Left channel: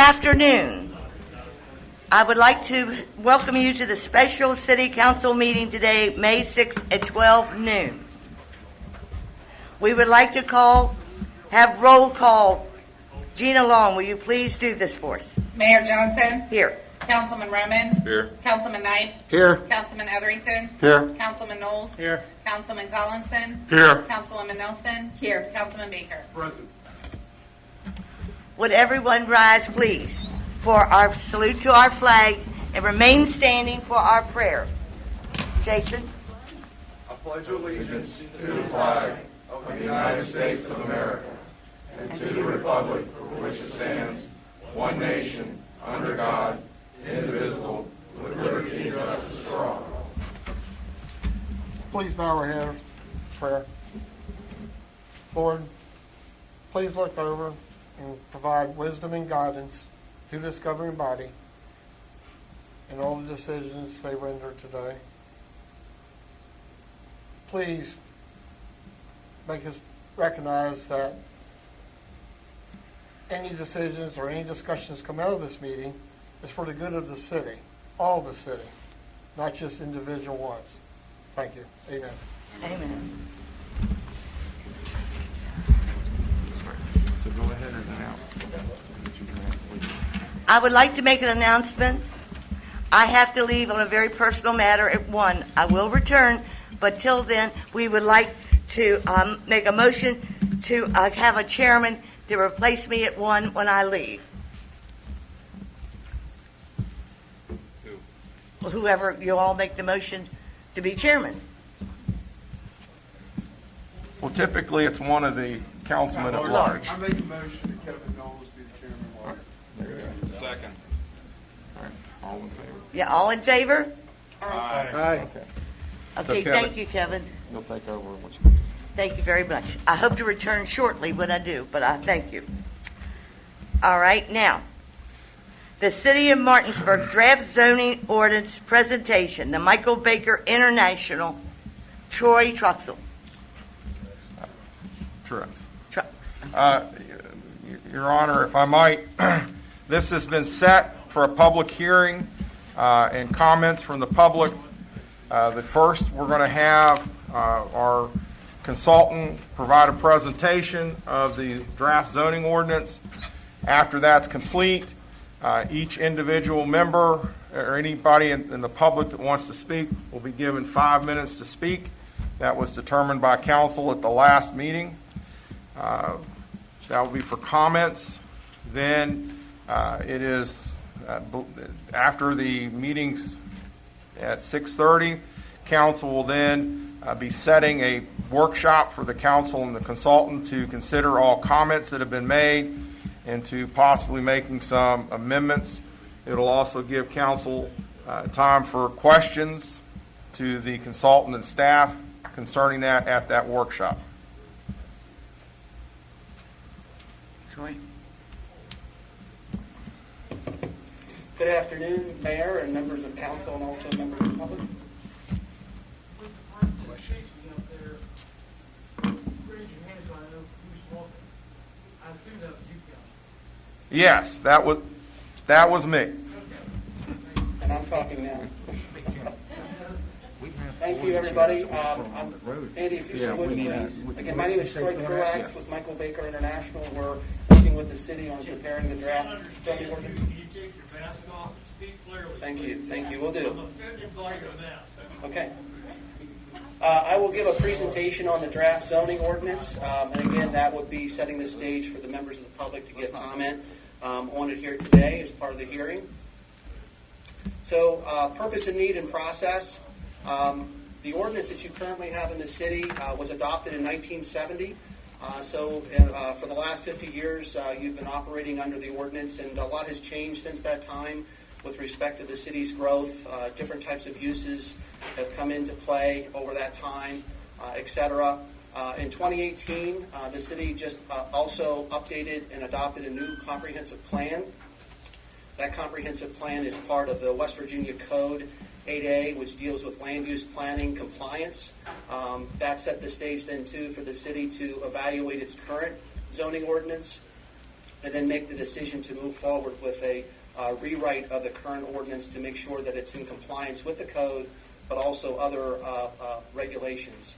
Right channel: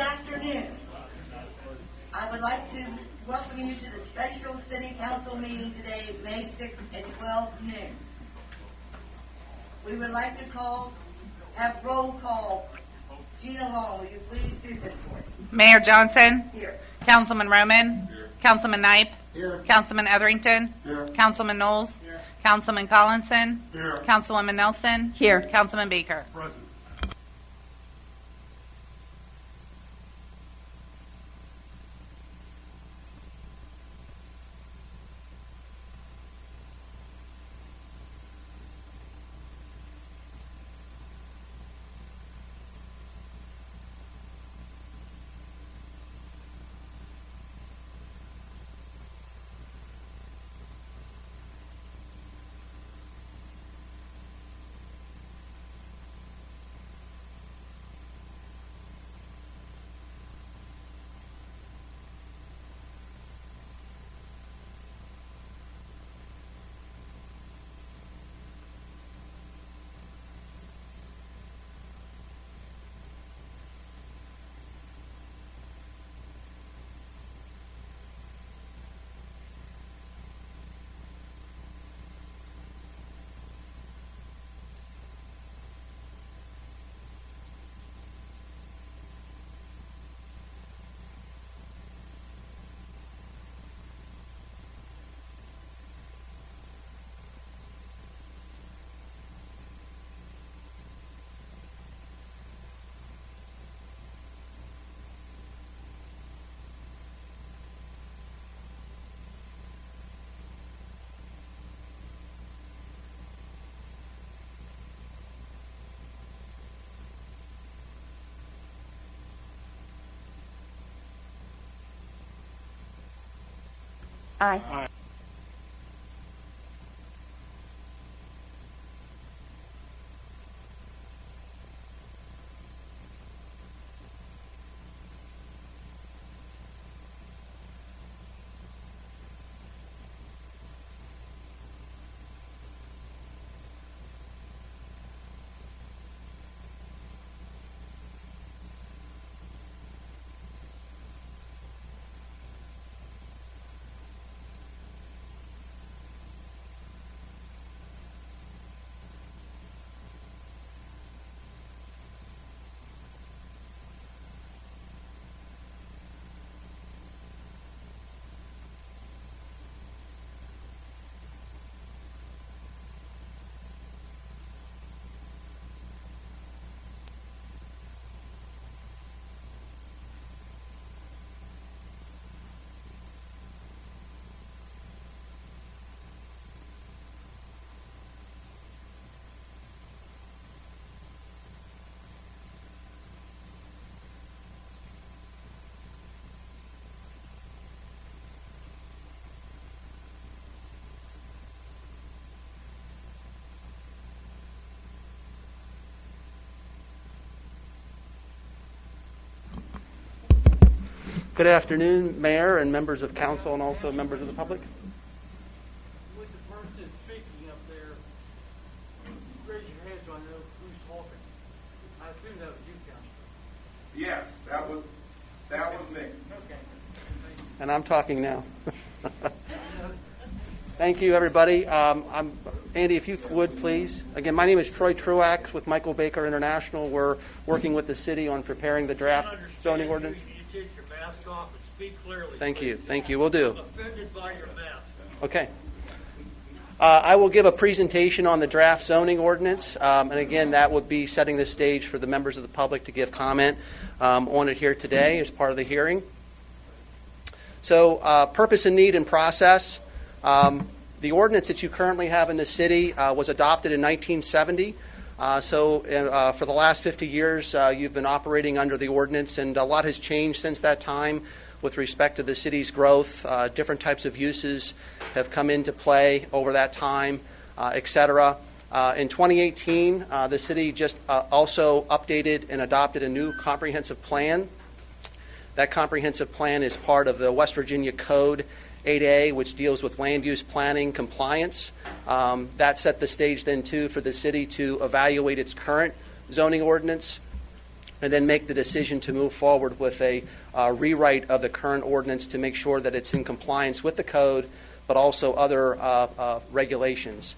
afternoon. I would like to welcome you to the special City Council meeting today, May 6th at 12 noon. We would like to have roll call. Gina Long, will you please do this for us? Mayor Johnson. Here. Councilman Roman. Here. Councilman Knipe. Here. Councilman Etherington. Here. Councilman Knowles. Here. Councilman Collinson. Here. Councilwoman Nelson. Here. Councilman Baker. Present. Would everyone rise, please, for our salute to our flag and remain standing for our prayer. Jason? I pledge allegiance to the flag of the United States of America and to the republic for which it stands, one nation, under God, indivisible, with liberty and justice for all. Please bow our head for prayer. Lord, please look over and provide wisdom and guidance to this governing body in all the decisions they render today. Please make us recognize that any decisions or any discussions come out of this meeting is for the good of the city, all the city, not just individual ones. Thank you. Amen. Amen. So go ahead and announce. I would like to make an announcement. I have to leave on a very personal matter at 1. I will return, but till then, we would like to make a motion to have a chairman to replace me at 1 when I leave. Whoever, you all make the motion to be chairman. Well, typically, it's one of the councilmen at large. I make a motion that Kevin Knowles be the chairman. Second. All right, all in favor? Yeah, all in favor? Aye. Okay. Okay, Kevin- thank you, Kevin. You'll take over. Once you- Thank you very much. I hope to return shortly when I do, but I thank you. All right, now, the City of Martinsburg Draft Zoning Ordinance Presentation, the Michael Baker International, Troy Truxell. Correct. Tru- Your Honor, if I might, this has been set for a public hearing and comments from the public. The first, we're going to have our consultant provide a presentation of the draft zoning ordinance. After that's complete, each individual member or anybody in the public that wants to speak will be given 5 minutes to speak. That was determined by council at the last meeting. That will be for comments. Then it is after the meetings at 6:30, council will then be setting a workshop for the council and the consultant to consider all comments that have been made and to possibly making some amendments. It'll also give council time for questions to the consultant and staff concerning that at that workshop. Troy? Good afternoon, Mayor and members of council and also members of the public. Yes, that was me. And I'm talking now. Thank you, everybody. Andy, if you would, please. Again, my name is Troy Truax with Michael Baker International. We're working with the city on preparing the draft zoning ordinance. You take your mask off and speak clearly. Thank you. Thank you. We'll do. I'm offended by your mask. Okay. I will give a presentation on the draft zoning ordinance. And again, that would be setting the stage for the members of the public to give comment on it here today as part of the hearing. So purpose and need and process. The ordinance that you currently have in the city was adopted in 1970. For the last 50 years, you've been operating under the ordinance, and a lot has changed since that time with respect to the city's growth. Different types of uses have come into play over that time, et cetera. In 2018, the city just also updated and adopted a new comprehensive plan. That comprehensive plan is part of the West Virginia Code 8A, which deals with land use planning compliance. That set the stage then, too, for the city to evaluate its current zoning ordinance. and then make the decision to move forward with a rewrite of the current ordinance to make sure that it's in compliance with the code, but also other regulations.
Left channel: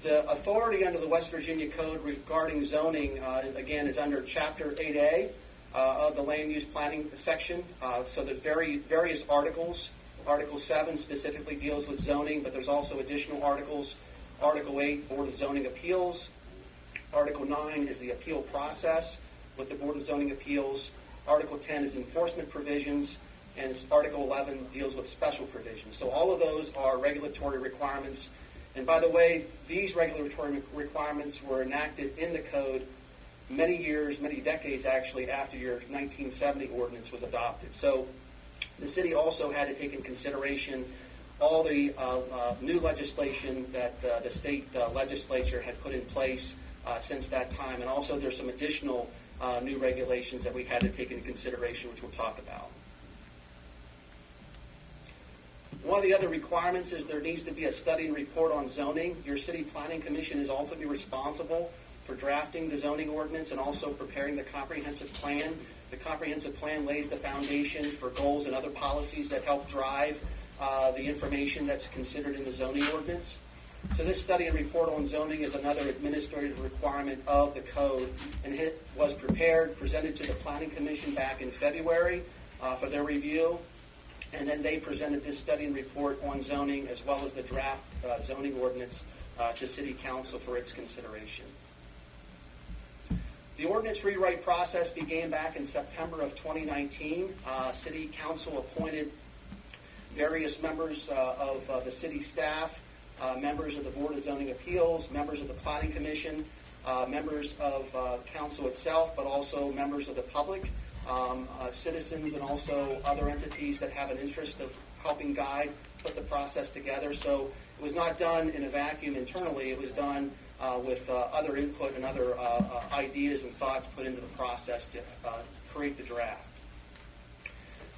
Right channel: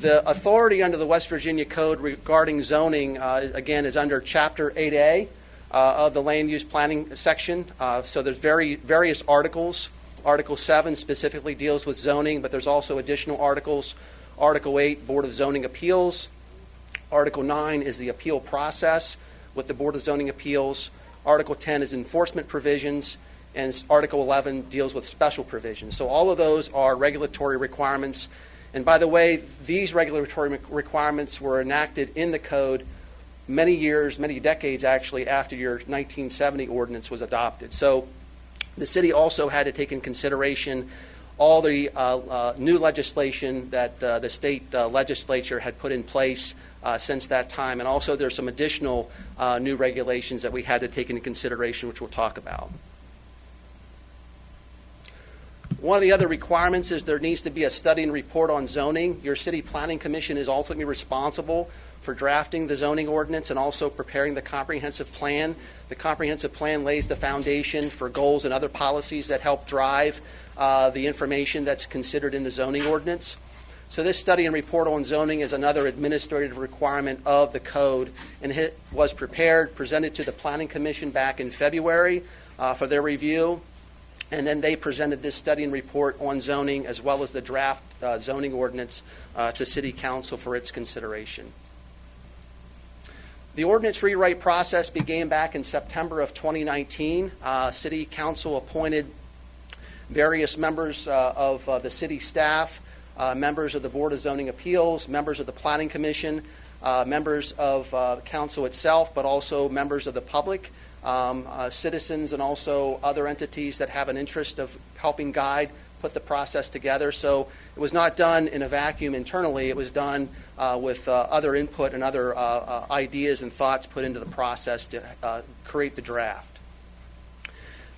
The authority under the West Virginia Code regarding zoning, again, is under Chapter 8A of the Land Use Planning section. So there's various articles. Article 7 specifically deals with zoning, but there's also additional articles. Article 8, Board of Zoning Appeals. Article 9 is the appeal process with the Board of Zoning Appeals. Article 10 is enforcement provisions, and Article 11 deals with special provisions. So all of those are regulatory requirements. And by the way, these regulatory requirements were enacted in the code many years, many decades actually, after your 1970 ordinance was adopted. So the city also had to take in consideration all the new legislation that the state legislature had put in place since that time. And also there's some additional new regulations that we had to take into consideration, which we'll talk about. One of the other requirements is there needs to be a study and report on zoning. Your city planning commission is ultimately responsible for drafting the zoning ordinance and also preparing the comprehensive plan. The comprehensive plan lays the foundation for goals and other policies that help drive the information that's considered in the zoning ordinance. So this study and report on zoning is another administrative requirement of the code, and it was prepared, presented to the Planning Commission back in February for their review, and then they presented this study and report on zoning as well as the draft zoning ordinance to City Council for its consideration. The ordinance rewrite process began back in September of 2019. City Council appointed various members of the city staff, members of the Board of Zoning Appeals, members of the Planning Commission, members of council itself, but also members of the public, citizens, and also other entities that have an interest of helping guide, put the process together. So it was not done in a vacuum internally. It was done with other input and other ideas and thoughts put into the process to create the draft.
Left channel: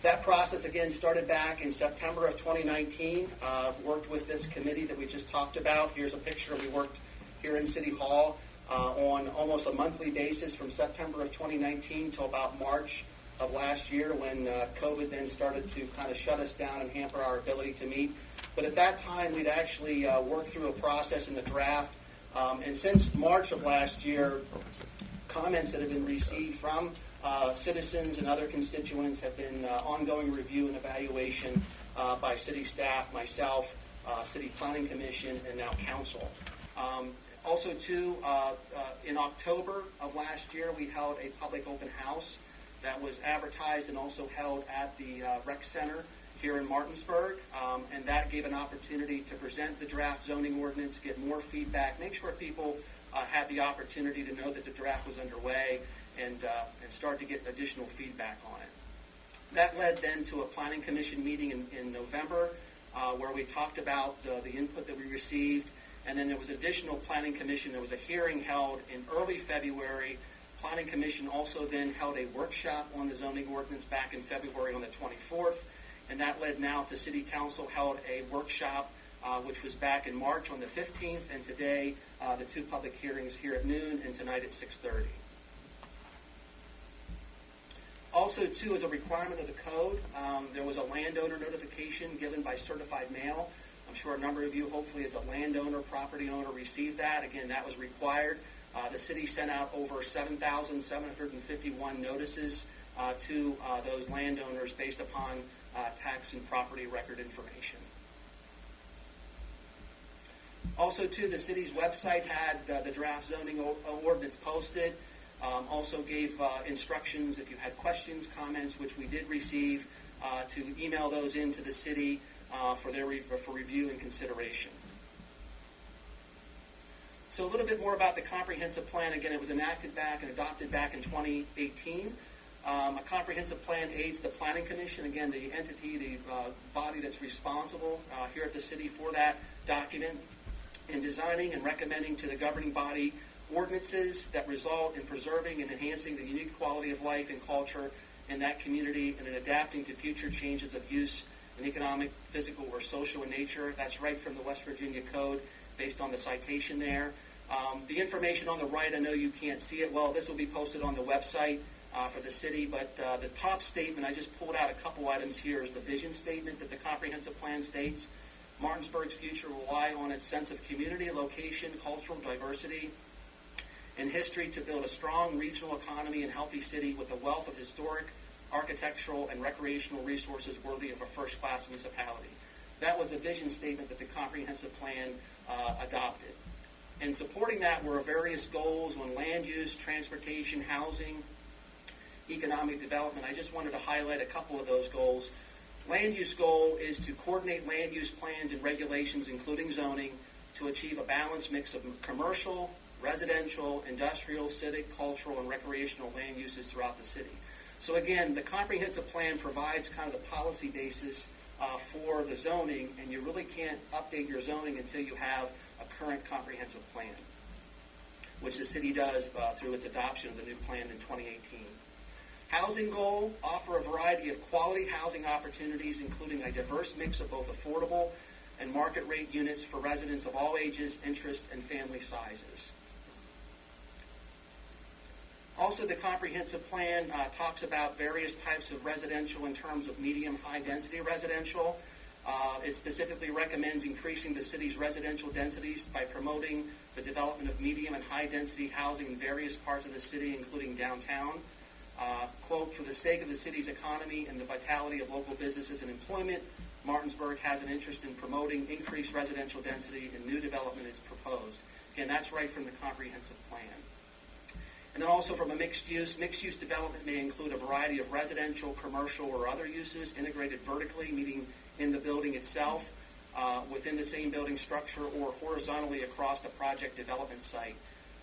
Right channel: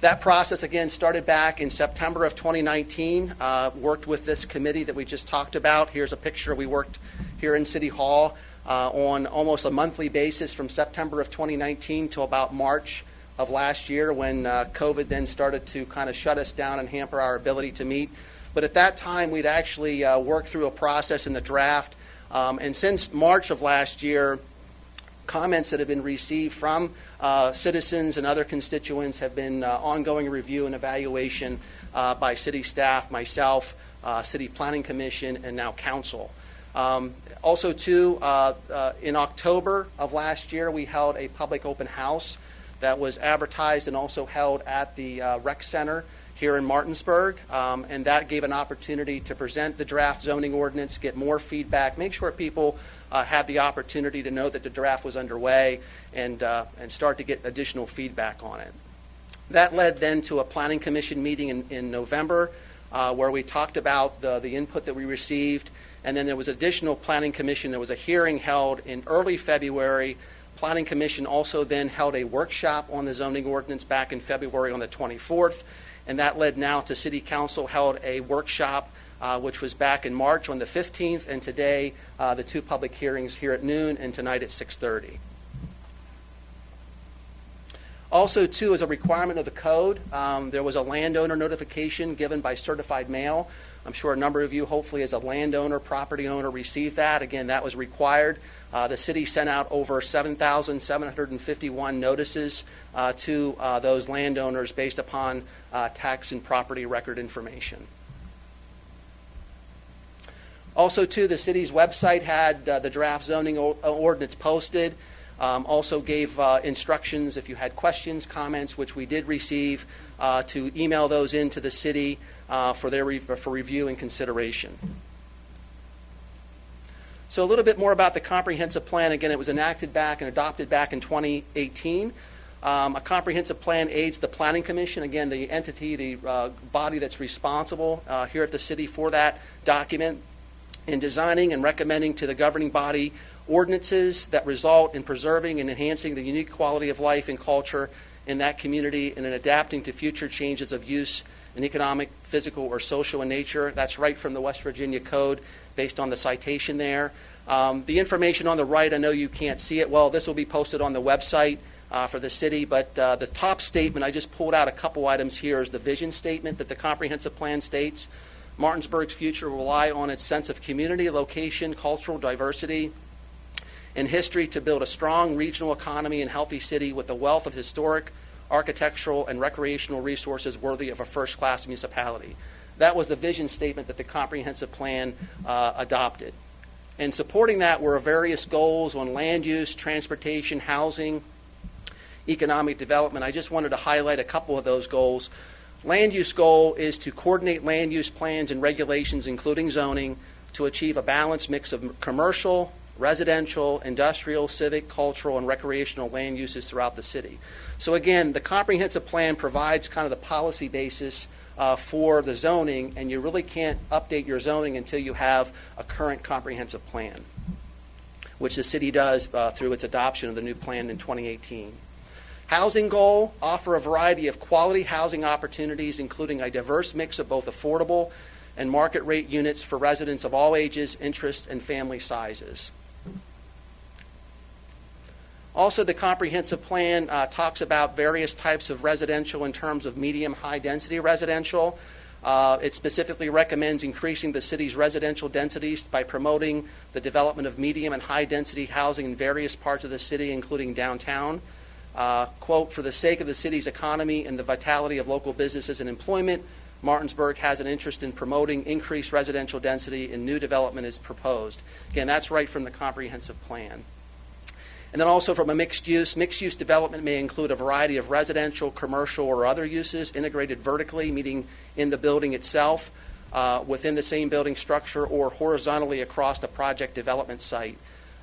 That process, again, started back in September of 2019, worked with this committee that we just talked about. Here's a picture. We worked here in City Hall on almost a monthly basis from September of 2019 till about March of last year, when COVID then started to kind of shut us down and hamper our ability to meet. But at that time, we'd actually worked through a process in the draft. And since March of last year, comments that have been received from citizens and other constituents have been ongoing review and evaluation by city staff, myself, City Planning Commission, and now council. Also, too, in October of last year, we held a public open house that was advertised and also held at the rec center here in Martinsburg, and that gave an opportunity to present the draft zoning ordinance, get more feedback, make sure people had the opportunity to know that the draft was underway, and start to get additional feedback on it. That led then to a planning commission meeting in November, where we talked about the input that we received, and then there was additional planning commission. There was a hearing held in early February. Planning commission also then held a workshop on the zoning ordinance back in February on the 24th, and that led now to City Council held a workshop which was back in March on the 15th, and today the two public hearings here at noon and tonight at 6:30. Also, too, as a requirement of the code, there was a landowner notification given by certified mail. I'm sure a number of you, hopefully as a landowner, property owner, received that. Again, that was required. The city sent out over 7,751 notices to those landowners based upon tax and property record information. Also, too, the city's website had the draft zoning ordinance posted. Also gave instructions if you had questions, comments, which we did receive, to email those into the city for review and consideration. So a little bit more about the comprehensive plan. Again, it was enacted back and adopted back in 2018. A comprehensive plan aids the Planning Commission, again, the entity, the body that's responsible here at the city for that document, in designing and recommending to the governing body ordinances that result in preserving and enhancing the unique quality of life and culture in that community, and in adapting to future changes of use in economic, physical, or social in nature. That's right from the West Virginia Code based on the citation there. The information on the right, I know you can't see it well. This will be posted on the website for the city, but the top statement, I just pulled out a couple items here, is the vision statement that the comprehensive plan states. Martinsburg's future will rely on its sense of community, location, cultural diversity, and history to build a strong regional economy and healthy city with a wealth of historic, architectural, and recreational resources worthy of a first-class municipality. That was the vision statement that the comprehensive plan adopted. And supporting that were various goals on land use, transportation, housing, economic development. I just wanted to highlight a couple of those goals. Land use goal is to coordinate land use plans and regulations, including zoning, to achieve a balanced mix of commercial, residential, industrial, civic, cultural, and recreational land uses throughout the city. So again, the comprehensive plan provides kind of the policy basis for the zoning, and you really can't update your zoning until you have a current comprehensive plan, which the city does through its adoption of the new plan in 2018. Housing goal, offer a variety of quality housing opportunities, including a diverse mix of both affordable and market rate units for residents of all ages, interests, and family sizes. Also, the comprehensive plan talks about various types of residential in terms of medium, high density residential. It specifically recommends increasing the city's residential densities by promoting the development of medium and high density housing in various parts of the city, including downtown. Quote, for the sake of the city's economy and the vitality of local businesses and employment, Martinsburg has an interest in promoting increased residential density and new development is proposed. Again, that's right from the comprehensive plan. And then also from a mixed use development may include a variety of residential, commercial, or other uses integrated vertically, meaning in the building itself, within the same building structure, or horizontally across the project development site.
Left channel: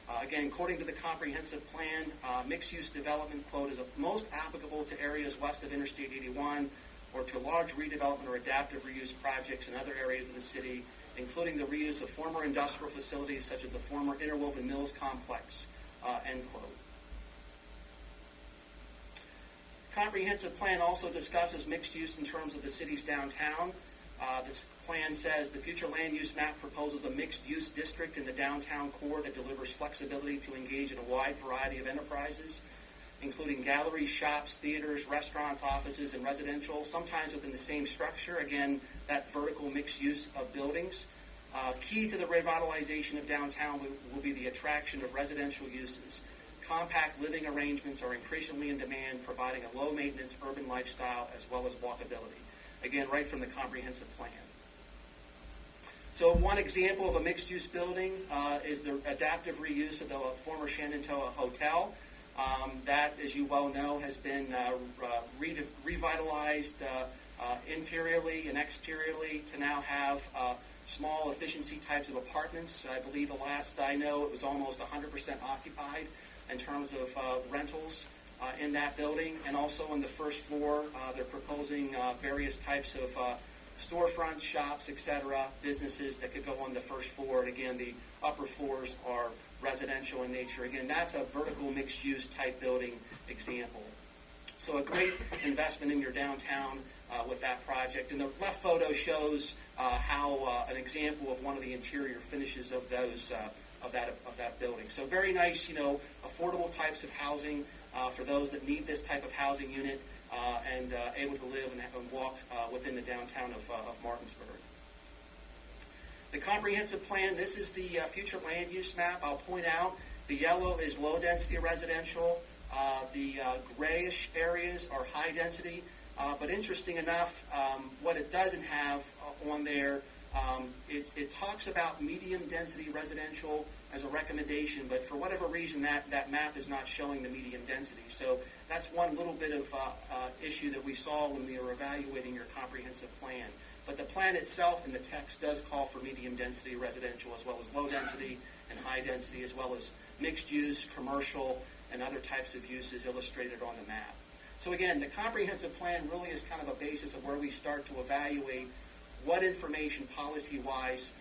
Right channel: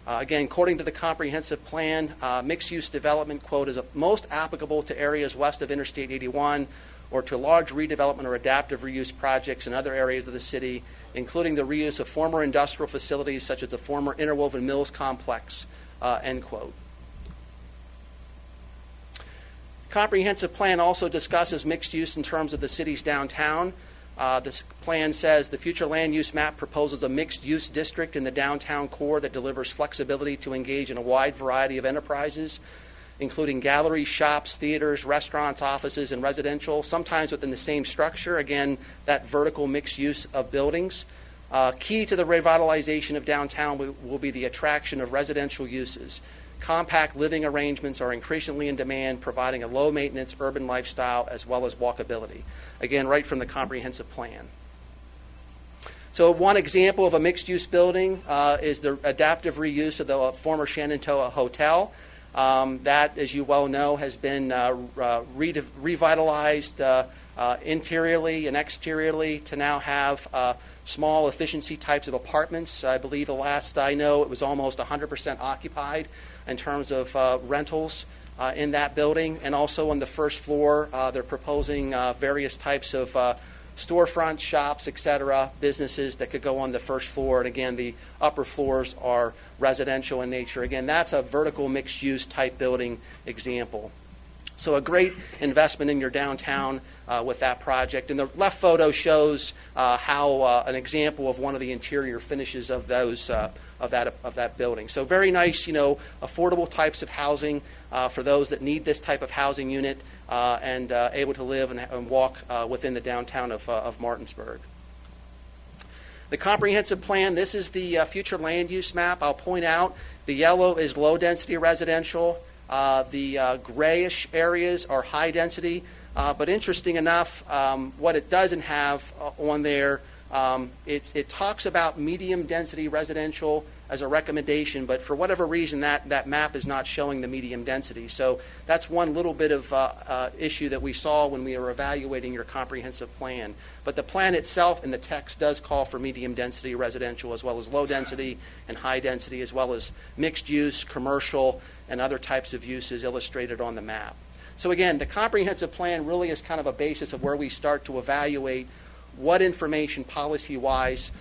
Again, according to the comprehensive plan, mixed-use development, quote, is most applicable to areas west of Interstate 81 or to large redevelopment or adaptive reuse projects in other areas of the city, including the reuse of former industrial facilities such as the former Interwoven Mills complex, end quote. Comprehensive plan also discusses mixed use in terms of the city's downtown. This plan says the future land use map proposes a mixed-use district in the downtown core that delivers flexibility to engage in a wide variety of enterprises, including galleries, shops, theaters, restaurants, offices, and residential, sometimes within the same structure. Again, that vertical mixed use of buildings. Key to the revitalization of downtown will be the attraction of residential uses. Compact living arrangements are increasingly in demand, providing a low-maintenance urban lifestyle as well as walkability. Again, right from the comprehensive plan. So one example of a mixed-use building is the adaptive reuse of the former Shenandoah Hotel. That, as you well know, has been revitalized interiorly and exteriorly to now have small efficiency types of apartments. I believe the last I know it was almost 100% occupied in terms of rentals in that building. And also on the first floor, they're proposing various types of storefronts, shops, etc., businesses that could go on the first floor. And again, the upper floors are residential in nature. Again, that's a vertical mixed-use type building example. So a great investment in your downtown with that project. And the left photo shows how an example of one of the interior finishes of those of that building. So very nice, affordable types of housing for those that need this type of housing unit and able to live and walk within the downtown of Martinsburg. The comprehensive plan, this is the future land use map. I'll point out the yellow is low density residential. The grayish areas are high density. But interesting enough, what it doesn't have on there, it talks about medium density residential as a recommendation, but for whatever reason that map is not showing the medium density. So that's one little bit of issue that we saw when we were evaluating your comprehensive plan. But the plan itself and the text does call for medium density residential as well as low density and high density, as well as mixed use, commercial, and other types of uses illustrated on the map. So again, the comprehensive plan really is kind of a basis of where we start to evaluate what information policy-wise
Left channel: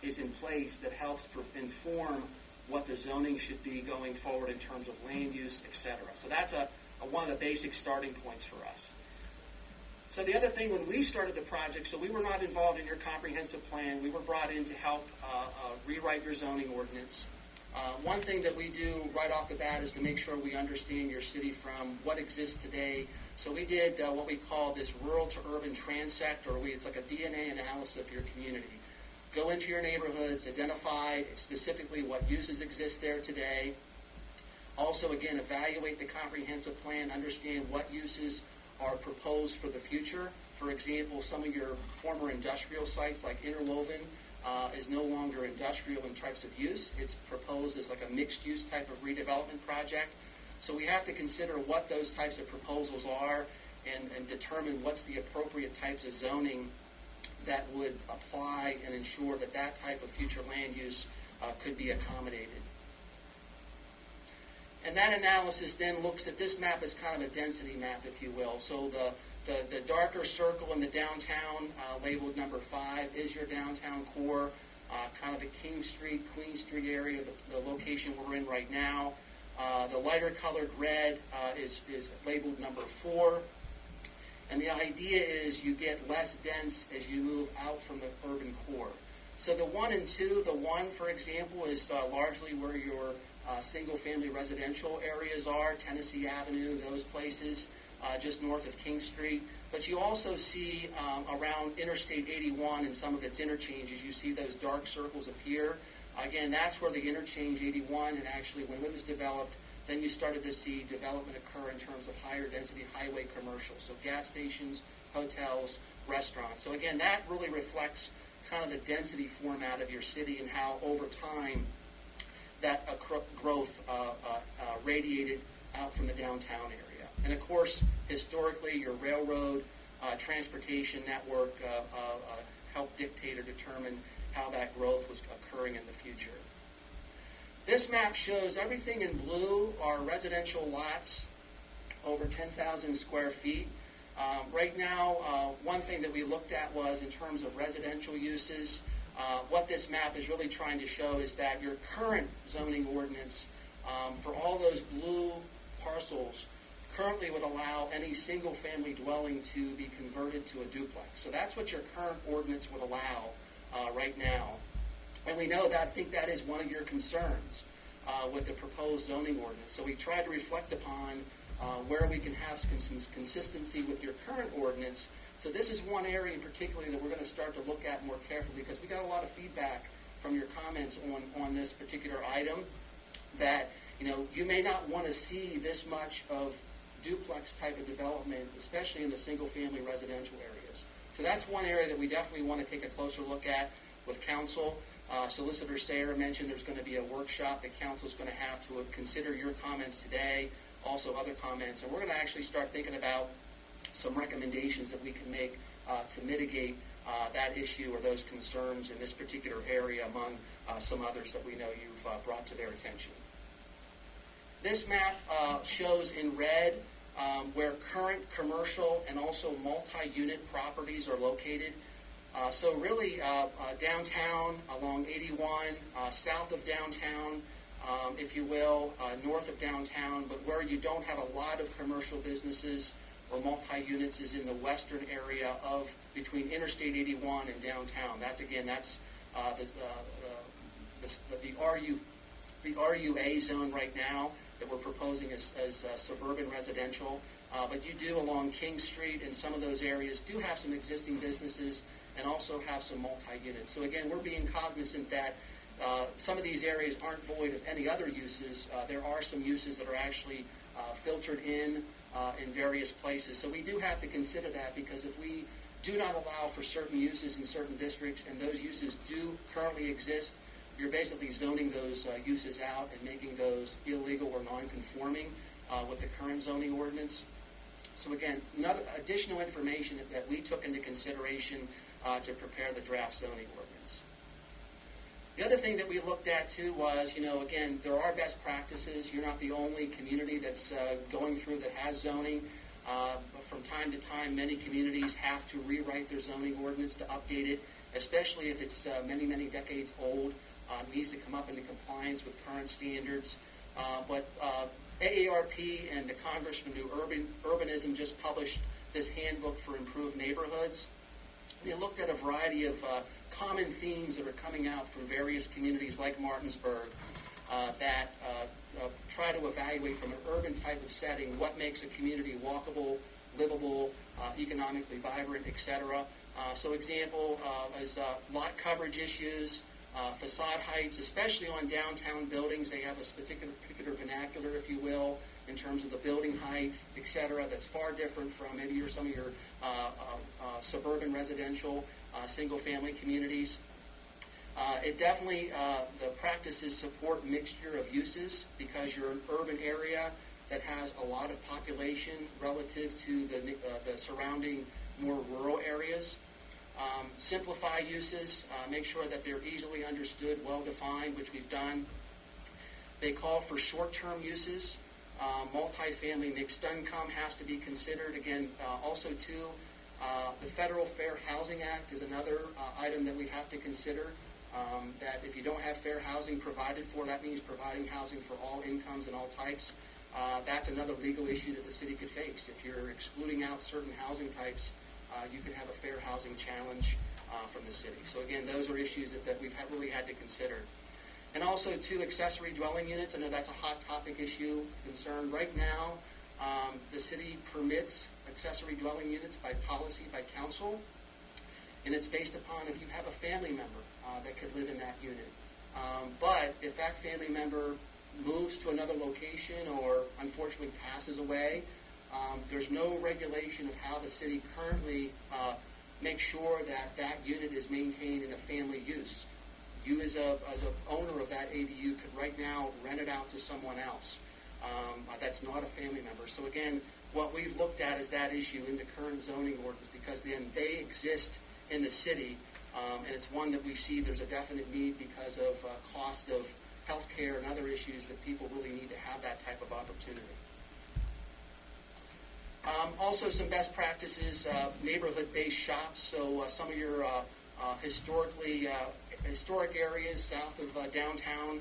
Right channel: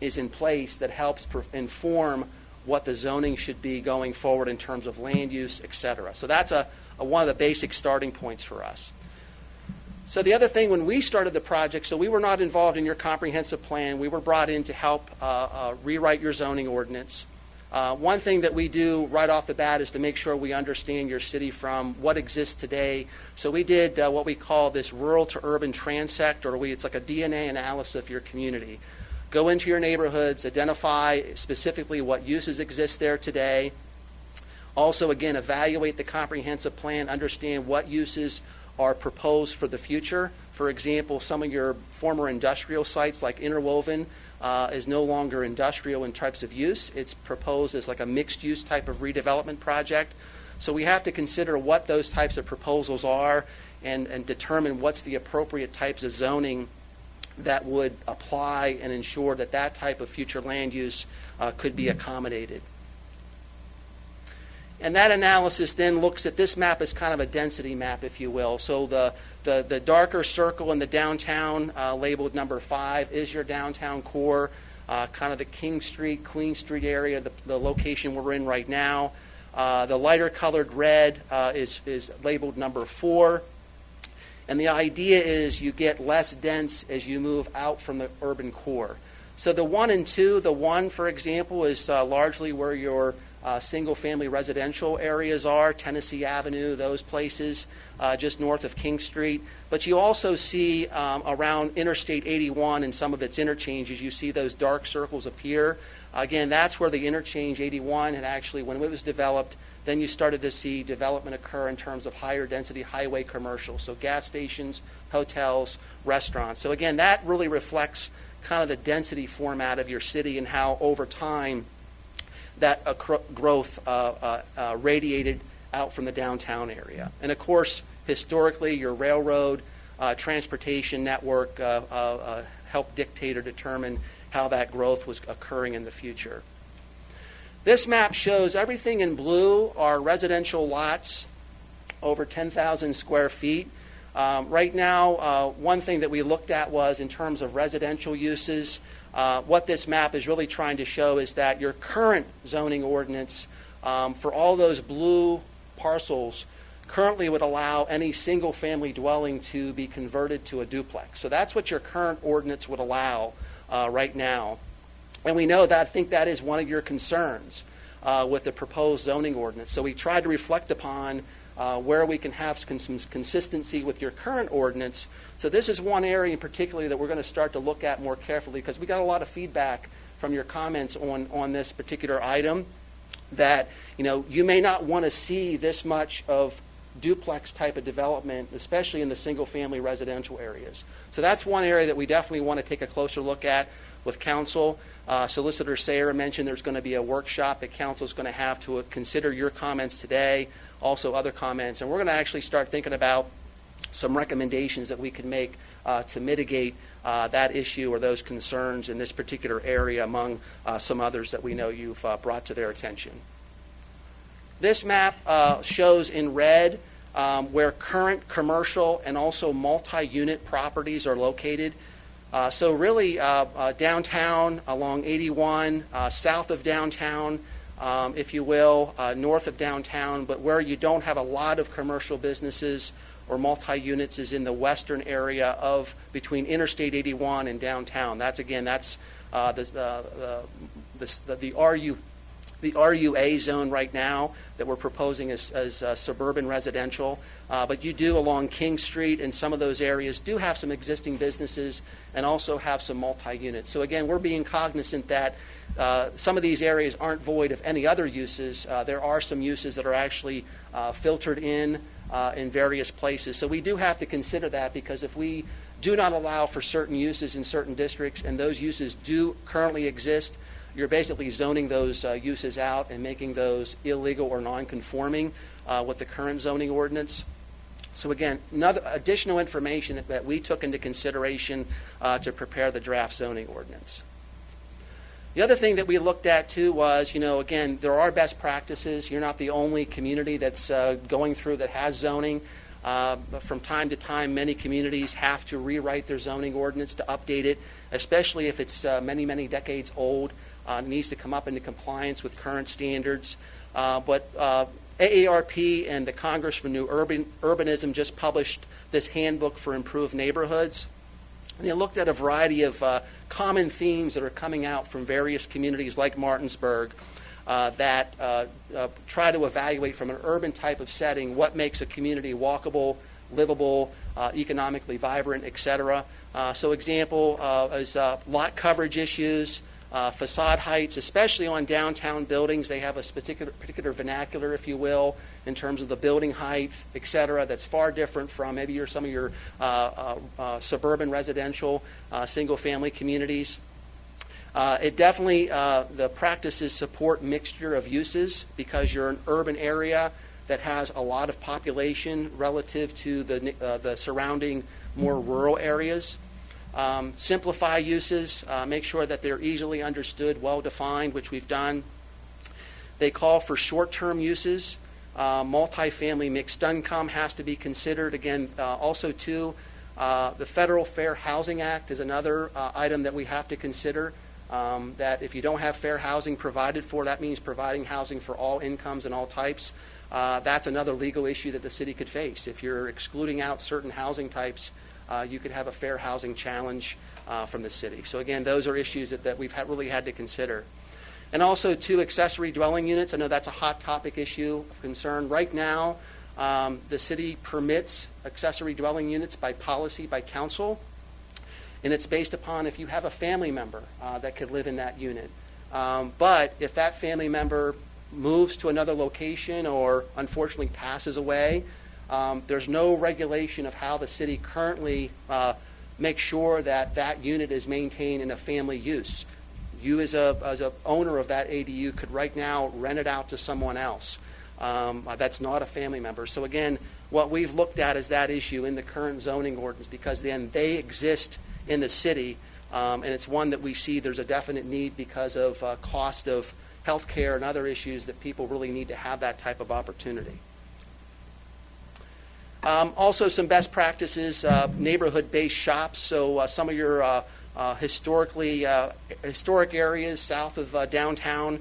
is in place that helps inform what the zoning should be going forward in terms of land use, etc. So that's one of the basic starting points for us. So the other thing, when we started the project, so we were not involved in your comprehensive plan. We were brought in to help rewrite your zoning ordinance. One thing that we do right off the bat is to make sure we understand your city from what exists today. So we did what we call this rural to urban transect, or it's like a DNA analysis of your community. Go into your neighborhoods, identify specifically what uses exist there today. Also, again, evaluate the comprehensive plan, understand what uses are proposed for the future. For example, some of your former industrial sites like Interwoven is no longer industrial in types of use. It's proposed as like a mixed-use type of redevelopment project. So we have to consider what those types of proposals are and determine what's the appropriate types of zoning that would apply and ensure that that type of future land use could be accommodated. And that analysis then looks at this map as kind of a density map, if you will. So the darker circle in the downtown, labeled number 5, is your downtown core, kind of the King Street, Queen Street area, the location we're in right now. The lighter colored red is labeled number 4. And the idea is you get less dense as you move out from the urban core. So the 1 and 2, the 1, for example, is largely where your single-family residential areas are, Tennessee Avenue, those places, just north of King Street. But you also see around Interstate 81 and some of its interchanges, you see those dark circles appear. Again, that's where the interchange 81 had actually, when it was developed, then you started to see development occur in terms of higher density highway commercial, so gas stations, hotels, restaurants. So again, that really reflects kind of the density format of your city and how over time that growth radiated out from the downtown area. And of course, historically, your railroad transportation network helped dictate or determine how that growth was occurring in the future. This map shows everything in blue are residential lots over 10,000 square feet. Right now, one thing that we looked at was in terms of residential uses. What this map is really trying to show is that your current zoning ordinance for all those blue parcels currently would allow any single-family dwelling to be converted to a duplex. So that's what your current ordinance would allow right now. And we know that, I think that is one of your concerns with the proposed zoning ordinance. So we tried to reflect upon where we can have some consistency with your current ordinance. So this is one area in particular that we're going to start to look at more carefully, because we got a lot of feedback from your comments on this particular item that you may not want to see this much of duplex type of development, especially in the single family residential areas. So that's one area that we definitely want to take a closer look at with council. Solicitor Sayer mentioned there's going to be a workshop that council is going to have to consider your comments today, also other comments, and we're going to actually start thinking about some recommendations that we can make to mitigate that issue or those concerns in this particular area among some others that we know you've brought to their attention. This map shows in red where current commercial and also multi-unit properties are located. So really downtown along 81, south of downtown, if you will, north of downtown, but where you don't have a lot of commercial businesses or multi-units is in the western area of between Interstate 81 and downtown. That's the RUA zone right now that we're proposing as suburban residential. But you do along King Street and some of those areas do have some existing businesses and also have some multi-units. So again, we're being cognizant that some of these areas aren't void of any other uses. There are some uses that are actually filtered in various places. So we do have to consider that, because if we do not allow for certain uses in certain districts and those uses do currently exist, you're basically zoning those uses out and making those illegal or non-conforming with the current zoning ordinance. So again, another additional information that we took into consideration to prepare the draft zoning ordinance. The other thing that we looked at too was, again, there are best practices. You're not the only community that's going through that has zoning. But from time to time, many communities have to rewrite their zoning ordinance to update it, especially if it's many, many decades old. It needs to come up into compliance with current standards. But AARP and the Congress for New Urbanism just published this handbook for improved neighborhoods. And they looked at a variety of common themes that are coming out from various communities like Martinsburg. that try to evaluate from an urban type of setting what makes a community walkable, livable, economically vibrant, etc. So example is lot coverage issues, facade heights, especially on downtown buildings. They have a particular vernacular, if you will, in terms of the building height, et cetera, that's far different from maybe some of your suburban residential single-family communities. It definitely, the practices support mixture of uses because you're an urban area that has a lot of population relative to the surrounding more rural areas. Simplify uses, make sure that they're easily understood, well-defined, which we've done. They call for short-term uses. Multifamily mixed income has to be considered. Again, also too, the Federal Fair Housing Act is another item that we have to consider. That if you don't have fair housing provided for, that means providing housing for all incomes and all types. That's another legal issue that the city could face. If you're excluding out certain housing types, you could have a fair housing challenge from the city. So again, those are issues that we've really had to consider. And also, too, accessory dwelling units. I know that's a hot topic issue of concern. Right now, the city permits accessory dwelling units by policy, by council, and it's based upon if you have a family member that could live in that unit. But if that family member moves to another location or unfortunately passes away, there's no regulation of how the city currently makes sure that that unit is maintained in a family use. You as a owner of that ADU could right now rent it out to someone else. That's not a family member. So again, what we've looked at is that issue in the current zoning ordinance because then they exist in the city, and it's one that we see there's a definite need because of cost of health care and other issues that people really need to have that type of opportunity. Also some best practices, neighborhood-based shops. So some of your historic areas south of downtown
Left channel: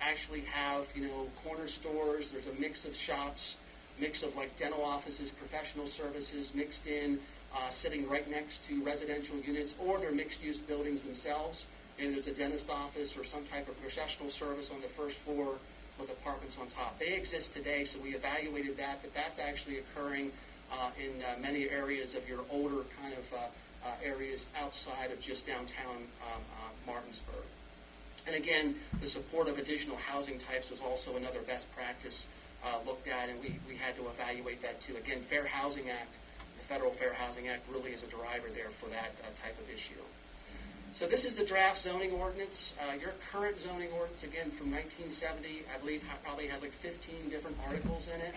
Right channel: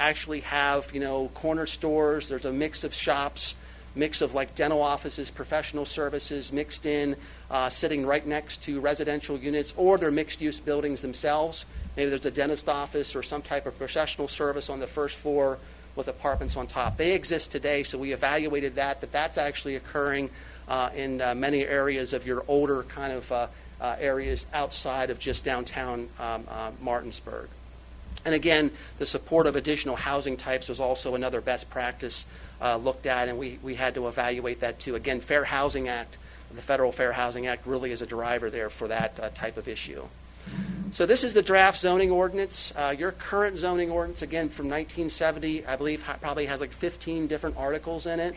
actually have, corner stores. There's a mix of shops, mix of like dental offices, professional services mixed in, sitting right next to residential units, or they're mixed-use buildings themselves. Maybe there's a dentist office or some type of professional service on the first floor with apartments on top. They exist today, so we evaluated that, but that's actually occurring in many areas of your older kind of areas outside of just downtown Martinsburg. And again, the support of additional housing types was also another best practice looked at, and we had to evaluate that too. Again, Fair Housing Act, the Federal Fair Housing Act really is a driver there for that type of issue. So this is the draft zoning ordinance. Your current zoning ordinance, again, from 1970, I believe probably has like 15 different articles in it.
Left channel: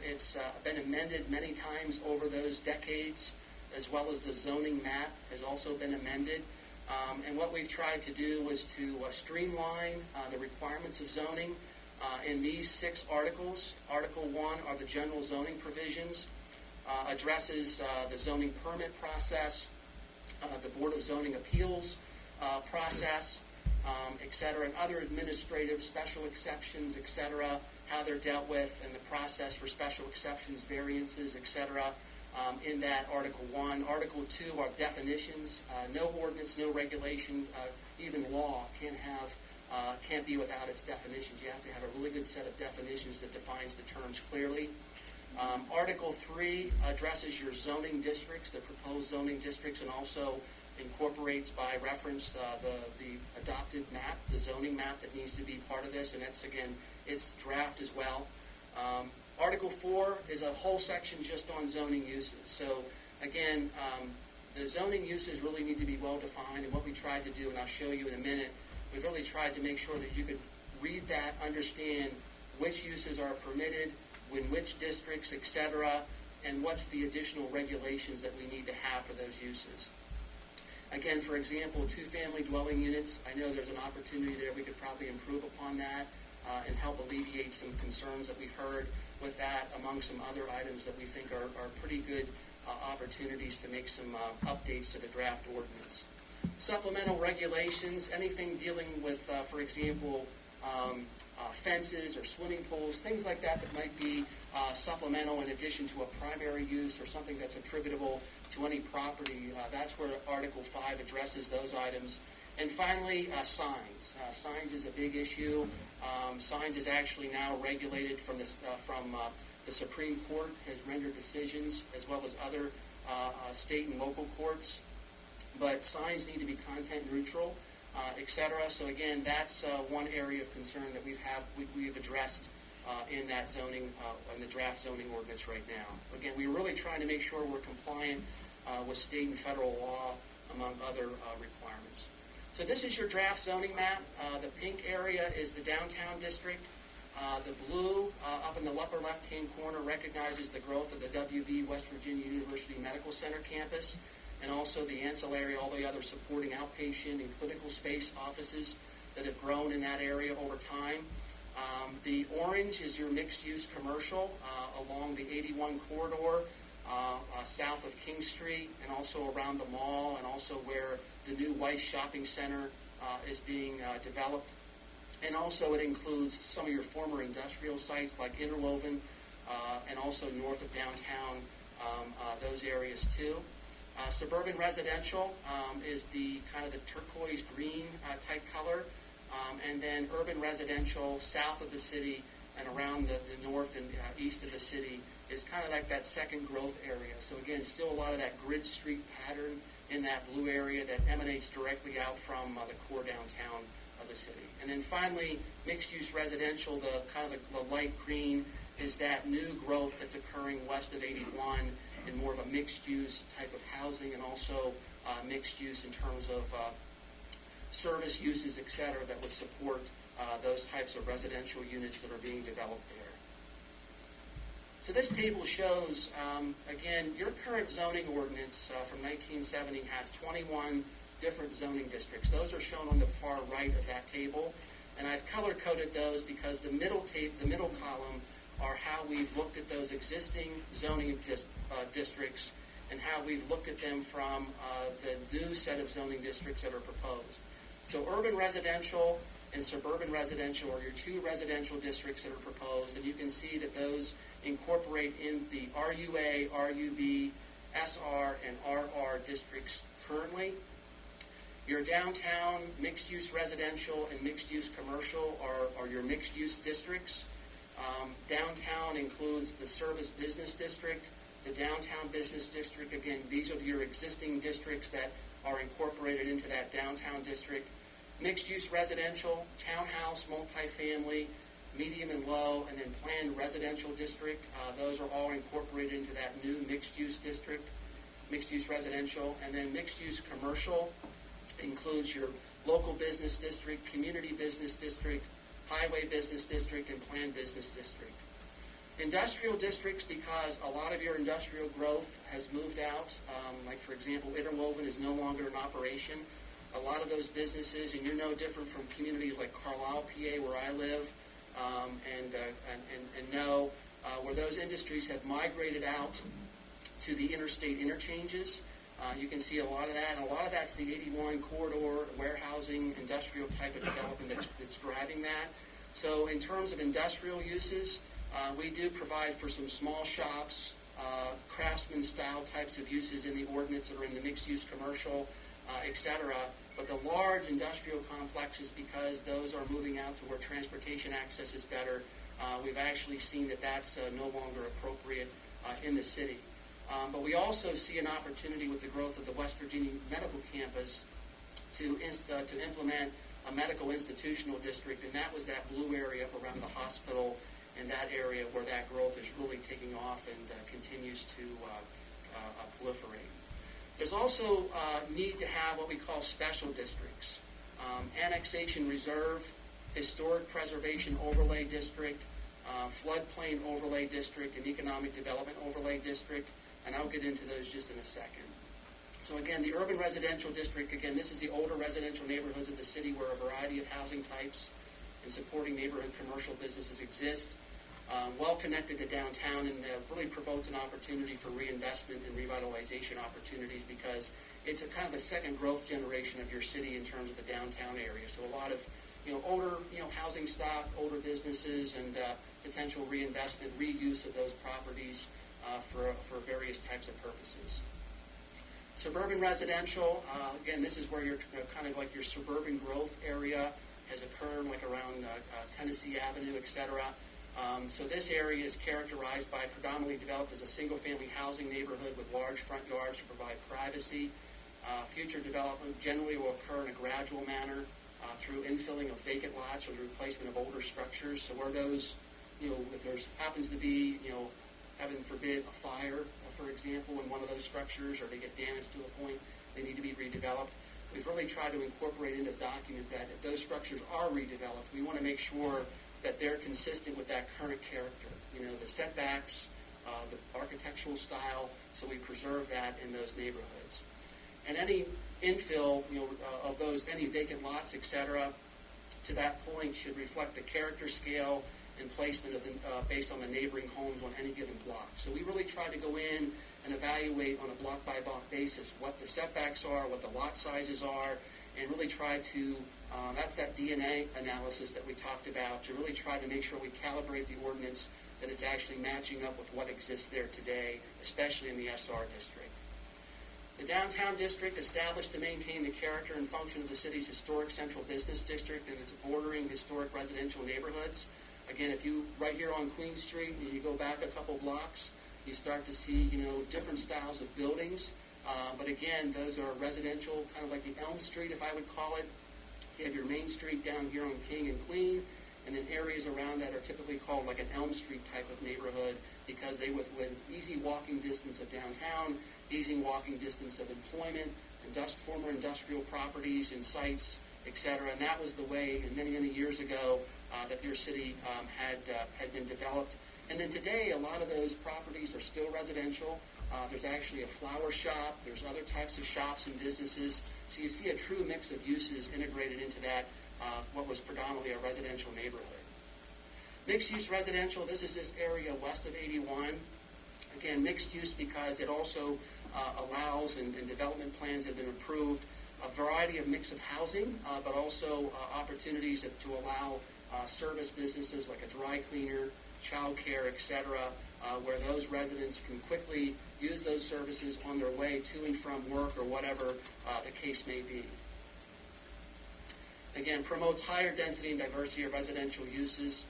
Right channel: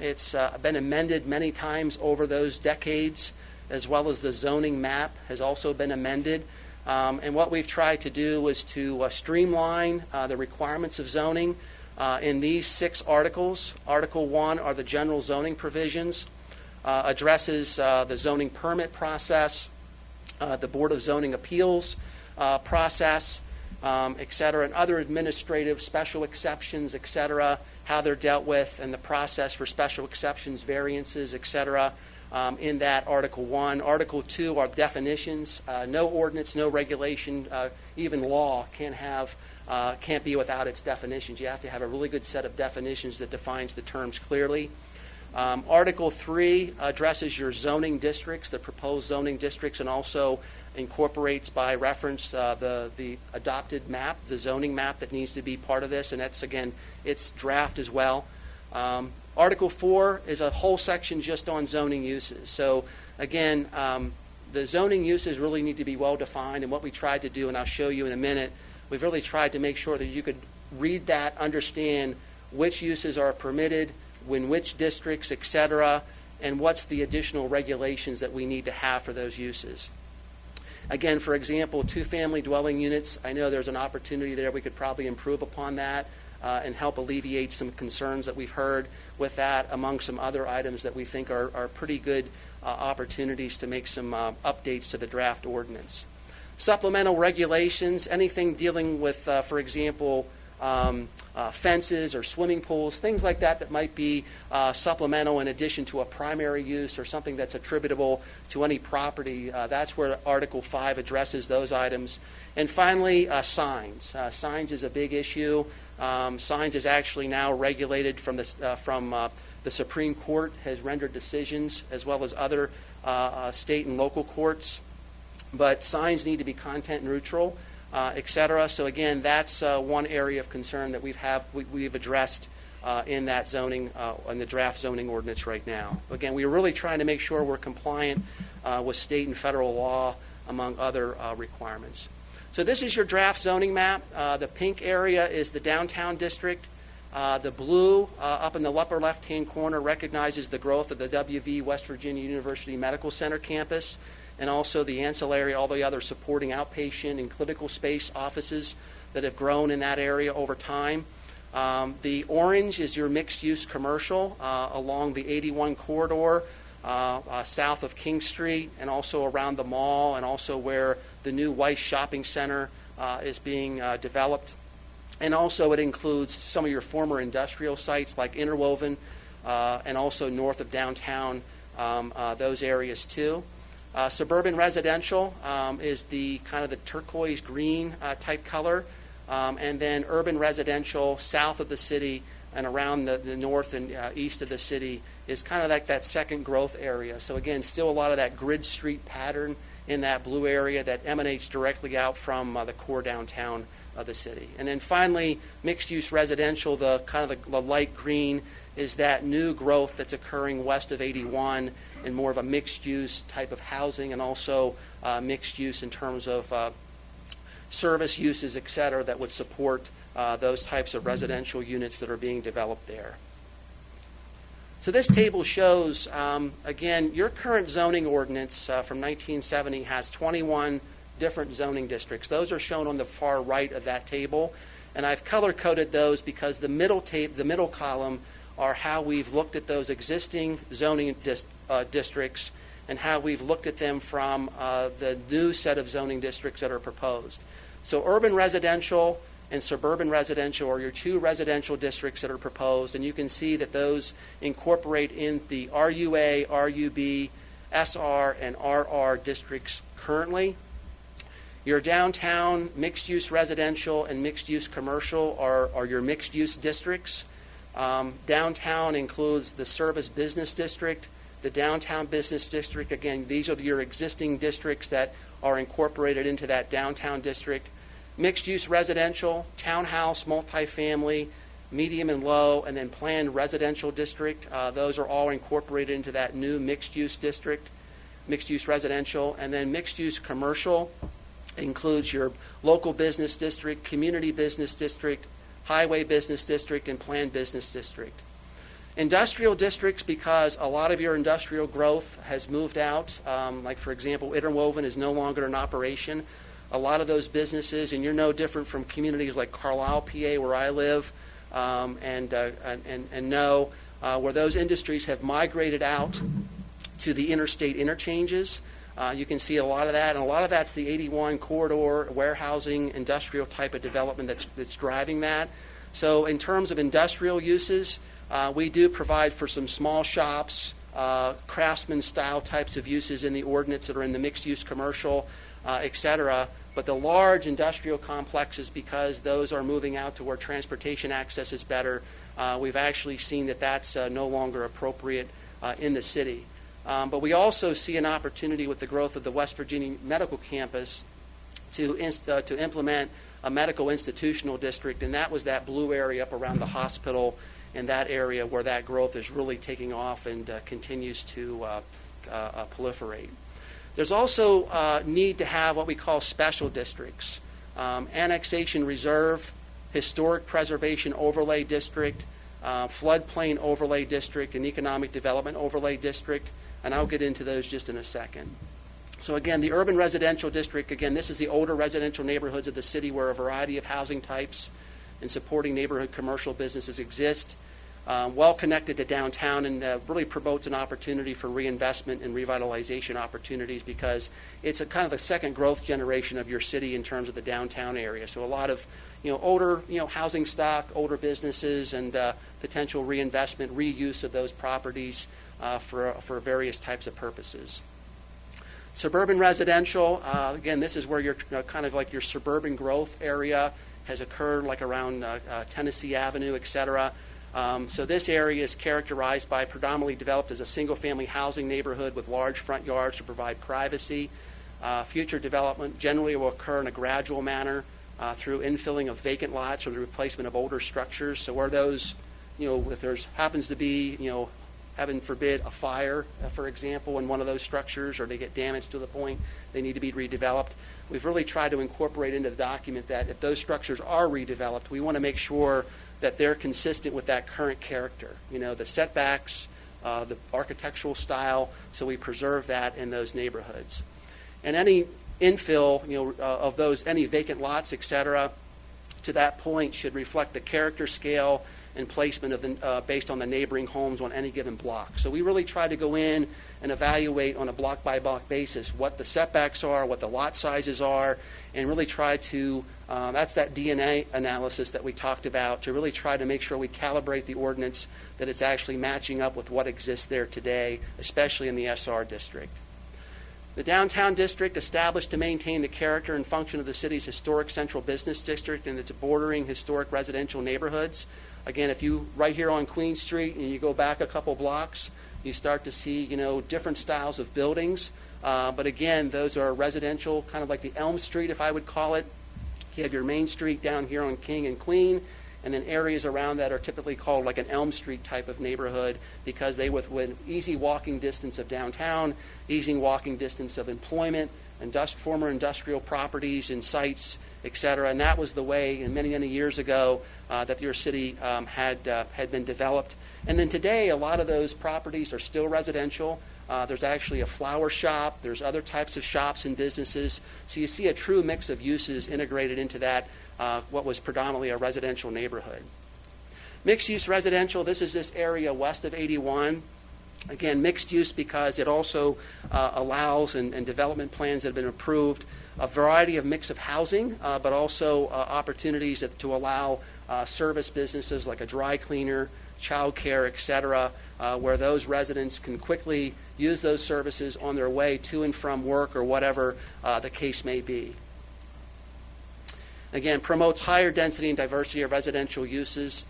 It's been amended many times over those decades, as well as the zoning map has also been amended. And what we've tried to do was to streamline the requirements of zoning in these 6 articles. Article 1 are the general zoning provisions, addresses the zoning permit process, the Board of Zoning Appeals process, et cetera, and other administrative special exceptions, et cetera, how they're dealt with, and the process for special exceptions, variances, et cetera, in that Article 1. Article 2 are definitions. No ordinance, no regulation, even law can't be without its definitions. You have to have a really good set of definitions that defines the terms clearly. Article 3 addresses your zoning districts, the proposed zoning districts, and also incorporates by reference the adopted map, the zoning map that needs to be part of this, and that's, again, it's draft as well. Article 4 is a whole section just on zoning uses. So, again, the zoning uses really need to be well defined, and what we tried to do, and I'll show you in a minute, we've really tried to make sure that you could read that, understand which uses are permitted, in which districts, et cetera, and what's the additional regulations that we need to have for those uses. Again, for example, 2-family dwelling units, I know there's an opportunity there. We could probably improve upon that and help alleviate some concerns that we've heard with that, among some other items that we think are pretty good opportunities to make some updates to the draft ordinance. Supplemental regulations, anything dealing with, for example, fences or swimming pools, things like that that might be supplemental in addition to a primary use or something that's attributable to any property. That's where Article 5 addresses those items. And finally, signs. Signs is a big issue. Signs is actually now regulated from the Supreme Court has rendered decisions, as well as other state and local courts. But signs need to be content neutral, et cetera. So again, that's one area of concern that we've addressed in that zoning, in the draft zoning ordinance right now. Again, we're really trying to make sure we're compliant with state and federal law, among other requirements. So this is your draft zoning map. The pink area is the downtown district. The blue up in the upper left-hand corner recognizes the growth of the WV West Virginia University Medical Center campus, and also the ancillary, all the other supporting outpatient and clinical space offices that have grown in that area over time. The orange is your mixed-use commercial along the 81 corridor, south of King Street, and also around the mall, and also where the new Weiss Shopping Center is being developed. And also it includes some of your former industrial sites like Interwoven, and also north of downtown, those areas too. Suburban residential is the kind of the turquoise green type color, and then urban residential south of the city and around the north and east of the city is kind of like that second growth area. So again, still a lot of that grid street pattern in that blue area that emanates directly out from the core downtown of the city. And then finally, mixed-use residential, the kind of the light green is that new growth that's occurring west of 81 and more of a mixed-use type of housing, and also mixed use in terms of service uses, et cetera, that would support those types of residential units that are being developed there. So this table shows, again, your current zoning ordinance from 1970 has 21 different zoning districts. Those are shown on the far right of that table, and I've color-coded those because the middle column are how we've looked at those existing zoning districts and how we've looked at them from the new set of zoning districts that are proposed. So urban residential and suburban residential are your two residential districts that are proposed, and you can see that those incorporate in the RUA, RUB, SR, and RR districts currently. Your downtown mixed-use residential and mixed-use commercial are your mixed-use districts. Downtown includes the Service Business District, the Downtown Business District. Again, these are your existing districts that are incorporated into that downtown district. Mixed-use residential, townhouse, multifamily, medium and low, and then planned residential district. Those are all incorporated into that new mixed-use district, mixed-use residential. And then mixed-use commercial includes your local business district, community business district, highway business district, and planned business district. Industrial districts, because a lot of your industrial growth has moved out. Like, for example, Interwoven is no longer in operation. A lot of those businesses, and you're no different from communities like Carlisle, PA, where I live, and know where those industries have migrated out to the interstate interchanges. You can see a lot of that, and a lot of that's the 81 corridor, warehousing, industrial type of development that's driving that. So in terms of industrial uses, we do provide for some small shops, craftsman style types of uses in the ordinance that are in the mixed use commercial, et cetera. But the large industrial complexes, because those are moving out to where transportation access is better, we've actually seen that that's no longer appropriate in the city. But we also see an opportunity with the growth of the West Virginia Medical Campus to implement a medical institutional district, and that was that blue area up around the hospital in that area where that growth is really taking off and continues to proliferate. There's also need to have what we call special districts. Annexation reserve, historic preservation overlay district, floodplain overlay district, and economic development overlay district, and I'll get into those just in a second. So again, the urban residential district, again, this is the older residential neighborhoods of the city where a variety of housing types and supporting neighborhood commercial businesses exist. Well connected to downtown, and really promotes an opportunity for reinvestment and revitalization opportunities, because it's a kind of a second growth generation of your city in terms of the downtown area. So a lot of older, housing stock, older businesses, and potential reinvestment, reuse of those properties for various types of purposes. Suburban residential, again, this is where your kind of like your suburban growth area has occurred, like around Tennessee Avenue, et cetera. So this area is characterized by predominantly developed as a single-family housing neighborhood with large front yards to provide privacy. Future development generally will occur in a gradual manner through infilling of vacant lots or the replacement of older structures. So where those, if there's happens to be, heaven forbid, a fire, for example, in one of those structures, or they get damaged to the point they need to be redeveloped, we've really tried to incorporate into the document that if those structures are redeveloped, we want to make sure that they're consistent with that current character. The setbacks, the architectural style, so we preserve that in those neighborhoods. And any infill, of those, any vacant lots, et cetera, to that point should reflect the character, scale, and placement of the, based on the neighboring homes on any given block. So we really try to go in and evaluate on a block-by-block basis what the setbacks are, what the lot sizes are, and really try to, that's that DNA analysis that we talked about, to really try to make sure we calibrate the ordinance that it's actually matching up with what exists there today, especially in the SR district. The downtown district, established to maintain the character and function of the city's historic central business district and its bordering historic residential neighborhoods. Again, if you, right here on Queen Street, and you go back a couple blocks, you start to see, different styles of buildings. But again, those are residential, kind of like the Elm Street, if I would call it. You have your Main Street down here on King and Queen, and then areas around that are typically called like an Elm Street type of neighborhood because they with easy walking distance of downtown, easy walking distance of employment, former industrial properties and sites, et cetera. And that was the way, and many, many years ago, that your city had been developed. And then today, a lot of those properties are still residential. There's actually a flower shop. There's other types of shops and businesses. So you see a true mix of uses integrated into that, what was predominantly a residential neighborhood. Mixed-use residential, this is this area west of 81. Again, mixed use because it also allows, and development plans have been approved, a variety of mix of housing, but also opportunities to allow service businesses like a dry cleaner, child care, et cetera, where those residents can quickly use those services on their way to and from work or whatever the case may be. Again, promotes higher density and diversity of residential uses.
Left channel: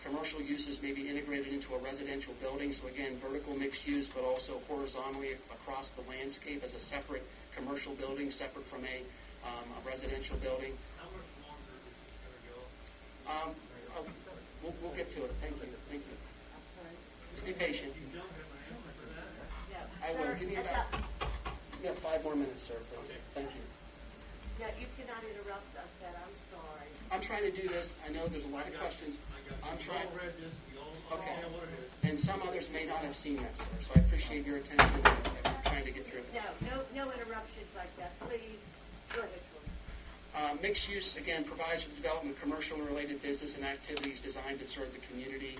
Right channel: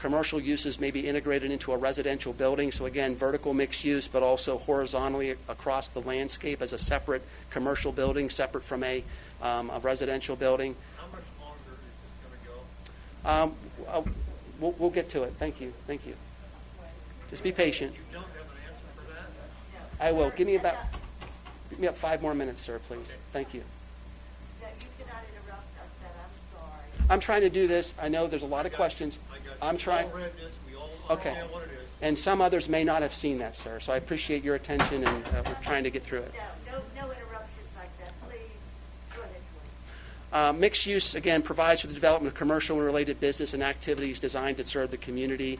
Commercial uses may be integrated into a residential building. So again, vertical mixed use, but also horizontally across the landscape as a separate commercial building, separate from a residential building. How much longer is this going to go? We'll get to it. Thank you. Thank you. Just be patient. You don't have an answer for that? I will. Give me about 5 more minutes, sir, please. Thank you. Yeah, you cannot interrupt us, then, I'm sorry. I'm trying to do this. I know there's a lot of questions. I'm trying. We all read this, we all Okay. understand what it is. And some others may not have seen that, sir. So I appreciate your attention, and we're trying to get through it. No interruptions like that, please. Go ahead, Troy. Mixed use, again, provides for the development of commercial and related business and activities designed to serve the community.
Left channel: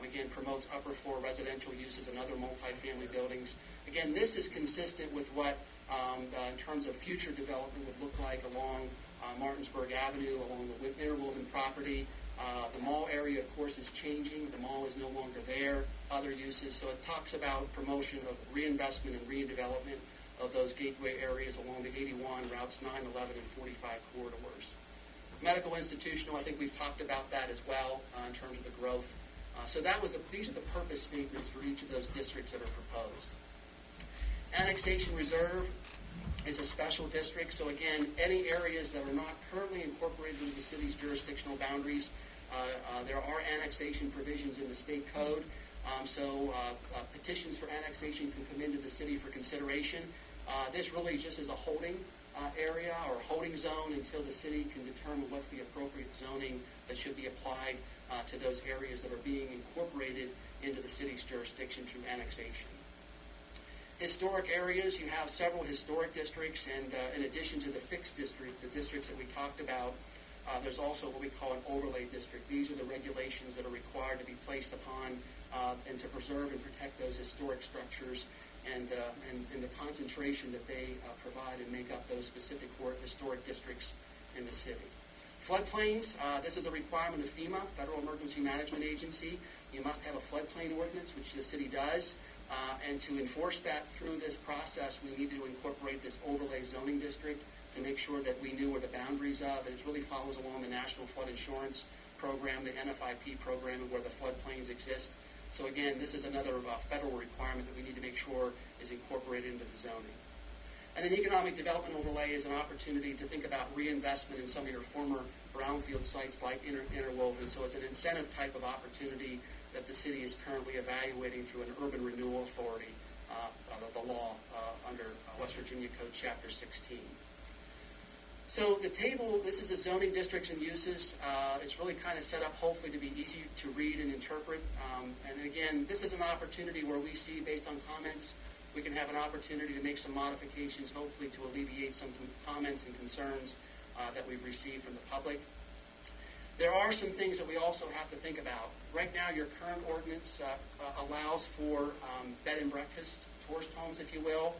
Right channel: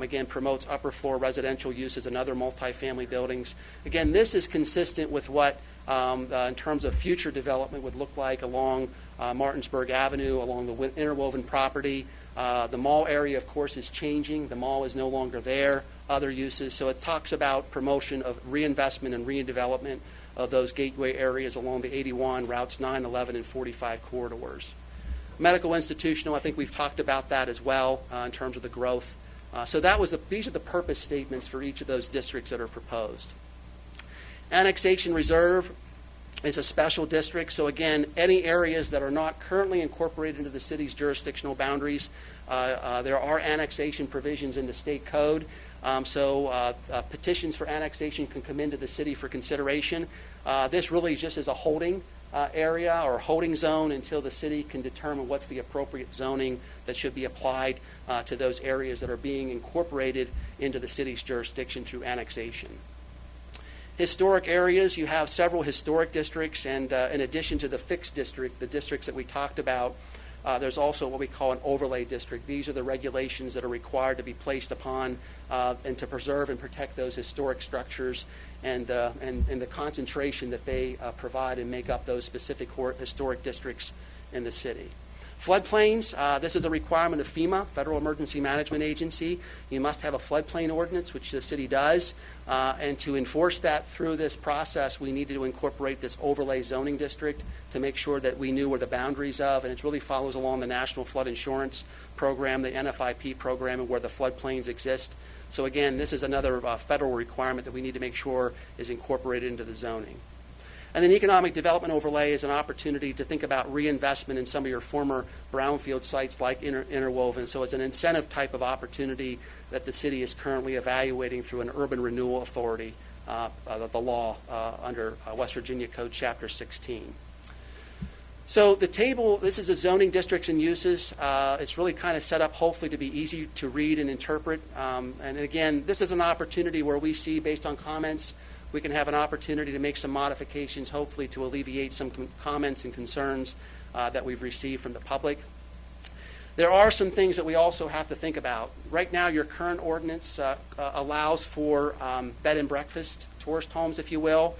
Again, promotes upper floor residential uses and other multifamily buildings. Again, this is consistent with what, in terms of future development, would look like along Martinsburg Avenue, along the interwoven property. The mall area, of course, is changing. The mall is no longer there. Other uses. So it talks about promotion of reinvestment and redevelopment of those gateway areas along the 81, routes 9, 11, and 45 corridors. Medical institutional, I think we've talked about that as well in terms of the growth. So these are the purpose statements for each of those districts that are proposed. Annexation reserve is a special district. So again, any areas that are not currently incorporated into the city's jurisdictional boundaries, there are annexation provisions in the state code. So petitions for annexation can come into the city for consideration. This really just is a holding area or holding zone until the city can determine what's the appropriate zoning that should be applied to those areas that are being incorporated into the city's jurisdiction through annexation. Historic areas, you have several historic districts, and in addition to the fixed district, the districts that we talked about, there's also what we call an overlay district. These are the regulations that are required to be placed upon and to preserve and protect those historic structures and the concentration that they provide and make up those specific historic districts in the city. Floodplains, this is a requirement of FEMA, Federal Emergency Management Agency. You must have a floodplain ordinance, which the city does. And to enforce that through this process, we needed to incorporate this overlay zoning district to make sure that we knew where the boundaries of, and it really follows along the National Flood Insurance Program, the NFIP program, and where the floodplains exist. So again, this is another federal requirement that we need to make sure is incorporated into the zoning. And then economic development overlay is an opportunity to think about reinvestment in some of your former brownfield sites like Interwoven. So it's an incentive type of opportunity that the city is currently evaluating through an urban renewal authority, the law under West Virginia Code Chapter 16. So the table, this is the zoning districts and uses. It's really kind of set up hopefully to be easy to read and interpret. And again, this is an opportunity where we see, based on comments, we can have an opportunity to make some modifications, hopefully to alleviate some comments and concerns that we've received from the public. There are some things that we also have to think about. Right now, your current ordinance allows for bed and breakfast, tourist homes, if you will.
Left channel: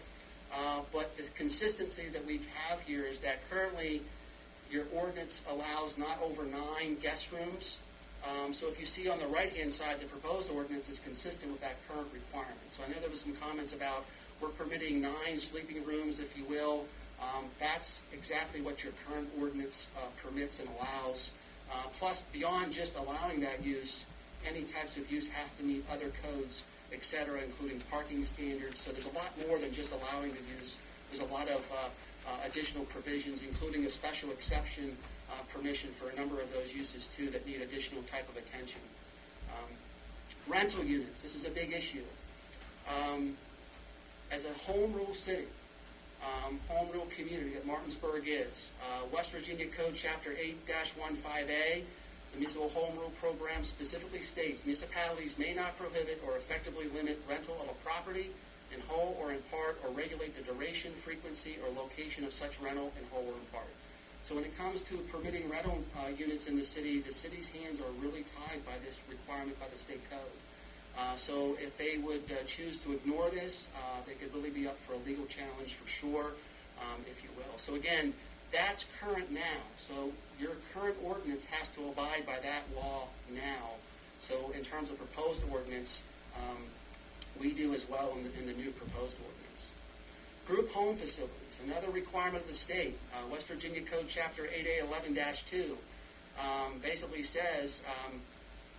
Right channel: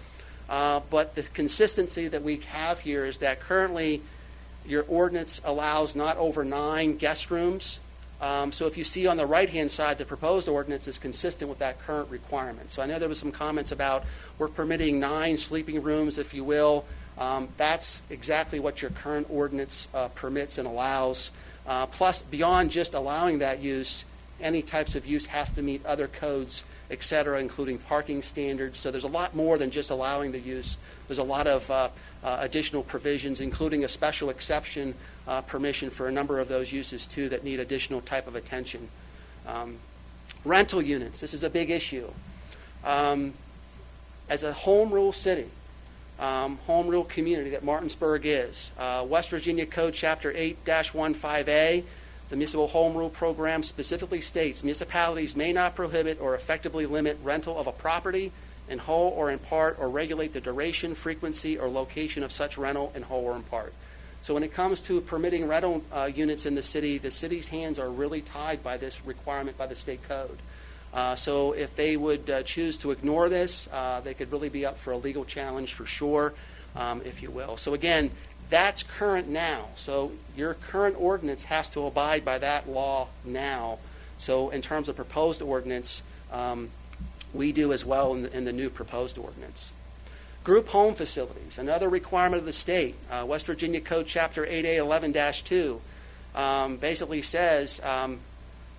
But the consistency that we have here is that currently your ordinance allows not over 9 guest rooms. So if you see on the right-hand side, the proposed ordinance is consistent with that current requirement. So I know there was some comments about we're permitting 9 sleeping rooms, if you will. That's exactly what your current ordinance permits and allows. Plus, beyond just allowing that use, any types of use have to meet other codes, et cetera, including parking standards. So there's a lot more than just allowing the use. There's a lot of additional provisions, including a special exception permission for a number of those uses, too, that need additional type of attention. Rental units. This is a big issue. As a home rule city, home rule community that Martinsburg is, West Virginia Code Chapter 8-15A, the Municipal Home Rule Program specifically states municipalities may not prohibit or effectively limit rental of a property in whole or in part, or regulate the duration, frequency, or location of such rental in whole or in part. So when it comes to permitting rental units in the city's hands are really tied by this requirement by the state code. So if they would choose to ignore this, they could really be up for a legal challenge for sure, if you will. So again, that's current now. So your current ordinance has to abide by that law now. So in terms of proposed ordinance, we do as well in the new proposed ordinance. Group home facilities, another requirement of the state. West Virginia Code Chapter 8A11-2 basically says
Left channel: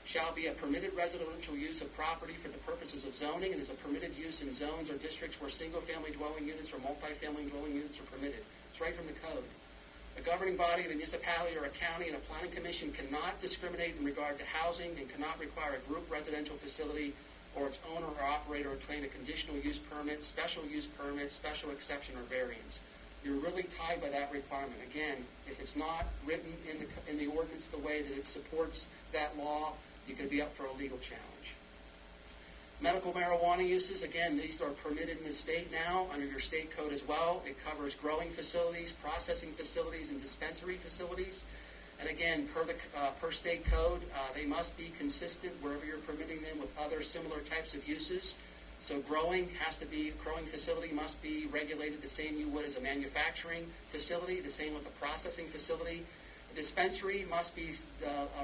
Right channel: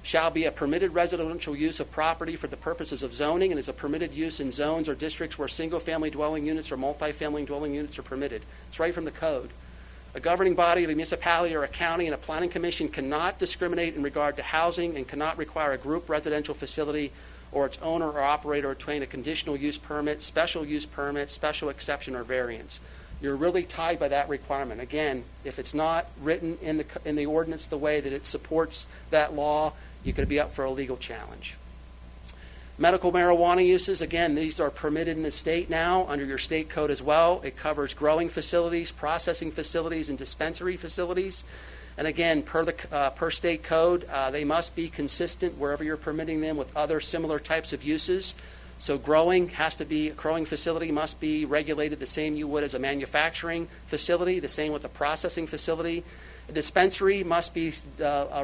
shall be a permitted residential use of property for the purposes of zoning, and is a permitted use in zones or districts where single-family dwelling units or multifamily dwelling units are permitted. It's right from the code. A governing body of a municipality or a county and a planning commission cannot discriminate in regard to housing and cannot require a group residential facility or its owner or operator obtain a conditional use permit, special use permit, special exception, or variance. You're really tied by that requirement. Again, if it's not written in the ordinance the way that it supports that law, you could be up for a legal challenge. Medical marijuana uses, again, these are permitted in the state now under your state code as well. It covers growing facilities, processing facilities, and dispensary facilities. And again, per state code, they must be consistent wherever you're permitting them with other similar types of uses. So growing facility must be regulated the same you would as a manufacturing facility, the same with a processing facility. A dispensary must be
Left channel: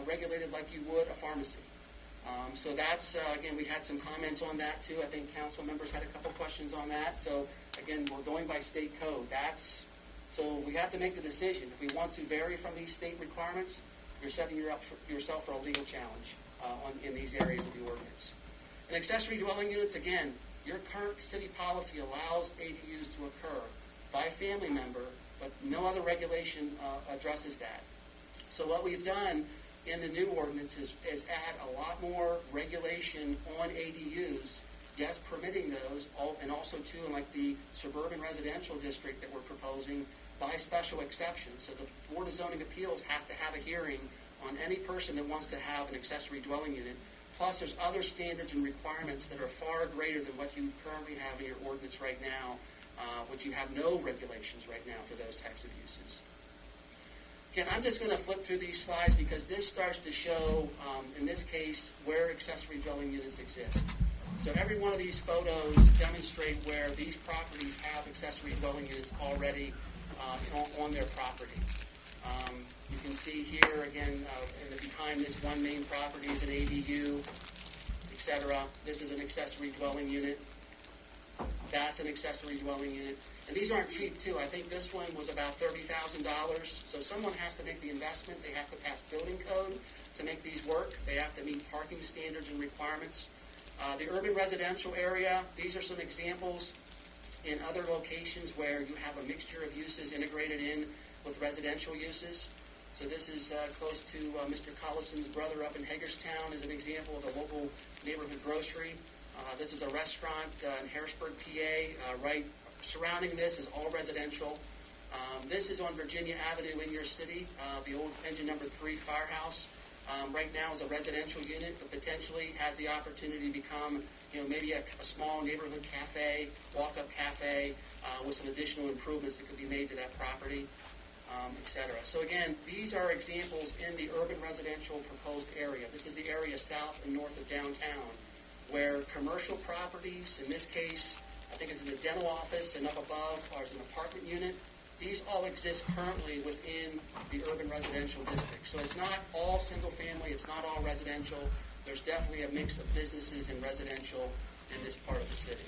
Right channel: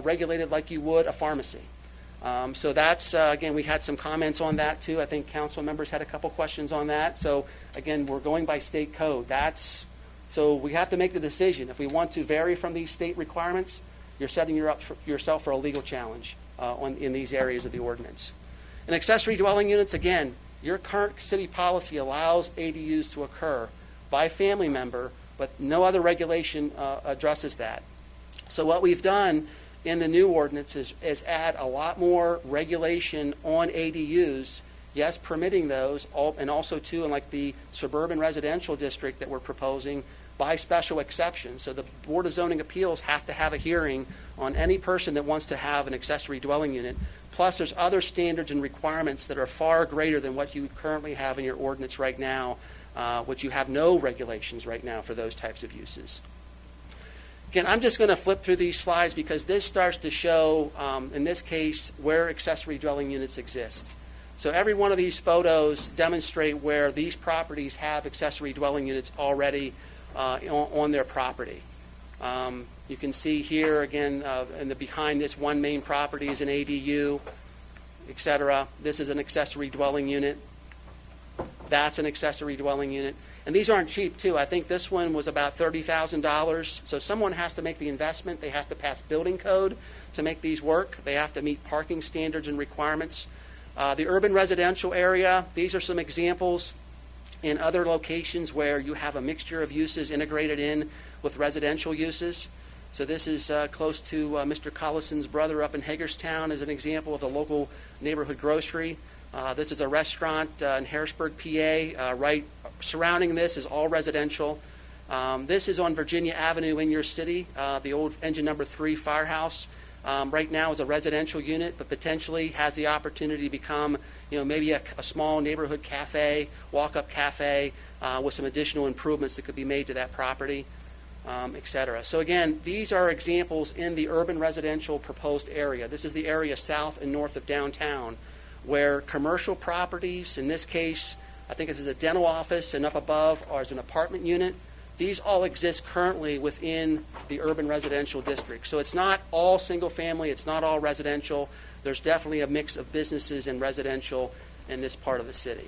regulated like you would a pharmacy. So that's, again, we had some comments on that too. I think council members had a couple questions on that. So again, we're going by state code. So we have to make the decision. If we want to vary from these state requirements, you're setting yourself for a legal challenge in these areas of the ordinance. And accessory dwelling units, again, your current city policy allows ADUs to occur by family member, but no other regulation addresses that. So what we've done in the new ordinance is add a lot more regulation on ADUs, yes, permitting those, and also too in like the suburban residential district that we're proposing, by special exception. So the Board of Zoning Appeals have to have a hearing on any person that wants to have an accessory dwelling unit. Plus there's other standards and requirements that are far greater than what you currently have in your ordinance right now, which you have no regulations right now for those types of uses. Again, I'm just going to flip through these slides because this starts to show, in this case, where accessory dwelling units exist. So every one of these photos demonstrate where these properties have accessory dwelling units already on their property. You can see here, again, behind this one main property is an ADU, et cetera. This is an accessory dwelling unit. That's an accessory dwelling unit. And these aren't cheap, too. I think this one was about $30,000. So someone has to make the investment. They have to pass building code to make these work. They have to meet parking standards and requirements. The urban residential area, these are some examples in other locations where you have a mixture of uses integrated in with residential uses. So this is close to Mr. Collison's brother up in Hagerstown as an example of a local neighborhood grocery. This is a restaurant in Harrisburg, PA. Right surrounding this is all residential. This is on Virginia Avenue in your city, the old Engine Number 3 firehouse. Right now is a residential unit, but potentially has the opportunity to become, maybe a small neighborhood cafe, walk-up cafe, with some additional improvements that could be made to that property, et cetera. So again, these are examples in the urban residential proposed area. This is the area south and north of downtown, where commercial properties, in this case, I think this is a dental office, and up above is an apartment unit. These all exist currently within the urban residential district. So it's not all single family, it's not all residential. There's definitely a mix of businesses and residential in this part of the city.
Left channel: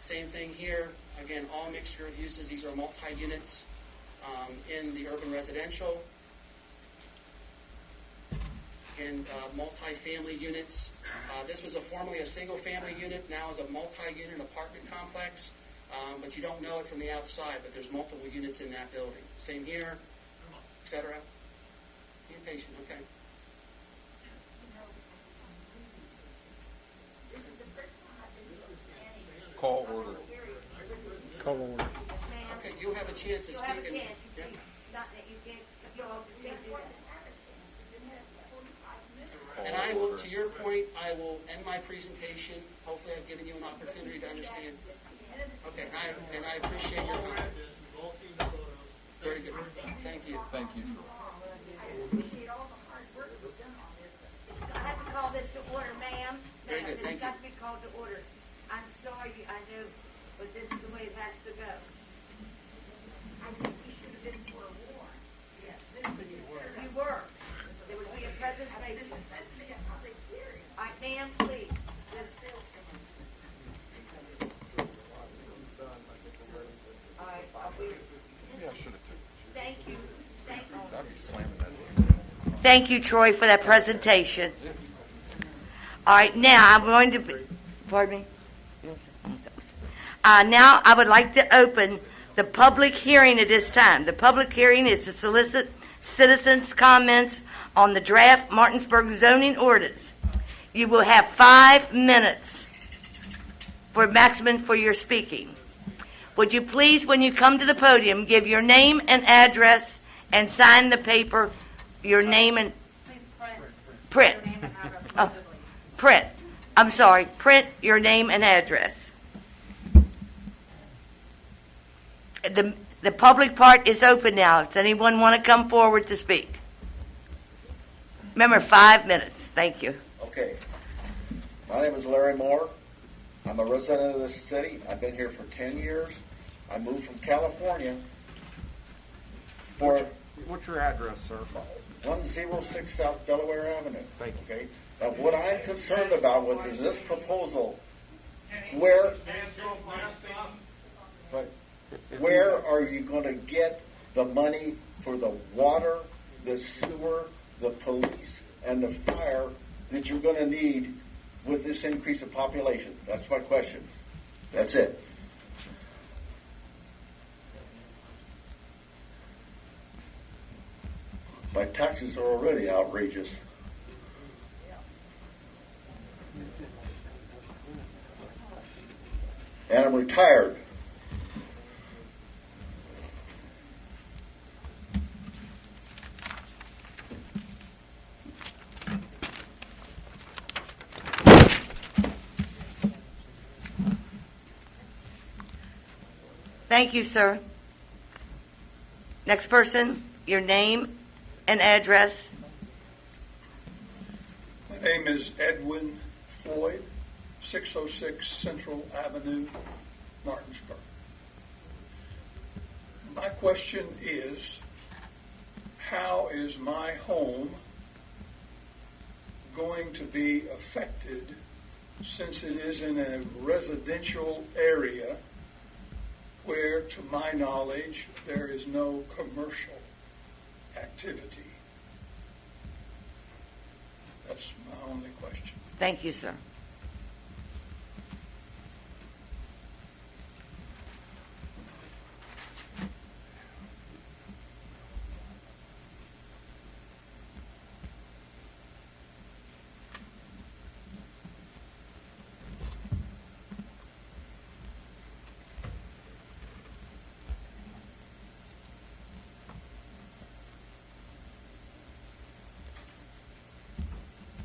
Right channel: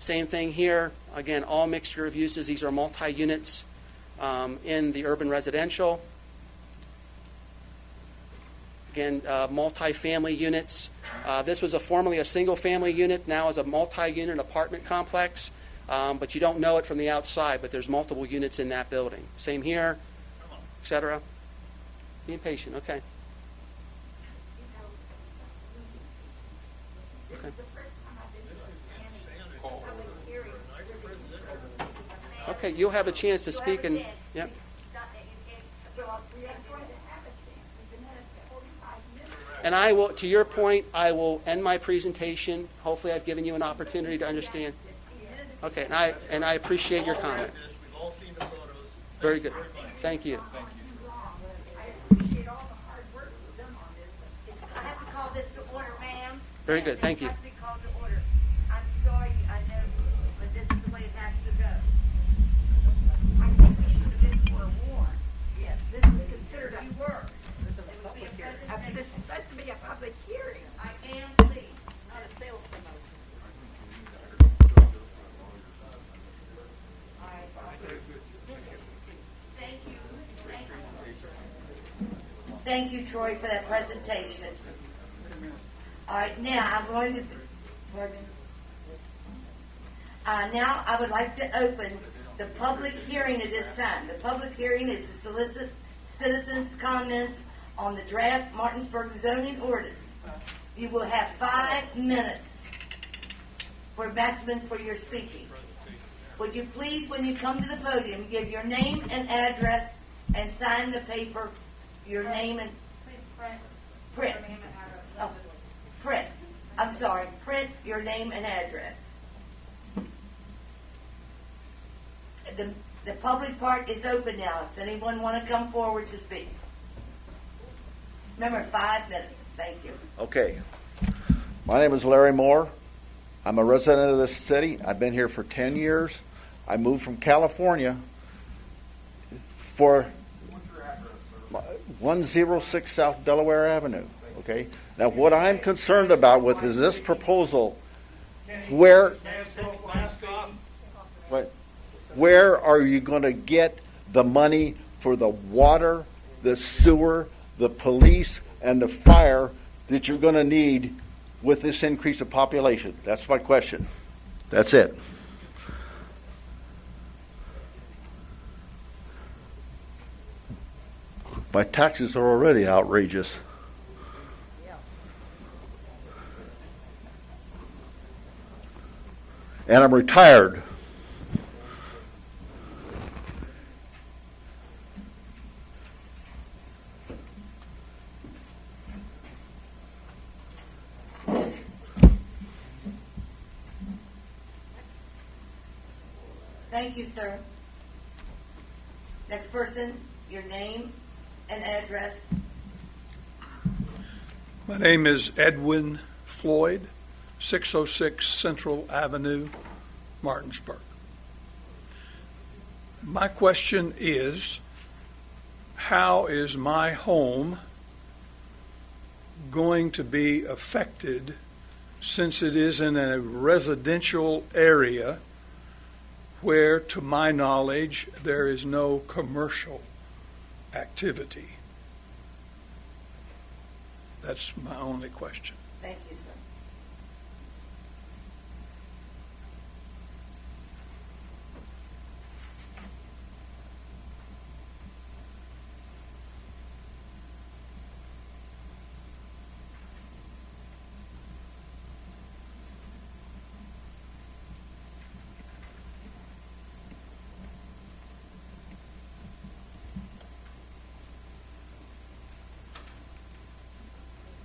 Same thing here, again, all mixture of uses. These are multi-units in the urban residential. Again, multi-family units. This was formerly a single-family unit, now is a multi-unit apartment complex. But you don't know it from the outside, but there's multiple units in that building. Same here, et cetera. Be patient, okay. Call order. Okay, you'll have a chance to speak and, yep. And I will, to your point, I will end my presentation. Hopefully I've given you an opportunity to understand. Okay, and I appreciate your comment. We've all seen the photos. Very good. Thank you. Thank you. I have to call this to order, ma'am. Very good, thank you. This has to be called to order. I'm sorry, I know, but this is the way it has to go. I think we should have been forewarned. Yes, this is considered a work. It would be a presentation. This is supposed to be a public hearing. Ma'am, please, let us sales promotion. All right, thank you. Thank you, Troy, for that presentation. All right, now I'm going to, pardon me? Now I would like to open the public hearing at this time. The public hearing is to solicit citizens' comments on the draft Martinsburg zoning ordinance. You will have 5 minutes for maximum for your speaking. Would you please, when you come to the podium, give your name and address and sign the paper, your name and print. Oh, print. I'm sorry, print your name and address. The public part is open now. Does anyone want to come forward to speak? Remember, 5 minutes. Thank you. Okay. My name is Larry Moore. I'm a resident of this city. I've been here for 10 years. I moved from California for What's your address, sir? 106 South Delaware Avenue. Thank you. Okay. Now, what I'm concerned about with is this proposal, where are you going to get the money for the water, the sewer, the police, and the fire that you're going to need with this increase of population? That's my question. That's it. My taxes are already outrageous. And I'm retired. Thank you, sir. Next person, your name and address. My name is Edwin Floyd, 606 Central Avenue, Martinsburg. My question is, how is my home going to be affected since it is in a residential area where, to my knowledge, there is no commercial activity? That's my only question. Thank you, sir.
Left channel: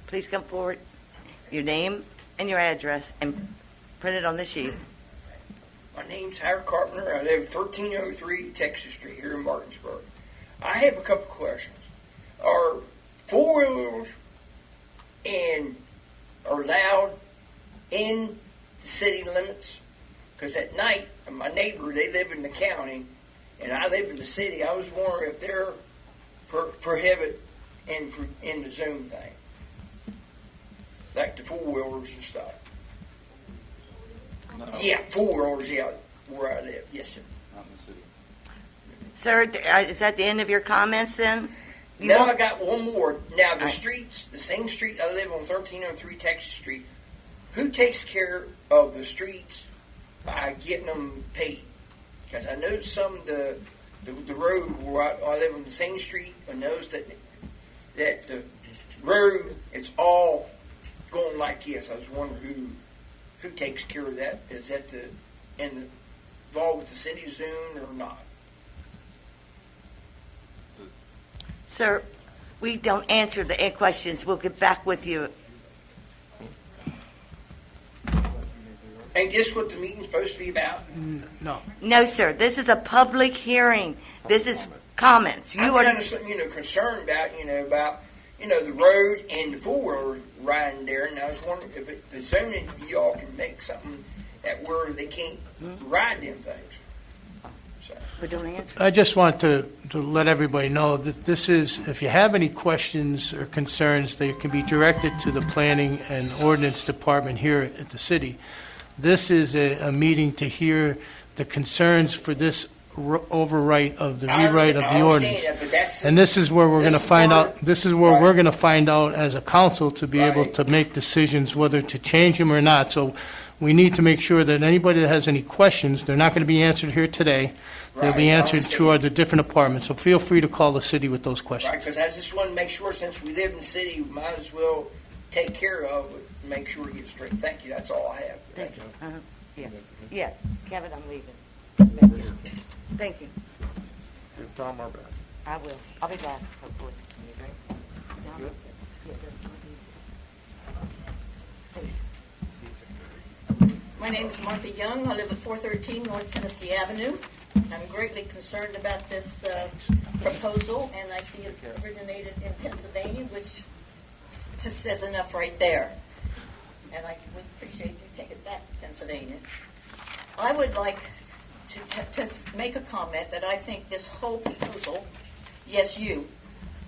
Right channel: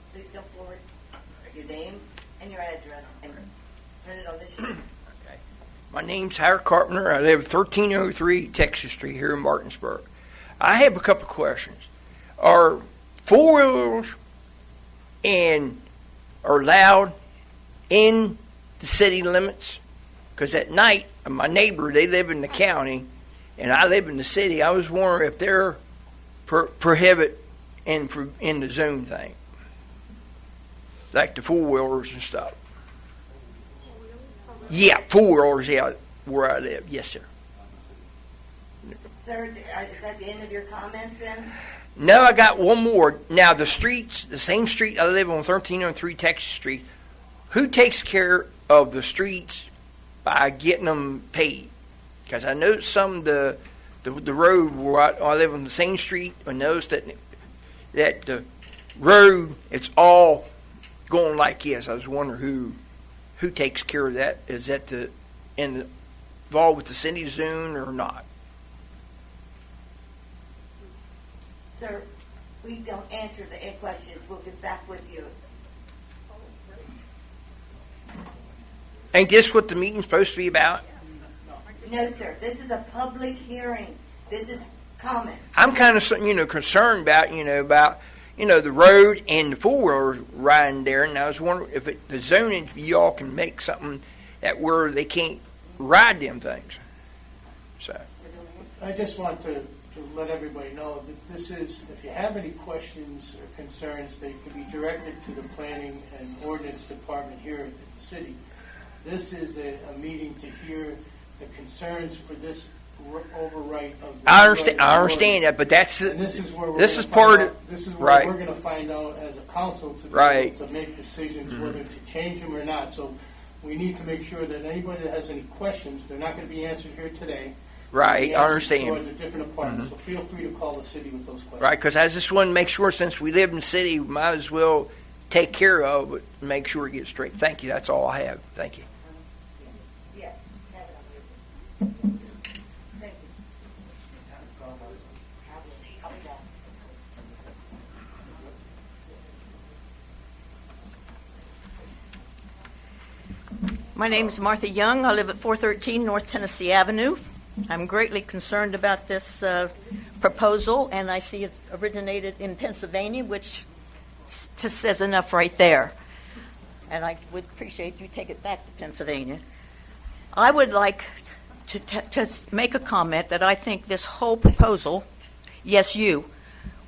Please come forward, your name and your address, and print it on the sheet. My name's Howard Carpenter. I live 1303 Texas Street here in Martinsburg. I have a couple questions. Are four-wheelers are allowed in the city limits? Because at night, my neighbor, they live in the county, and I live in the city. I was wondering if they're prohibit in the zone thing, like the four-wheelers and stuff. Yeah, four-wheelers, yeah, where I live. Yes, sir. Sir, is that the end of your comments then? No, I got one more. Now, the streets, the same street I live on, 1303 Texas Street, who takes care of the streets by getting them paid? Because I know some of the road where I live on the same street, I noticed that the road, it's all going like this. I was wondering who takes care of that? Is that involved with the city zone or not? Sir, we don't answer the questions. We'll get back with you. Ain't this what the meeting's supposed to be about? No, sir, this is a public hearing. This is comments. I'm kind of concerned about the road and the four-wheelers riding there, and I was wondering if the zoning, y'all can make something that where they can't ride them things. So. But don't answer. I just want to let everybody know that this is, if you have any questions or concerns, they can be directed to the Planning and Ordinance Department here at the city. This is a meeting to hear the concerns for this overwrite of the rewrite of the ordinance. I understand that, but that's... And this is where we're going to find out, this is where we're going to find out as a council to be able to make decisions whether to change them or not. So we need to make sure that anybody that has any questions, they're not going to be answered here today. They'll be answered to the different departments. So feel free to call the city with those questions. Right, because I just want to make sure, since we live in the city, we might as well take care of it and make sure it gets straight. Thank you. That's all I have. Thank you. Yes, yes. Kevin, I'm leaving. Thank you. Tom, our bad. I will. I'll be back. My name is Martha Young. I live at 413 North Tennessee Avenue. I'm greatly concerned about this proposal, and I see it originated in Pennsylvania, which just says enough right there. And I would appreciate you take it back to Pennsylvania. I would like to make a comment that I think this whole proposal, yes, you,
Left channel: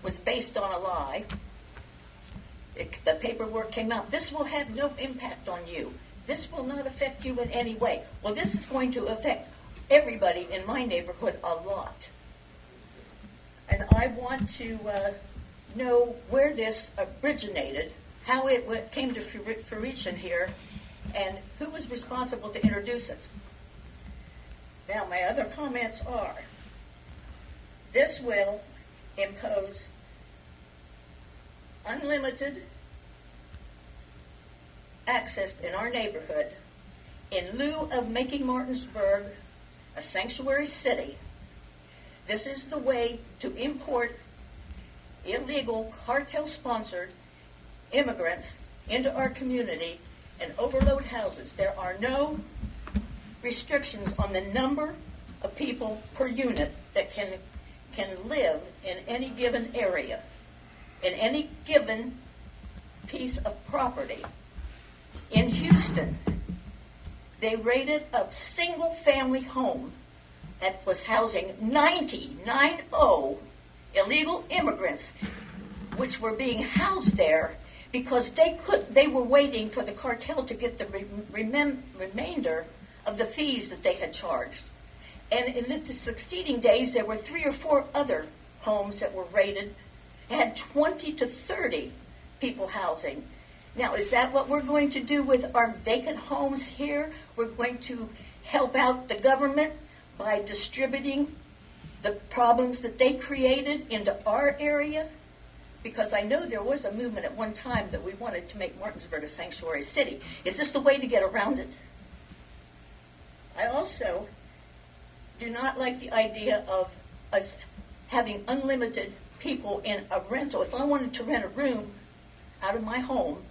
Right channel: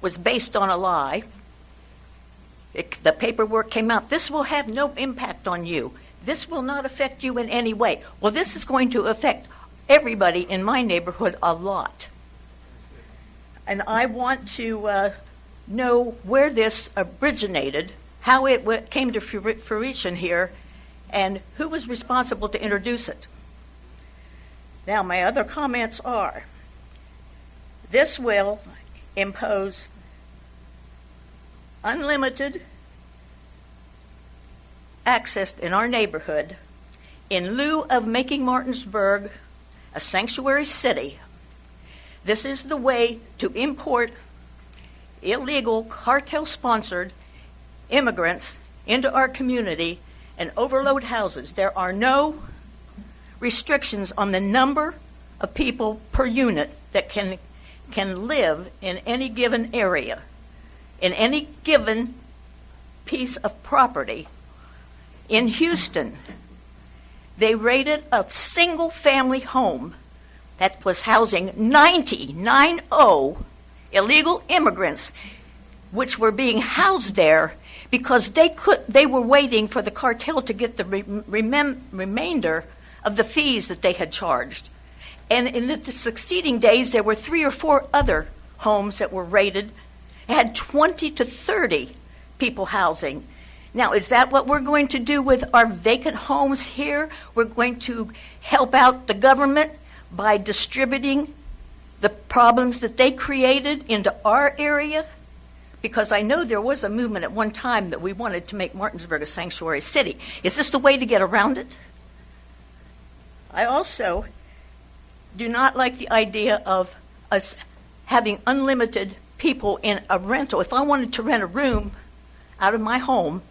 was based on a lie. The paperwork came out. This will have no impact on you. This will not affect you in any way. Well, this is going to affect everybody in my neighborhood a lot. And I want to know where this originated, how it came to fruition here, and who was responsible to introduce it. Now, my other comments are, this will impose unlimited access in our neighborhood in lieu of making Martinsburg a sanctuary city. This is the way to import illegal cartel-sponsored immigrants into our community and overload houses. There are no restrictions on the number of people per unit that can live in any given area, in any given piece of property. In Houston, they rated a single-family home that was housing 90 illegal immigrants, which were being housed there because they were waiting for the cartel to get the remainder of the fees that they had charged. And in the succeeding days, there were 3 or 4 other homes that were raided, had 20 to 30 people housing. Now, is that what we're going to do with our vacant homes here? We're going to help out the government by distributing the problems that they created into our area? Because I know there was a movement at one time that we wanted to make Martinsburg a sanctuary city. Is this the way to get around it? I also do not like the idea of us having unlimited people in a rental. If I wanted to rent a room out of my home,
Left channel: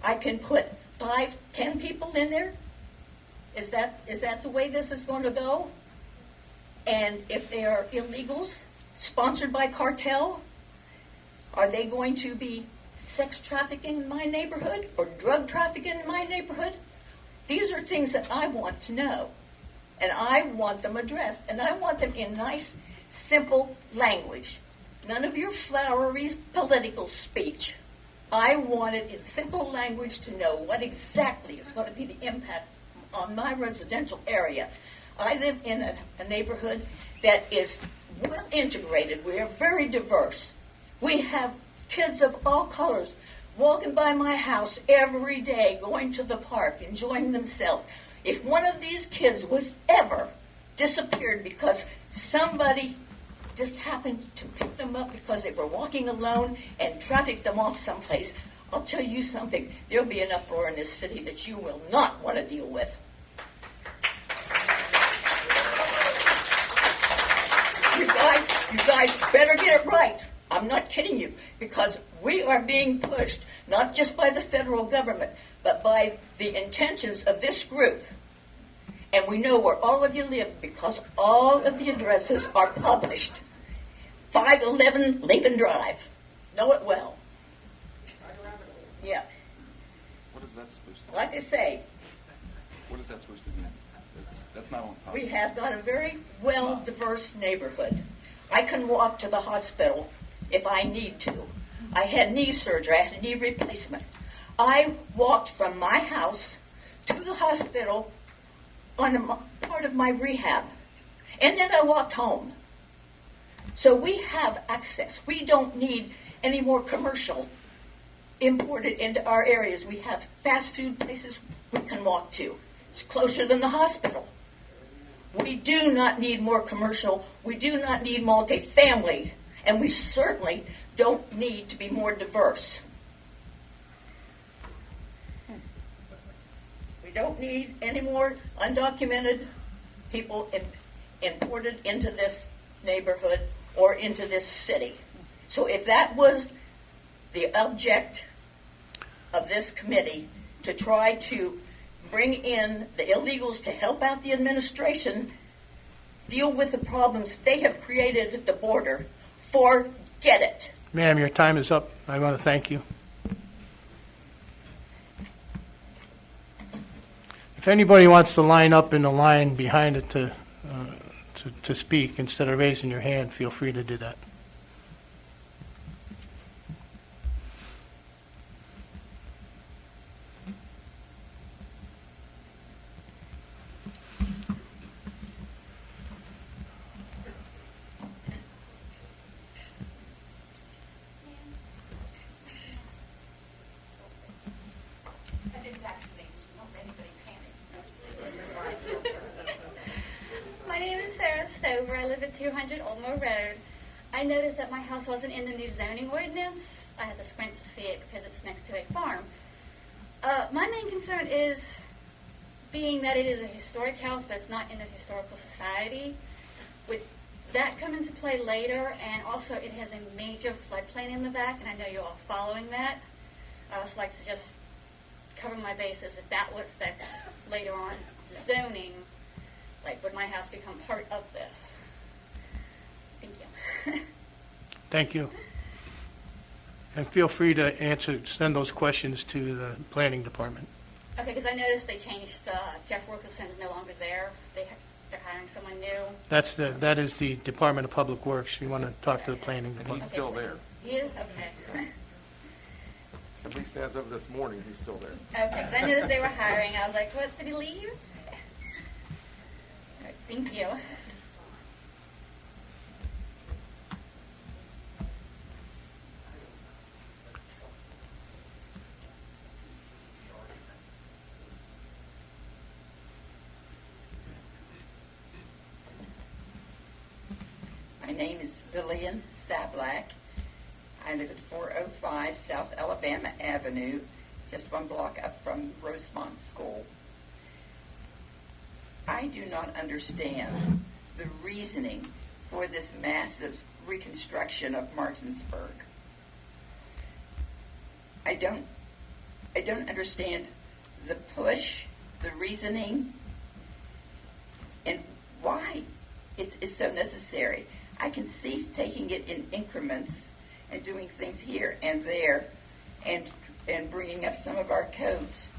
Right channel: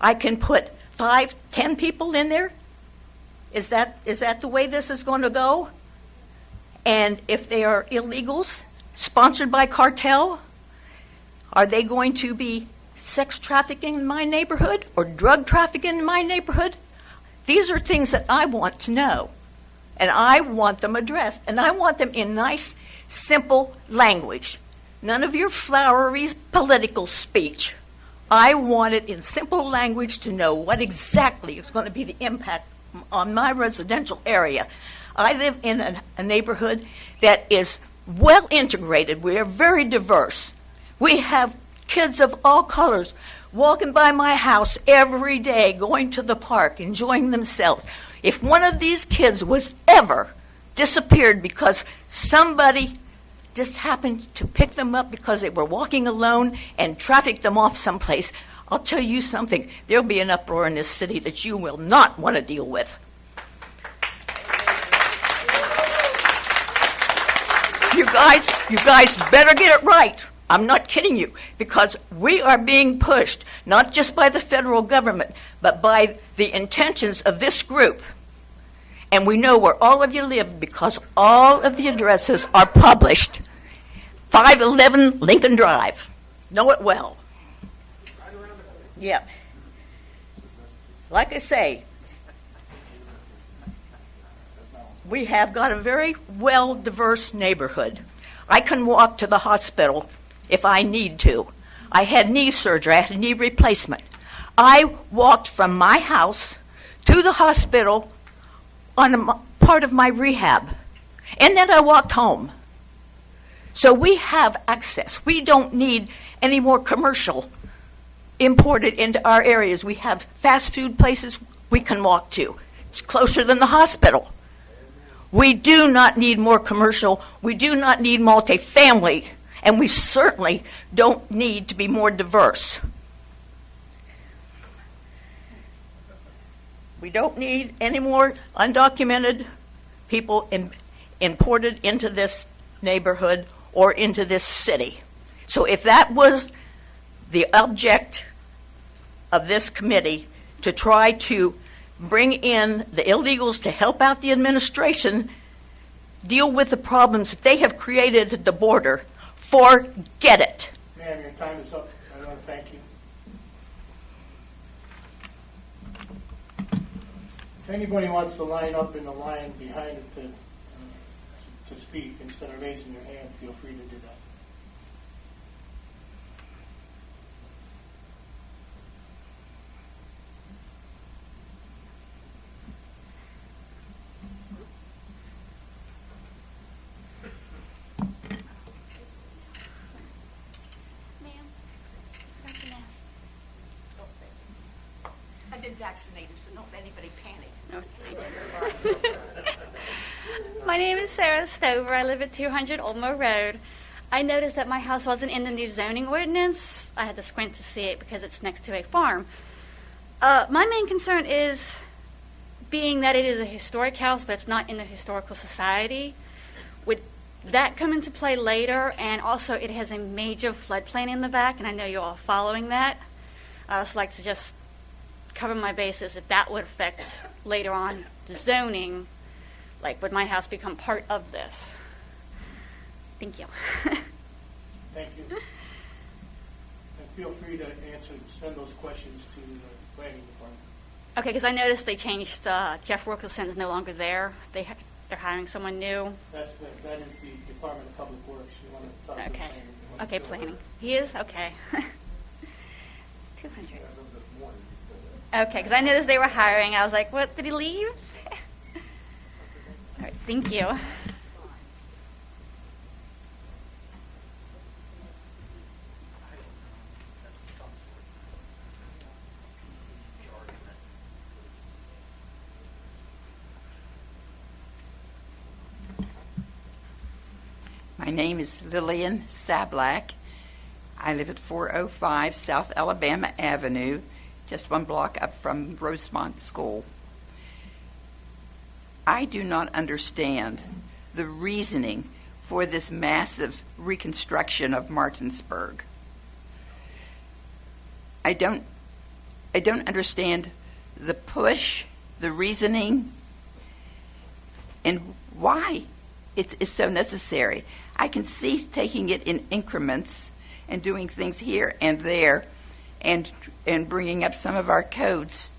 I can put 5, 10 people in there? Is that the way this is going to go? And if they are illegals, sponsored by cartel, are they going to be sex trafficking in my neighborhood or drug trafficking in my neighborhood? These are things that I want to know, and I want them addressed, and I want them in nice, simple language. None of your flowery political speech. I want it in simple language to know what exactly is going to be the impact on my residential area. I live in a neighborhood that is well integrated. We are very diverse. We have kids of all colors walking by my house every day, going to the park, enjoying themselves. If one of these kids was ever disappeared because somebody just happened to pick them up because they were walking alone and traffic them off someplace, I'll tell you something, there'll be an uproar in this city that you will not want to deal with. You guys better get it right. I'm not kidding you, because we are being pushed, not just by the federal government, but by the intentions of this group. And we know where all of you live because all of the addresses are published. 511 Lincoln Drive. Know it well. Yeah. Like I say, we have got a very well diverse neighborhood. I can walk to the hospital if I need to. I had knee surgery. I had a knee replacement. I walked from my house to the hospital on a part of my rehab, and then I walked home. So we have access. We don't need any more commercial imported into our areas. We have fast food places we can walk to. It's closer than the hospital. We do not need more commercial. We do not need multifamily. And we certainly don't need to be more diverse. We don't need any more undocumented people imported into this neighborhood or into this city. So if that was the object of this committee, to try to bring in the illegals to help out the administration deal with the problems that they have created at the border, forget it. Ma'am, your time is up. I want to thank you. If anybody wants to line up in the line behind it to speak, instead of raising your hand, feel free to do that. I've been vaccinated, so don't let anybody panic. My name is Sarah Stover. I live at 200 Oldmo Road. I noticed that my house wasn't in the new zoning ordinance. I had to squint to see it because it's next to a farm. My main concern is being that it is a historic house, but it's not in the historical society. Would that come into play later? And also, it has a major floodplain in the back, and I know you're all following that. I also like to just cover my bases if that would affect later on the zoning. Like, would my house become part of this? Thank you. Thank you. And feel free to send those questions to the planning department. Okay, because I noticed they changed, Jeff Wilkinson is no longer there. they're hiring someone new. That is the Department of Public Works. You want to talk to the Okay. planning department. Okay, still planning. there. He is? Okay. At least as of this morning, he's still there. Okay, because I noticed they were hiring. I was like, what, did he leave? All right, thank you. My name is Lillian Sablack. I live at 405 South Alabama Avenue, just one block up from Rosemont School. I do not understand the reasoning for this massive reconstruction of Martinsburg. I don't understand the push, the reasoning, and why it's so necessary. I can see taking it in increments and doing things here and there, and bringing up some of our codes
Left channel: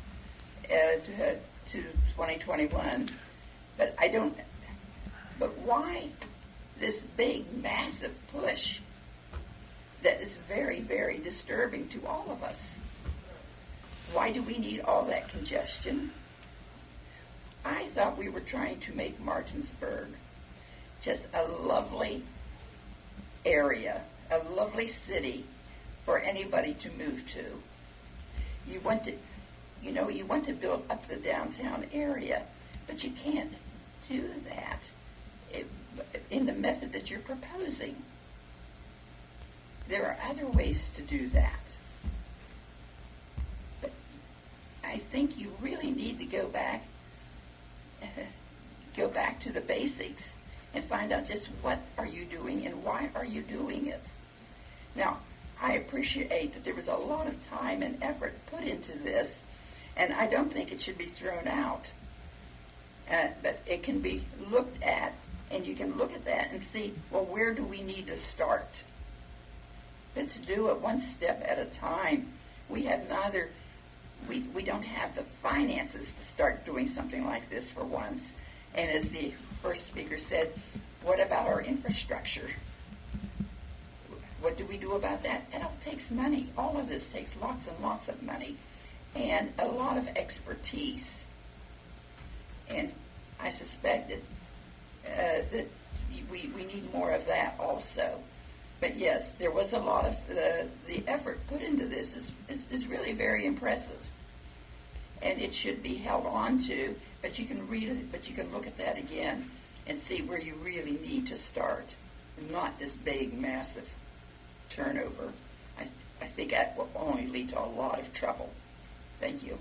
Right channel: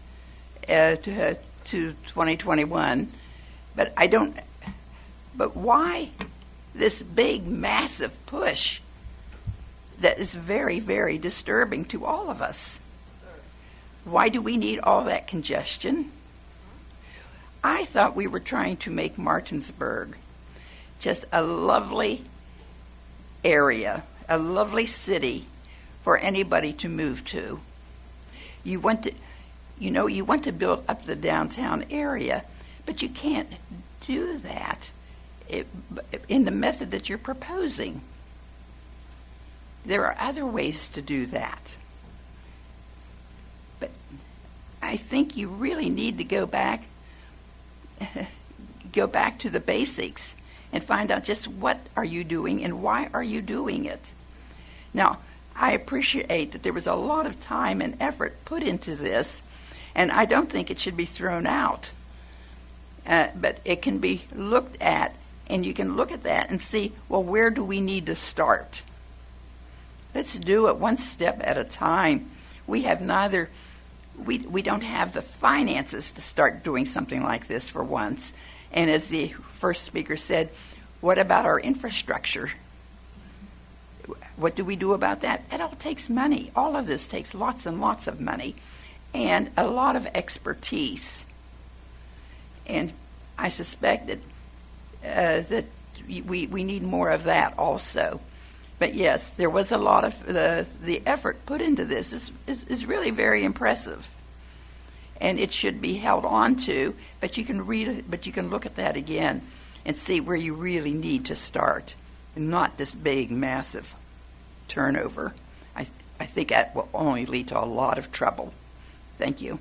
to 2021. But I don't. But why this big, massive push that is very, very disturbing to all of us? Why do we need all that congestion? I thought we were trying to make Martinsburg just a lovely area, a lovely city for anybody to move to. You want to build up the downtown area, but you can't do that in the method that you're proposing. There are other ways to do that. But I think you really need to go back to the basics and find out just what are you doing and why are you doing it. Now, I appreciate that there was a lot of time and effort put into this, and I don't think it should be thrown out. But it can be looked at, and you can look at that and see, well, where do we need to start? Let's do it one step at a time. We don't have the finances to start doing something like this for once. And as the first speaker said, what about our infrastructure? What do we do about that? It all takes money. All of this takes lots and lots of money and a lot of expertise. And I suspect that we need more of that also. But yes, there was a lot of the effort put into this is really very impressive, and it should be held on to. But you can read it, but you can look at that again and see where you really need to start, and not this big, massive turnover. I think that will only lead to a lot of trouble. Thank you.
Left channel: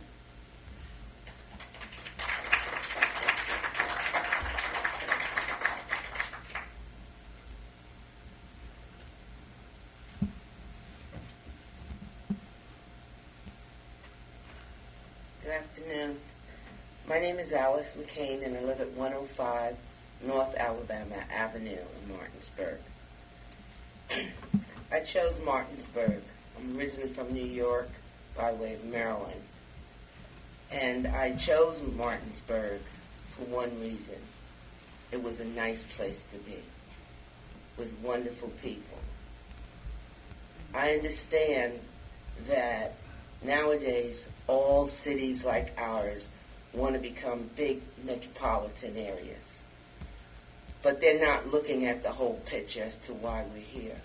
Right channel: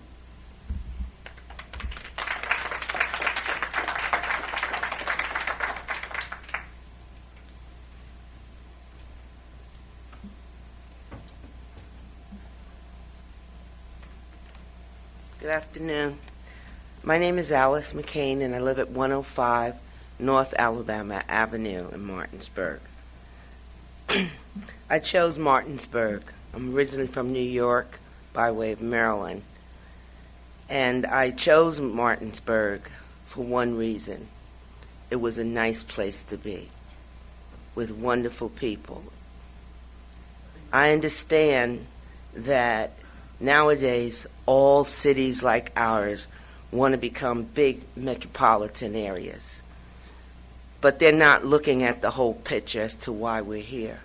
Good afternoon. My name is Alice McCain, and I live at 105 North Alabama Avenue in Martinsburg. I chose Martinsburg. I'm originally from New York by way of Maryland. And I chose Martinsburg for one reason. It was a nice place to be, with wonderful people. I understand that nowadays all cities like ours want to become big metropolitan areas. But they're not looking at the whole picture as to why we're here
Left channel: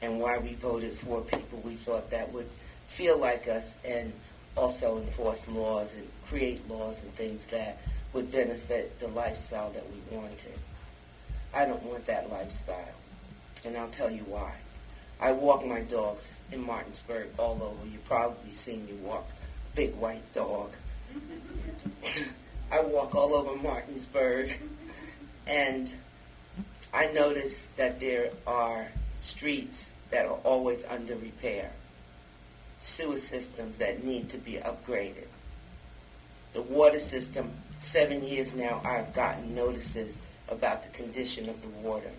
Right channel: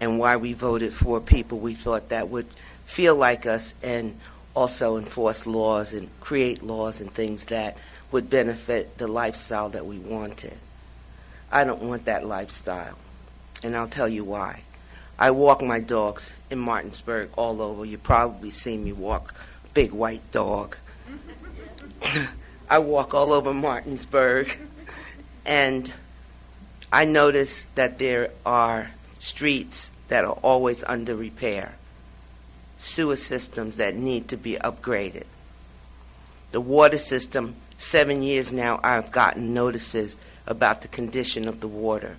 and why we voted for people we thought that would feel like us and also enforce laws and create laws and things that would benefit the lifestyle that we wanted. I don't want that lifestyle, and I'll tell you why. I walk my dogs in Martinsburg all over. You probably seen me walk big white dog. I walk all over Martinsburg, and I notice that there are streets that are always under repair, sewer systems that need to be upgraded. The water system, 7 years now, I've gotten notices about the condition of the water.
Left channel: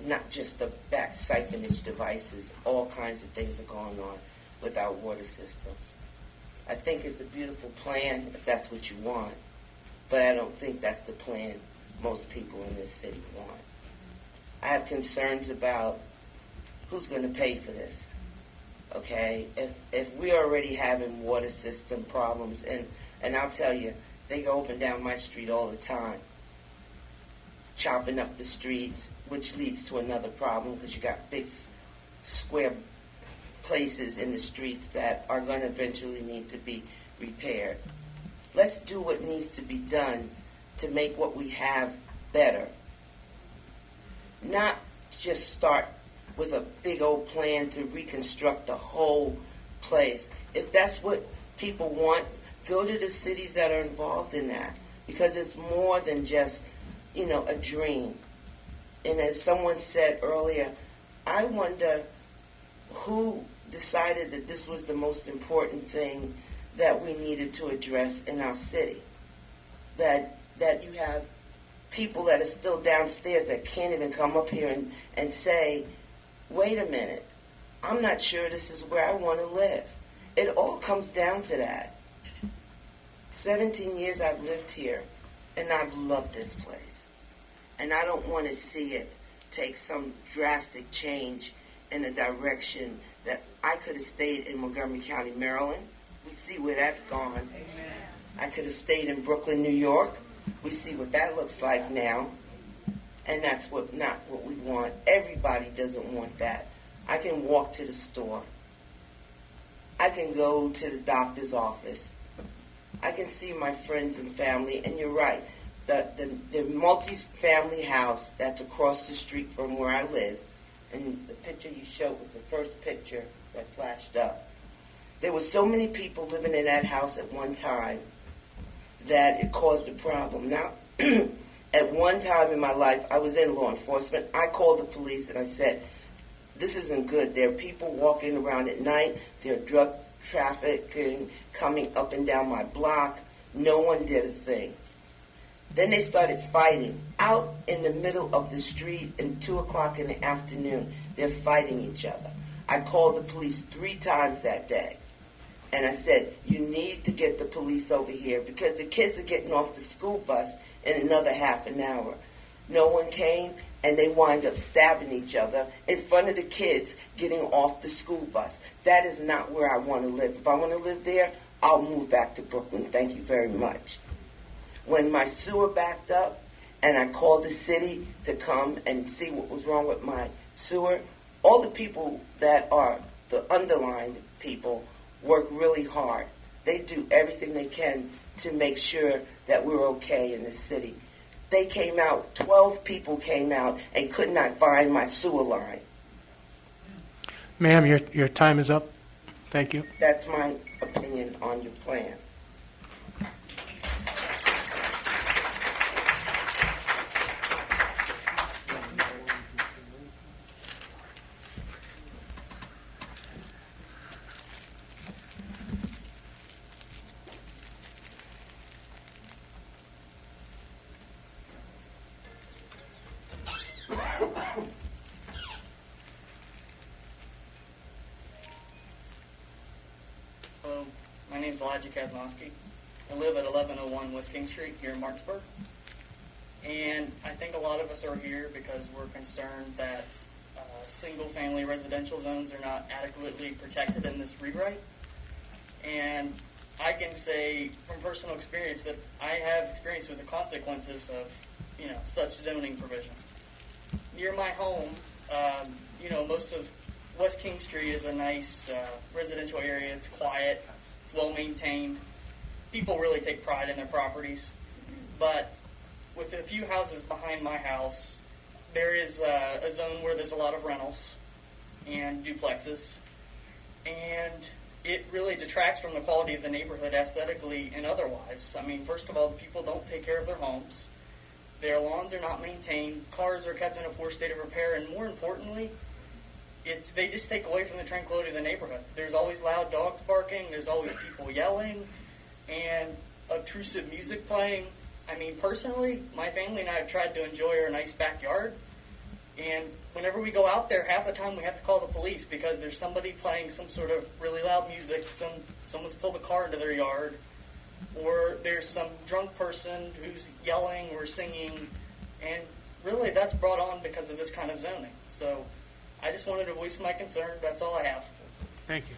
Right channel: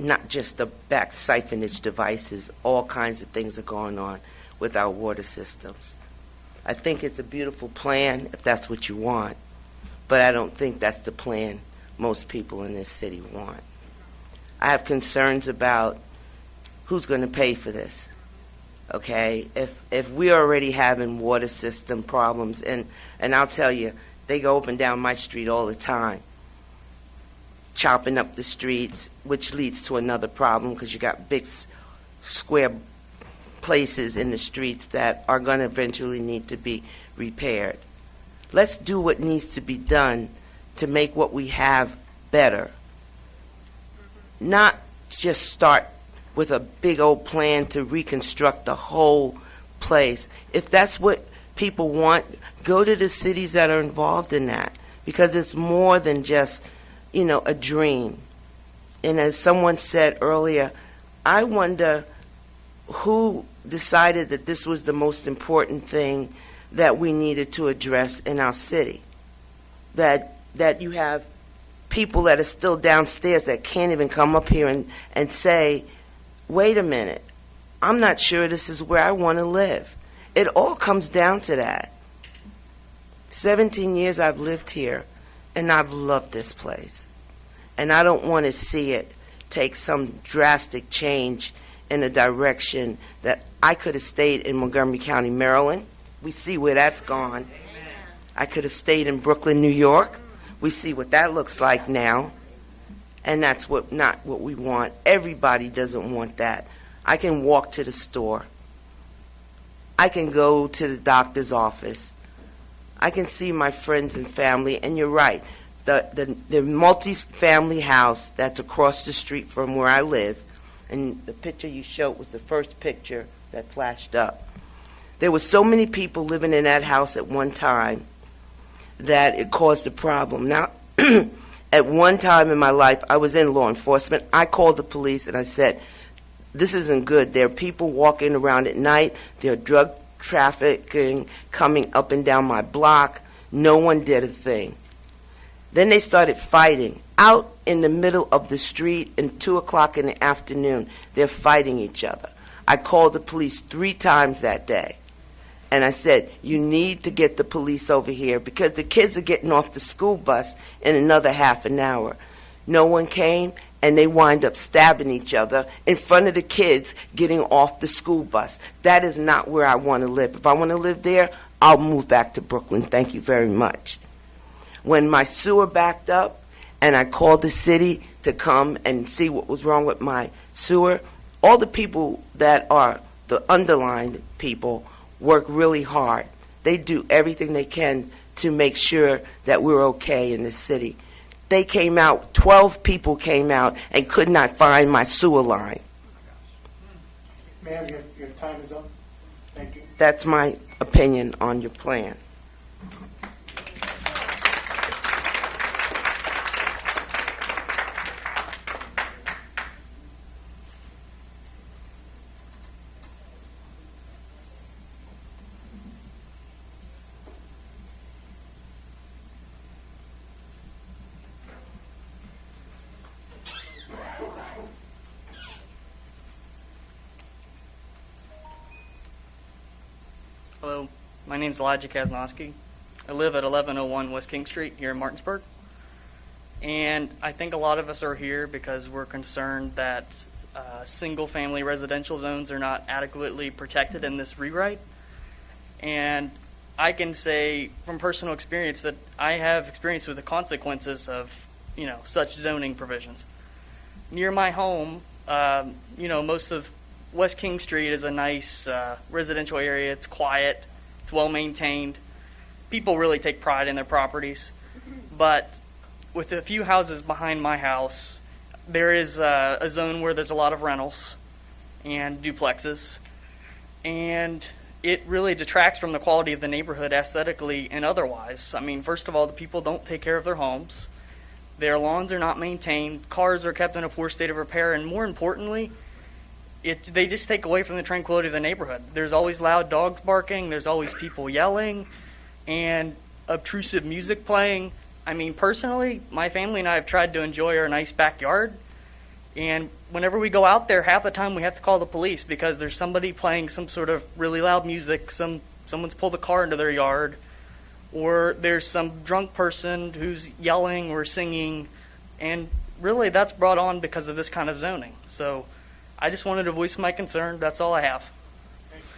Not just the back siphonage devices, all kinds of things are going on with our water systems. I think it's a beautiful plan if that's what you want, but I don't think that's the plan most people in this city want. I have concerns about who's going to pay for this. Okay, if we're already having water system problems, and I'll tell you, they go up and down my street all the time, chopping up the streets, which leads to another problem because you got big square places in the streets that are going to eventually need to be repaired. Let's do what needs to be done to make what we have better. Not just start with a big old plan to reconstruct the whole place. If that's what people want, go to the cities that are involved in that, because it's more than just, a dream. And as someone said earlier, I wonder who decided that this was the most important thing that we needed to address in our city. That you have people that are still downstairs that can't even come up here and say, wait a minute, I'm not sure this is where I want to live. It all comes down to that. 17 years I've lived here, and I've loved this place. And I don't want to see it take some drastic change in a direction that I could have stayed in Montgomery County, Maryland. We see where that's gone. I could have stayed in Brooklyn, New York. We see what that looks like now. And that's not what we want. Everybody doesn't want that. I can walk to the store. I can go to the doctor's office. I can see my friends and family. And you're right. The multi-family house that's across the street from where I live, and the picture you showed was the first picture that flashed up. There were so many people living in that house at one time that it caused a problem. Now, at one time in my life, I was in law enforcement. I called the police and I said, this isn't good. There are people walking around at night. There are drug trafficking coming up and down my block. No one did a thing. Then they started fighting out in the middle of the street at 2 o'clock in the afternoon. They're fighting each other. I called the police 3 times that day. And I said, you need to get the police over here because the kids are getting off the school bus in another half an hour. No one came, and they wind up stabbing each other in front of the kids getting off the school bus. That is not where I want to live. If I want to live there, I'll move back to Brooklyn. Thank you very much. When my sewer backed up and I called the city to come and see what was wrong with my sewer, all the people that are the underlined people work really hard. They do everything they can to make sure that we're okay in the city. They came out, 12 people came out and could not find my sewer line. Ma'am, your time is up. Thank you. That's my opinion on your plan. Hello, my name is Elijah Kaznowski. I live at 1101 West King Street here in Martinsburg. And I think a lot of us are here because we're concerned that single-family residential zones are not adequately protected in this rewrite. And I can say from personal experience that I have experience with the consequences of, such zoning provisions. Near my home, most of West King Street is a nice residential area. It's quiet. It's well maintained. People really take pride in their properties. But with a few houses behind my house, there is a zone where there's a lot of rentals and duplexes. And it really detracts from the quality of the neighborhood aesthetically and otherwise. I mean, first of all, the people don't take care of their homes. Their lawns are not maintained. Cars are kept in a poor state of repair. And more importantly, they just take away from the tranquility of the neighborhood. There's always loud dogs barking. There's always people yelling and obtrusive music playing. I mean, personally, my family and I have tried to enjoy our nice backyard. And whenever we go out there, half the time we have to call the police because there's somebody playing some sort of really loud music. Someone's pulled a car into their yard. or there's some drunk person who's yelling or singing, and really that's brought on because of this kind of zoning. So I just wanted to voice my concern. That's all I have. Thank you.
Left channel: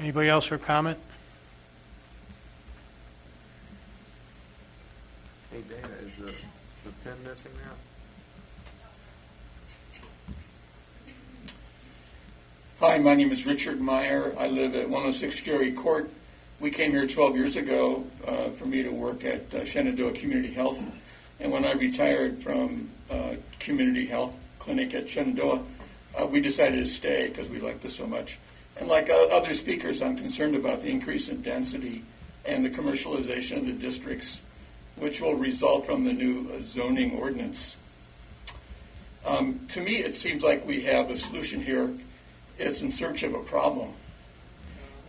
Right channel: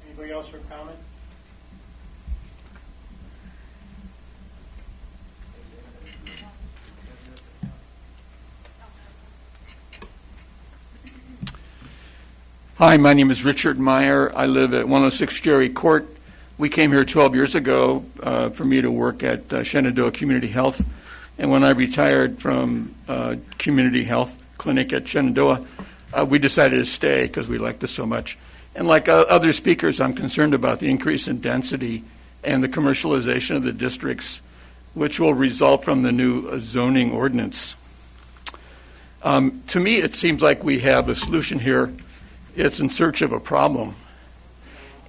Anybody else for comment? Hey, Dana, is the pen missing now? Hi, my name is Richard Meyer. I live at 106 Jerry Court. We came here 12 years ago for me to work at Shenandoah Community Health. And when I retired from Community Health Clinic at Shenandoah, we decided to stay because we liked this so much. And like other speakers, I'm concerned about the increase in density and the commercialization of the districts, which will result from the new zoning ordinance. To me, it seems like we have a solution here. It's in search of a problem.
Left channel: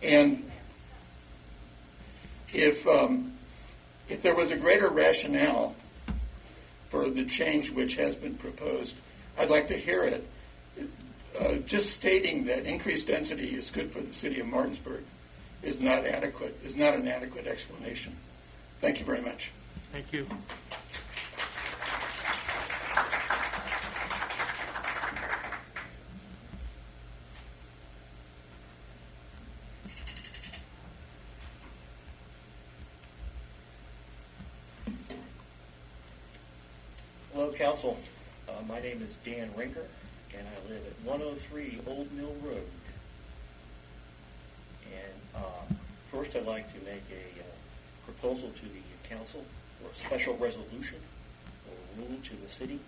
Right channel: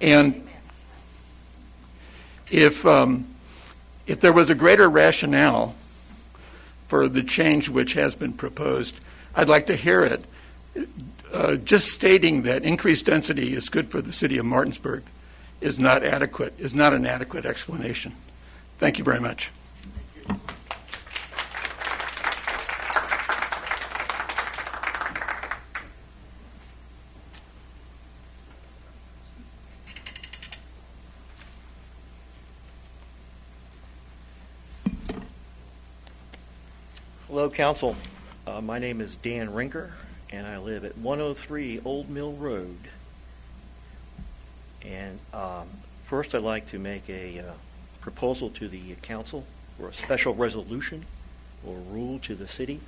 And if there was a greater rationale for the change which has been proposed, I'd like to hear it. Just stating that increased density is good for the city of Martinsburg is not adequate, is not an adequate explanation. Thank you very much. Thank you. Hello, Council. My name is Dan Rinker, and I live at 103 Old Mill Road. And first, I'd like to make a proposal to the Council for a special resolution or rule to the city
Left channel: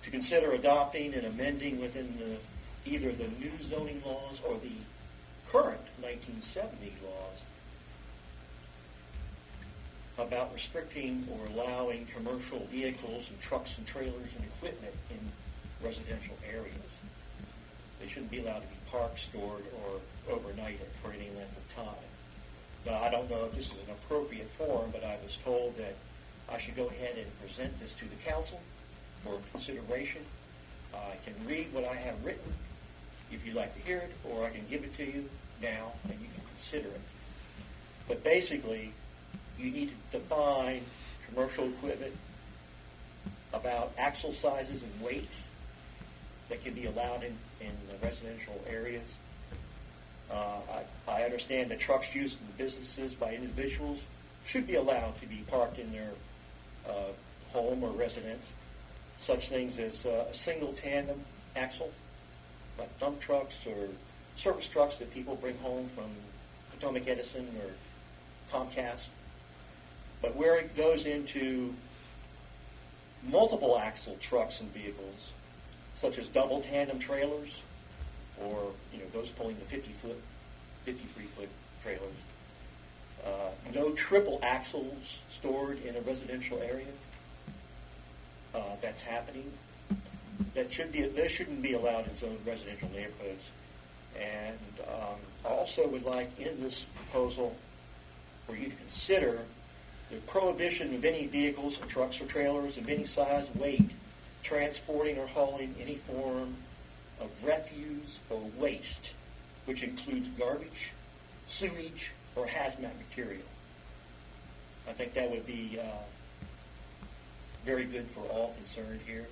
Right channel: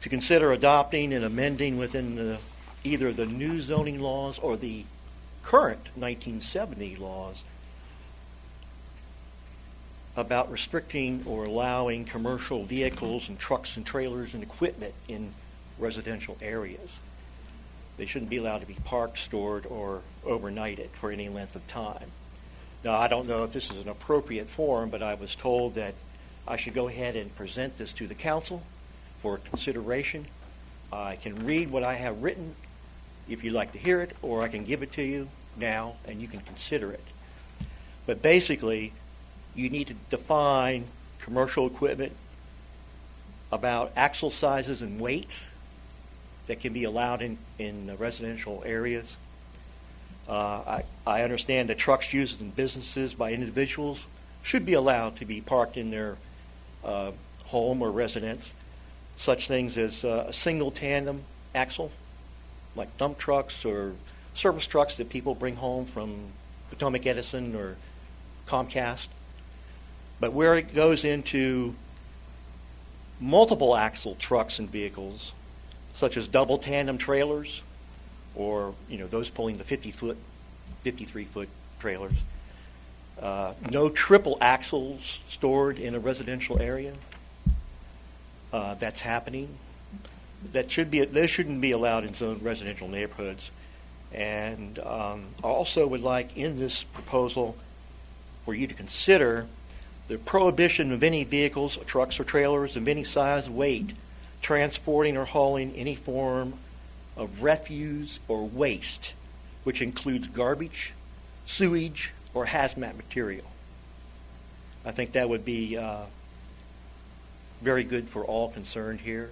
to consider adopting and amending within either the new zoning laws or the current 1970 laws about restricting or allowing commercial vehicles and trucks and trailers and equipment in residential areas. They shouldn't be allowed to be parked, stored, or overnighted for any length of time. Now, I don't know if this is an appropriate forum, but I was told that I should go ahead and present this to the council for consideration. I can read what I have written if you'd like to hear it, or I can give it to you now and you can consider it. But basically, you need to define commercial equipment about axle sizes and weights that can be allowed in the residential areas. I understand that trucks used in businesses by individuals should be allowed to be parked in their home or residence. Such things as a single tandem axle, like dump trucks or service trucks that people bring home from Potomac Edison or Comcast. But where it goes into multiple axle trucks and vehicles, such as double tandem trailers, or those pulling the 53-foot trailers, no triple axles stored in a residential area. That's happening. Those shouldn't be allowed in some residential neighborhoods. And I also would like in this proposal for you to consider the prohibition of any vehicles, or trucks or trailers of any size, weight, transporting or hauling any form of refuse or waste, which includes garbage, sewage, or hazmat material. I think that would be very good for all concerned here.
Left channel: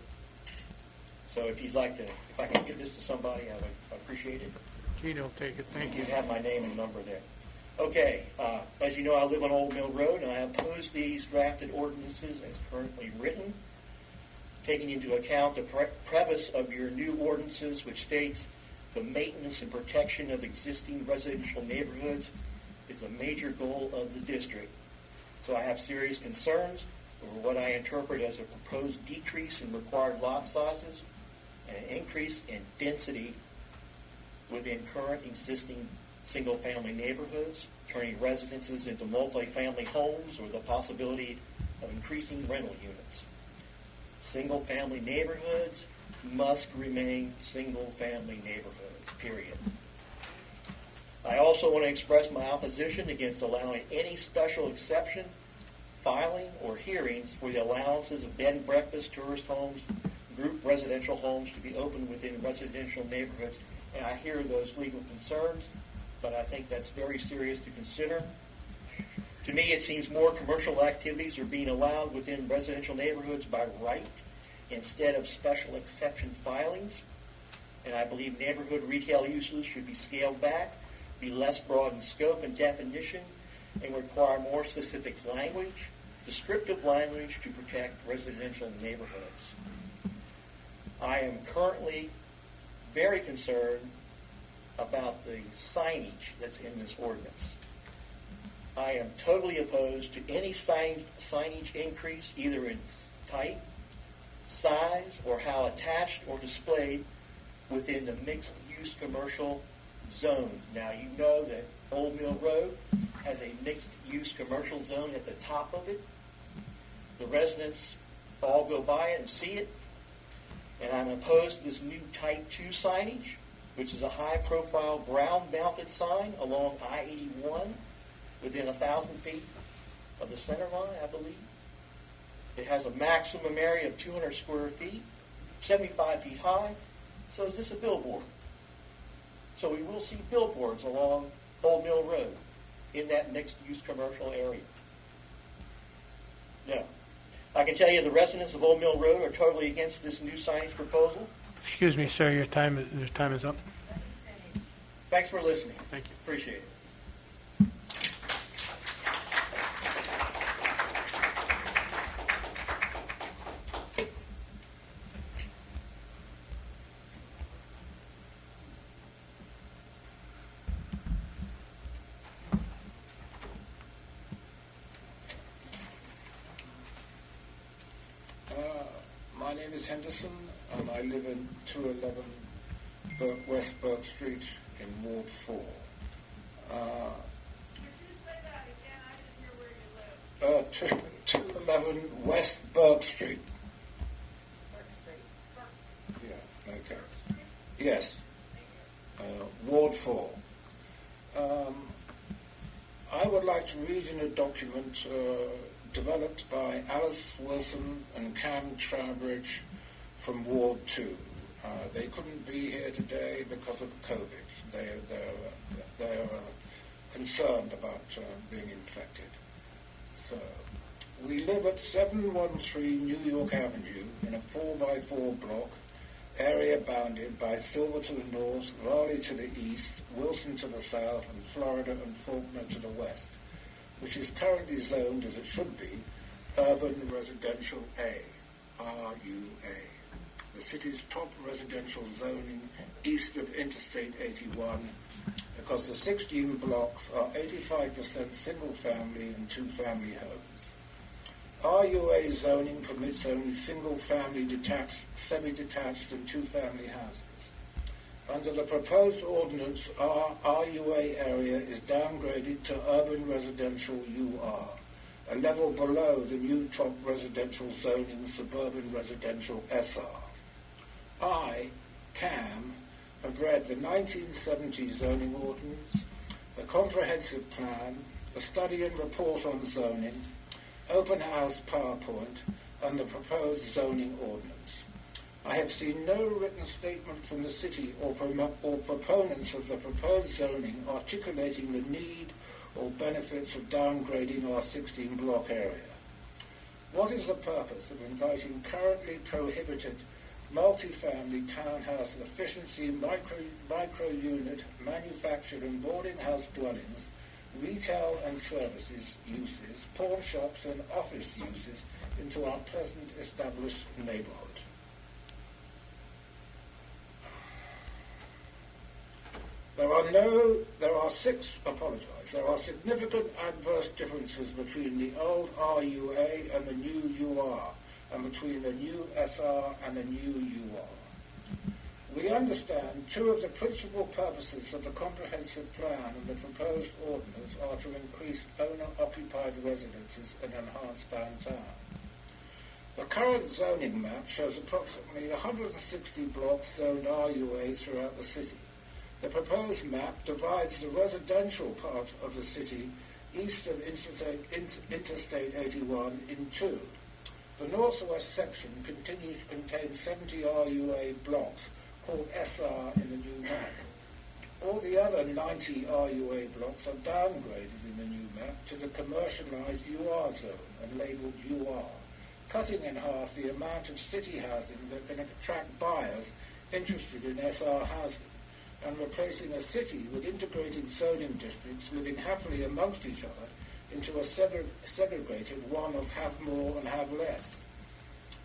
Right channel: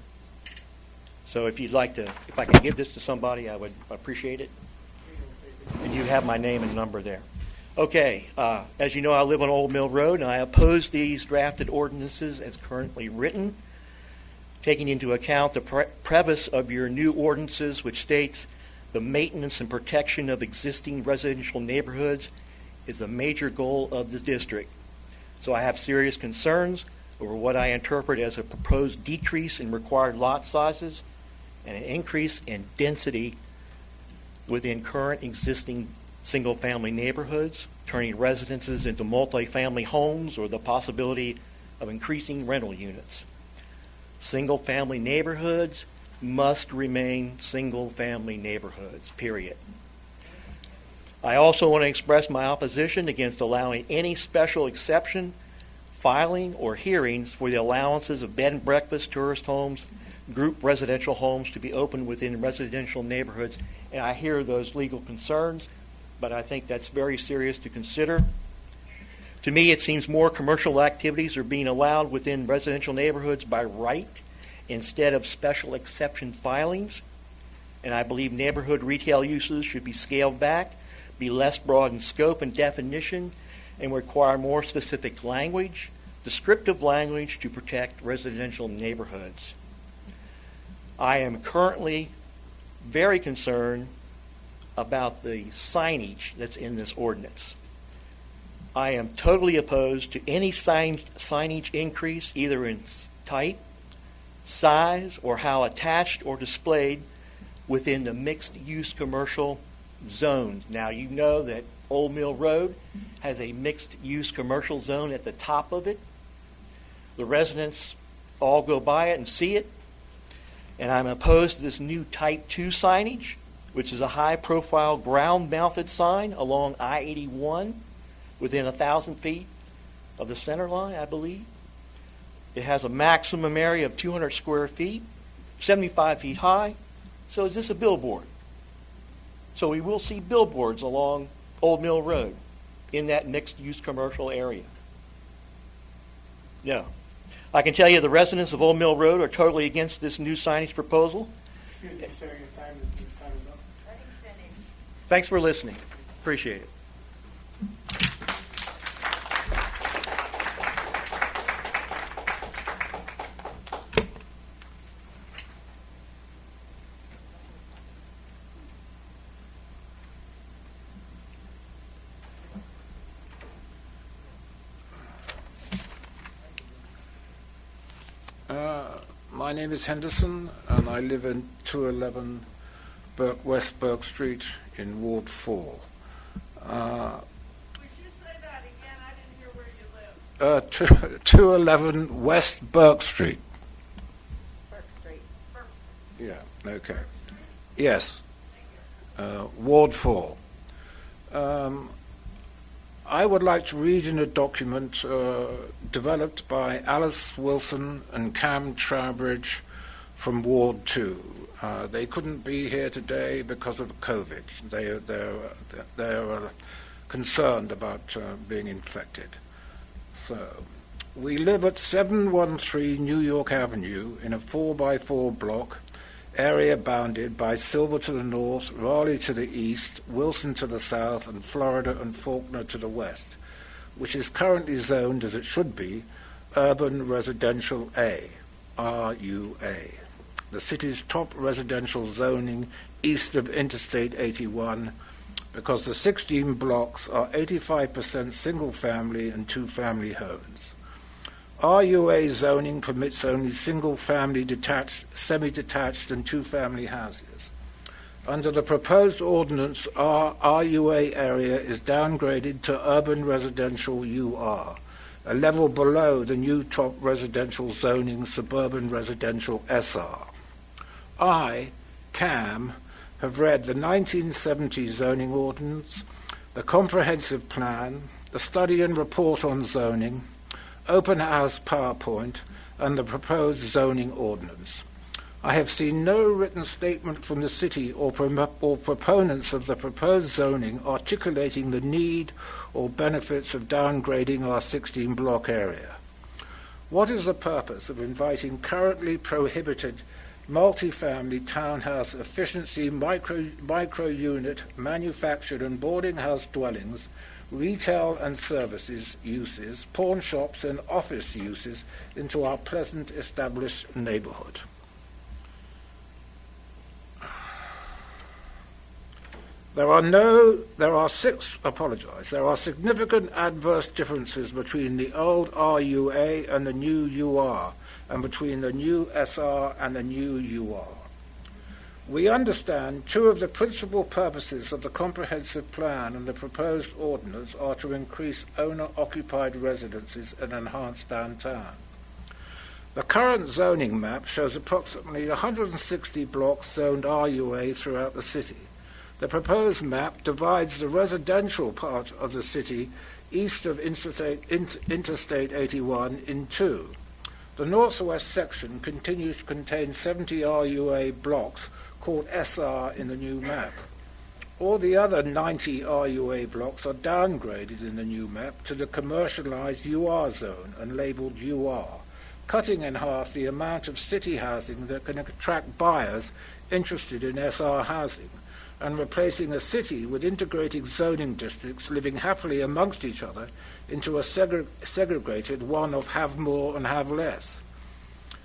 So if I can give this to somebody, I would appreciate it. Gino, take it. And you have my name and number there. Okay, as you know, I live on Old Mill Road, and I oppose these drafted ordinances as currently written, taking into account the preface of your new ordinances, which states the maintenance and protection of existing residential neighborhoods is a major goal of the district. So I have serious concerns over what I interpret as a proposed decrease in required lot sizes and an increase in density within current existing single-family neighborhoods, turning residences into multifamily homes, or the possibility of increasing rental units. Single-family neighborhoods must remain single-family neighborhoods, period. I also want to express my opposition against allowing any special exception filing or hearings for the allowances of bed and breakfast, tourist homes, group residential homes to be opened within residential neighborhoods. And I hear those legal concerns, but I think that's very serious to consider. To me, it seems more commercial activities are being allowed within residential neighborhoods by right instead of special exception filings. And I believe neighborhood retail uses should be scaled back, be less broad in scope and definition, and require more specific language, descriptive language to protect residential neighborhoods. I am currently very concerned about the signage that's in this ordinance. I am totally opposed to any signage increase, either in type, size, or how attached or displayed within the mixed-use commercial zones. Now, you know that Old Mill Road has a mixed-use commercial zone at the top of it. The residents all go by it and see it. And I'm opposed to this new Type 2 signage, which is a high-profile ground-mounted sign along I-81 within 1,000 feet of the center line, I believe. It has a maximum area of 200 square feet, 75 feet high. So is this a billboard? So we will see billboards along Old Mill Road in that mixed-use commercial area. No. I can tell you the residents of Old Mill Road are totally against this new signage proposal. Excuse me, sir, your time is up. Thanks for listening. Appreciate it. My name is Henderson, and I live in 211 West Burke Street in Ward 4. Would you say that again? I didn't hear where you live. 211 West Burke Street. Burke Street. Yeah, okay. Yes. Ward 4. I would like to read in a document developed by Alice Wilson and Cam Trowbridge from Ward 2. They couldn't be here today because of COVID. They're concerned about being infected. So, we live at 713 New York Avenue in a 4x4 block, area bounded by Silver to the north, Raleigh to the east, Wilson to the south, and Florida and Faulkner to the west, which is currently zoned, as it should be, Urban Residential A, RUA, the city's top residential zoning east of Interstate 81, because the 16 blocks are 85% single-family and two-family homes. RUA zoning permits only single-family detached, semi-detached, and two-family houses. Under the proposed ordinance, our RUA area is downgraded to urban residential UR, a level below the new top residential zoning suburban residential SR. I, Cam, have read the 1970 zoning ordinance, the comprehensive plan, the study and report on zoning, open house PowerPoint, and the proposed zoning ordinance. I have seen no written statement from the city or proponents of the proposed zoning articulating the need or benefits of downgrading our 16-block area. What is the purpose of inviting currently prohibited multifamily townhouse efficiency micro-unit manufactured and boarding house dwellings, retail and services uses, pawn shops and office uses into our pleasant established neighborhood? There are significant adverse differences between the old RUA and the new UR, and between the new SR and the new UR. We understand two of the principal purposes of the comprehensive plan and the proposed ordinance are to increase owner-occupied residences and enhance downtown. The current zoning map shows approximately 160 blocks zoned RUA throughout the city. The proposed map divides the residential part of the city east of Interstate 81 in 2. The northwest section continues to contain 70 RUA blocks called SR in the new map. All the other 90 RUA blocks are downgraded in the new map to the commercialized UR zone and labeled UR, cutting in half the amount of city housing that can attract buyers interested in SR housing, and replacing the city with integrated zoning districts living happily amongst each other into a segregated one of have more and have less.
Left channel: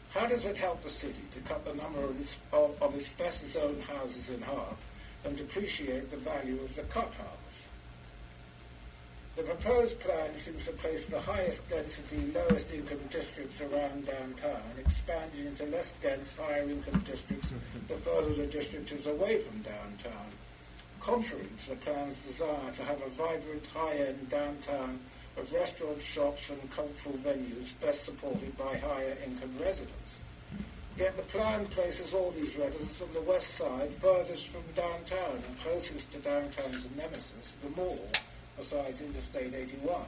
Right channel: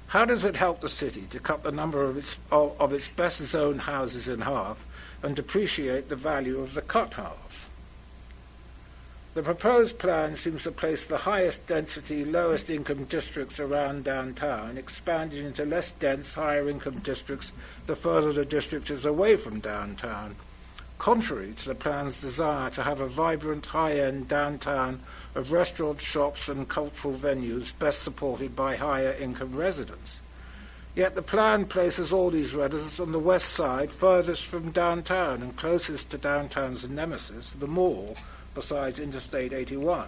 How does it help the city to cut the number of its best zoned houses in half and depreciate the value of the cut half? The proposed plan seems to place the highest density, lowest income districts around downtown, expanding into less dense, higher income districts the further the district is away from downtown, contrary to the plan's desire to have a vibrant, high-end downtown of restaurants, shops and cultural venues best supported by higher income residents. Yet the plan places all these residents on the west side, furthest from downtown and closest to downtown's nemesis, the mall, besides Interstate 81.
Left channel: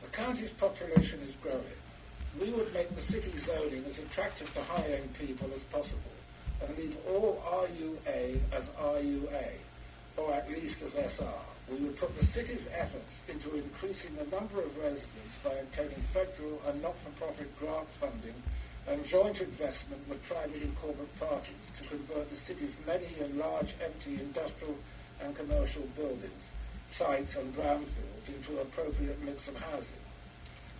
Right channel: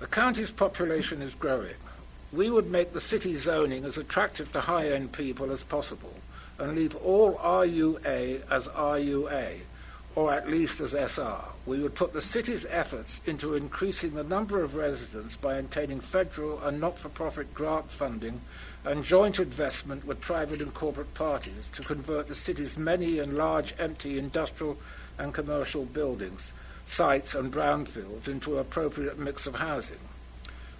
The county's population is growing. We would make the city zoning as attractive to high-end people as possible and leave all RUA as RUA, or at least as SR. We would put the city's efforts into increasing the number of residents by obtaining federal and not-for-profit grant funding and joint investment with private and corporate parties to convert the city's many and large empty industrial and commercial buildings, sites and brownfields into an appropriate mix of housing.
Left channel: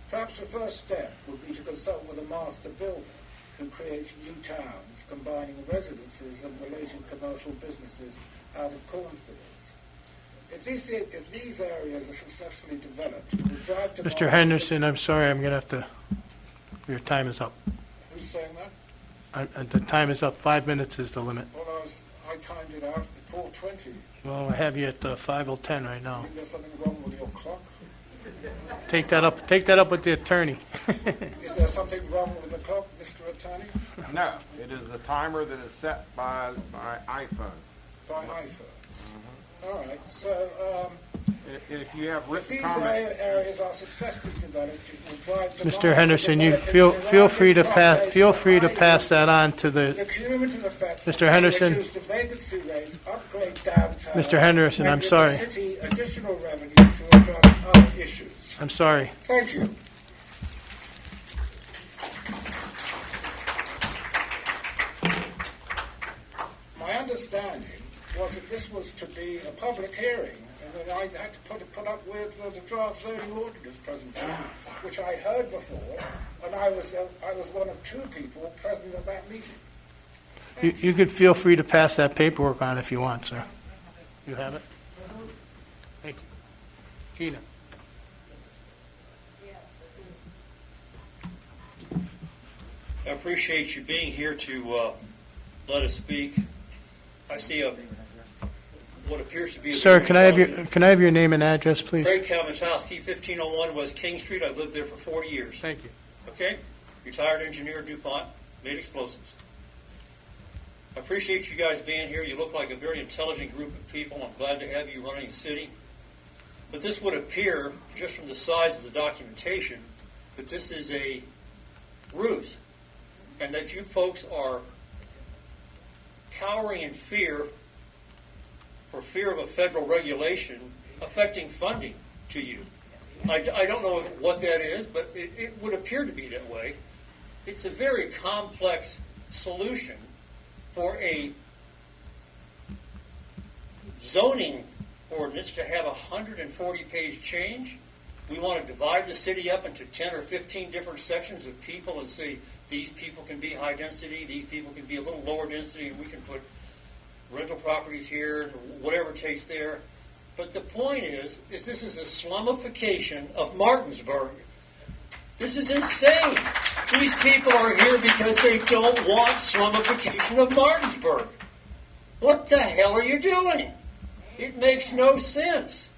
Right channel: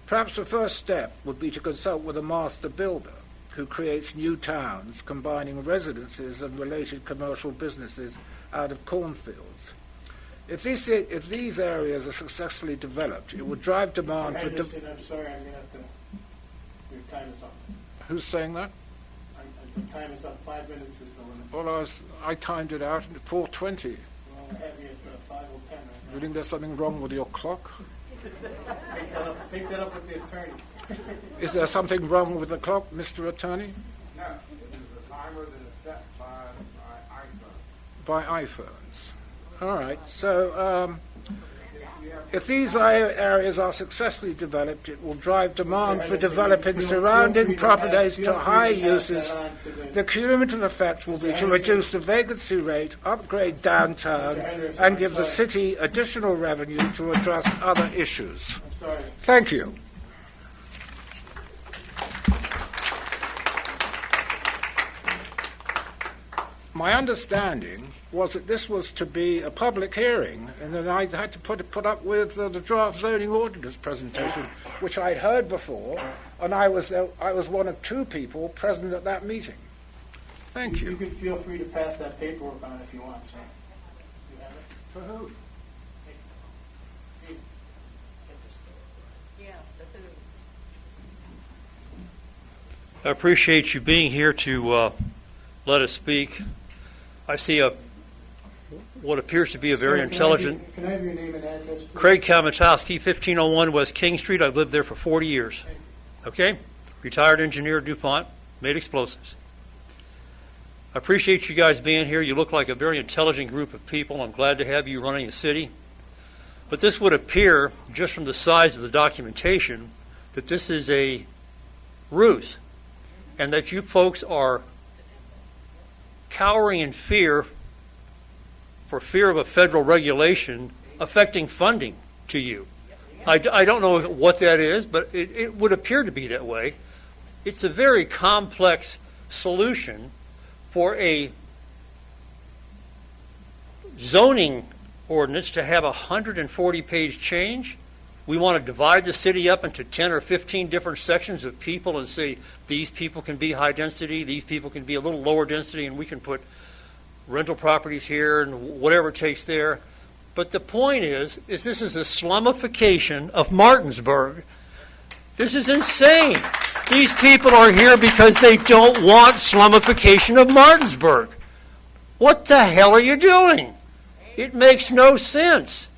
Perhaps the first step would be to consult with a master builder who creates new towns combining residences and related commercial businesses out of cornfields. If these areas are successfully developed, it would drive demand. Mr. Henderson, I'm sorry, I'm going to have to, your time is up. Who's saying that? The time is up. 5 minutes is the limit. Well, I timed it out at 4:20. Well, I have you at 5:10 right now. You think there's something wrong with your clock? Take that up with the attorney. Is there something wrong with the clock, Mr. Attorney? No, it is a timer that is set by iPhone. By iPhones. All right. So if these areas are successfully developed, it will drive demand Mr. Henderson, for you developing feel free to pass high that on to The cumulative effect will Mr. be to Henderson. reduce the vacancy rate, upgrade downtown, Mr. Henderson, and I'm give sorry. the city additional revenue to address other issues. I'm sorry. Thank you. My understanding was that this was to be a public hearing, and then I had to put up with the draft zoning ordinance presentation, which I'd heard before, and I was one of 2 people present at that meeting. Thank you. You could feel free to pass that paperwork on if you want, sir. You have it? Thank you. Gina. I appreciate you being here to let us speak. I see what appears to be a very Sir, intelligent... can I have your name and address, please? Craig Kamatowski, 1501 West King Street. I've lived there for 40 years. Thank you. Okay? Retired engineer at DuPont, made explosives. I appreciate you guys being here. You look like a very intelligent group of people. I'm glad to have you running the city. But this would appear, just from the size of the documentation, that this is a ruse, and that you folks are cowering in fear for fear of a federal regulation affecting funding to you. I don't know what that is, but it would appear to be that way. It's a very complex solution for a zoning ordinance to have a 140-page change. We want to divide the city up into 10 or 15 different sections of people and say these people can be high density, these people can be a little lower density, and we can put rental properties here and whatever it takes there. But the point is this is a slumification of Martinsburg. This is insane. These people are here because they don't want slumification of Martinsburg. What the hell are you doing? It makes no sense.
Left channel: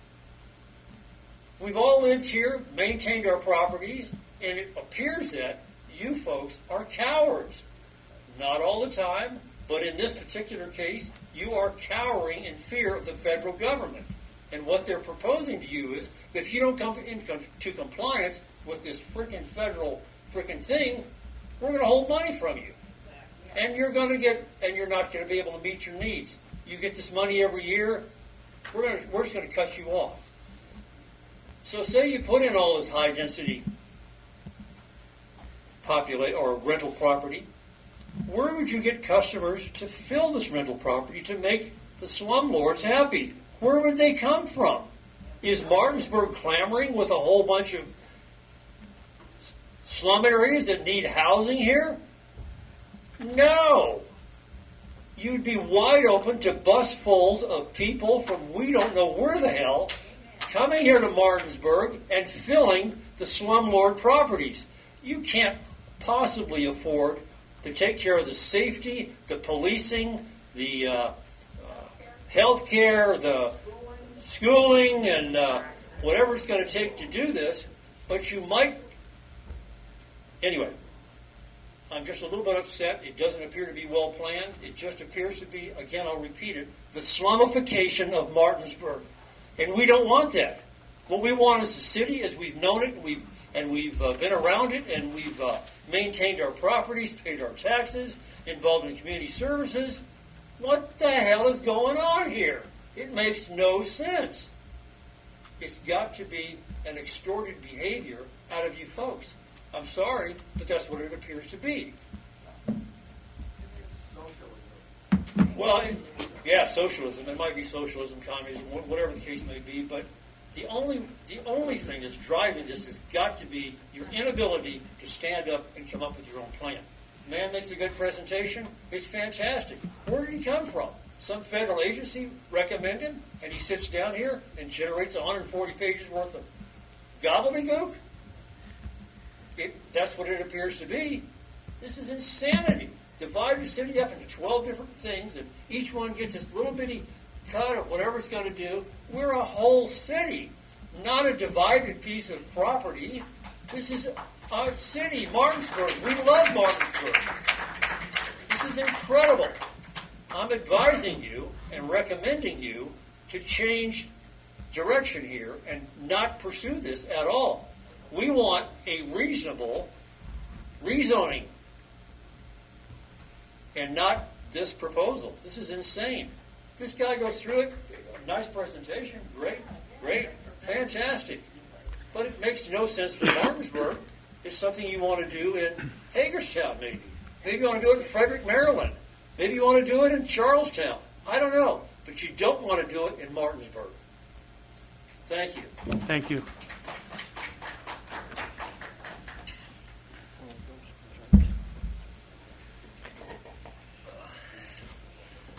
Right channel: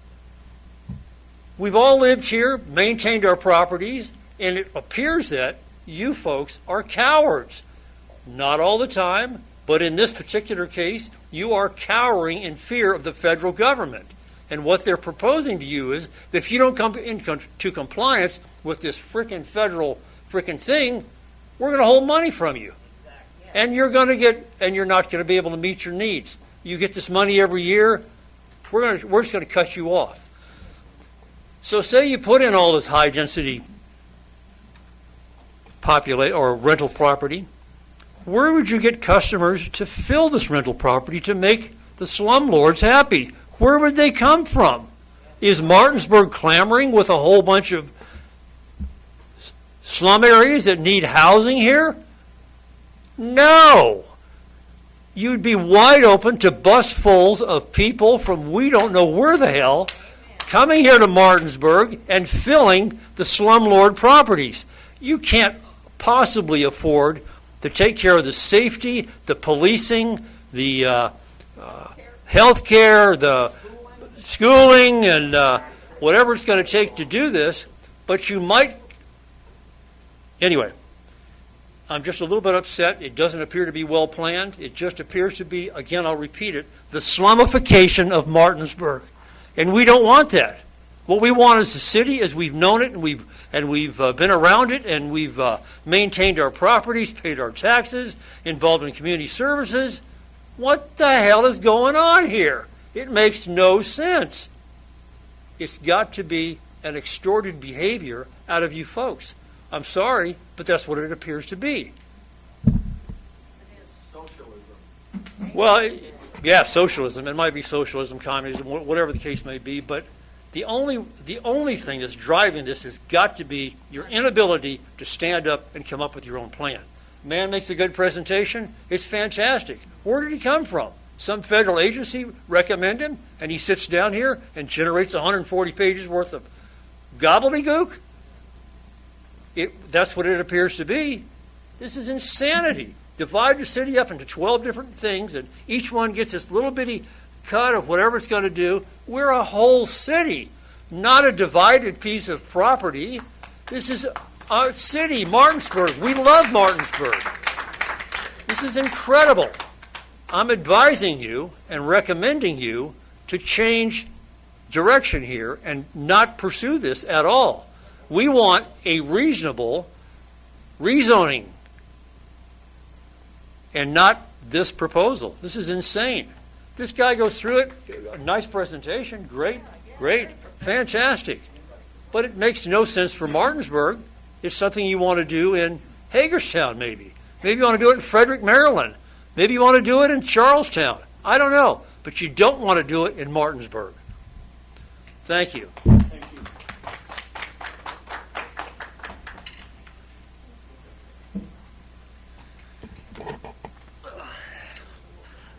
We've all lived here, maintained our properties, and it appears that you folks are cowards. Not all the time, but in this particular case, you are cowering in fear of the federal government. And what they're proposing to you is that if you don't come into compliance with this frickin' federal frickin' thing, we're going to hold money from you. And you're not going to be able to meet your needs. You get this money every year, we're just going to cut you off. So say you put in all this high density or rental property, where would you get customers to fill this rental property to make the slumlords happy? Where would they come from? Is Martinsburg clamoring with a whole bunch of slum areas that need housing here? No. You'd be wide open to busfuls of people from we don't know where the hell coming here to Martinsburg and filling the slumlord properties. You can't possibly afford to take care of the safety, the policing, the health care, the schooling, and whatever it's going to take to do this, but you might. Anyway, I'm just a little bit upset. It doesn't appear to be well planned. It just appears to be, again, I'll repeat it, the slumification of Martinsburg. And we don't want that. What we want is the city as we've known it, and we've been around it, and we've maintained our properties, paid our taxes, involved in community services. What the hell is going on here? It makes no sense. It's got to be an extorted behavior out of you folks. I'm sorry, but that's what it appears to be. Well, yeah, socialism. It might be socialism, communism, whatever the case may be, but the only thing that's driving this has got to be your inability to stand up and come up with your own plan. Man makes a good presentation. It's fantastic. Where did he come from? Some federal agency recommend him, and he sits down here and generates 140 pages worth of gobbledygook? That's what it appears to be. This is insanity. Divide the city up into 12 different things, and each one gets this little bitty cut of whatever it's going to do. We're a whole city, not a divided piece of property. This is our city, Martinsburg. We love Martinsburg. This is incredible. I'm advising you and recommending you to change direction here and not pursue this at all. We want a reasonable rezoning and not this proposal. This is insane. This guy goes through it, a nice presentation, great, fantastic. But it makes no sense for Martinsburg. It's something you want to do in Hagerstown, maybe. Maybe you want to do it in Frederick, Maryland. Maybe you want to do it in Charlestown. I don't know. But you don't want to do it in Martinsburg. Thank you. Thank you.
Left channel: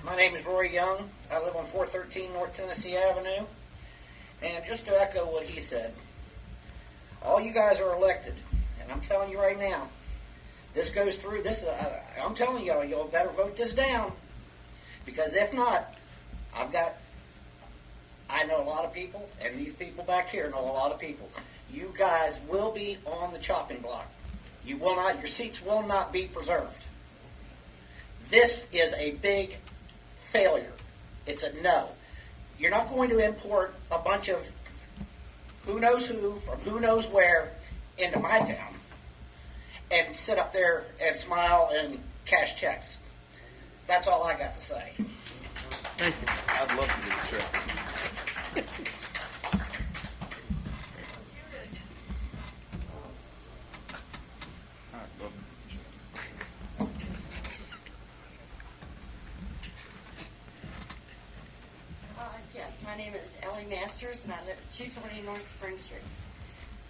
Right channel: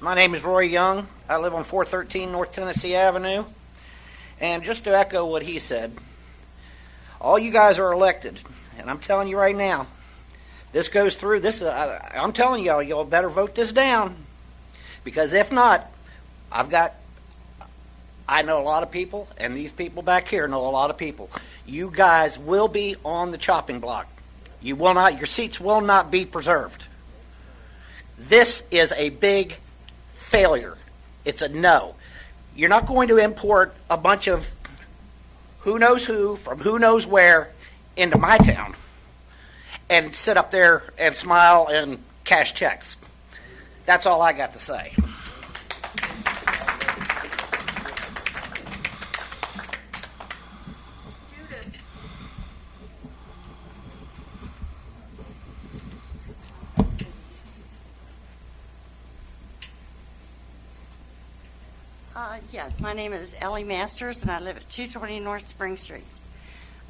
My name is Roy Young. I live on 413 North Tennessee Avenue. And just to echo what he said, all you guys are elected. And I'm telling you right now, this goes through. I'm telling y'all better vote this down. Because if not, I know a lot of people, and these people back here know a lot of people. You guys will be on the chopping block. You will not. Your seats will not be preserved. This is a big failure. It's a no. You're not going to import a bunch of who knows who from who knows where into my town and sit up there and smile and cash checks. That's all I got to say. Yes, my name is Ellie Masters, and I live at 220 North Spring Street.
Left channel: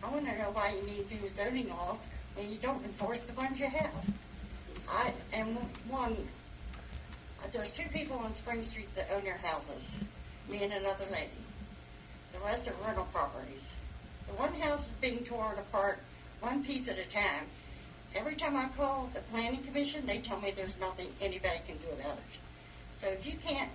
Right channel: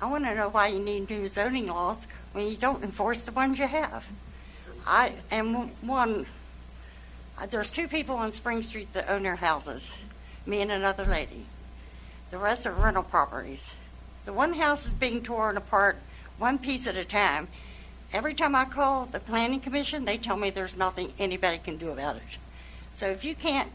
I want to know why you need new zoning laws when you don't enforce the ones you have. I am one. There's two people on Spring Street that own their houses, me and another lady. The rest are rental properties. The one house is being torn apart one piece at a time. Every time I call the Planning Commission, they tell me there's nothing anybody can do about it. So if you can't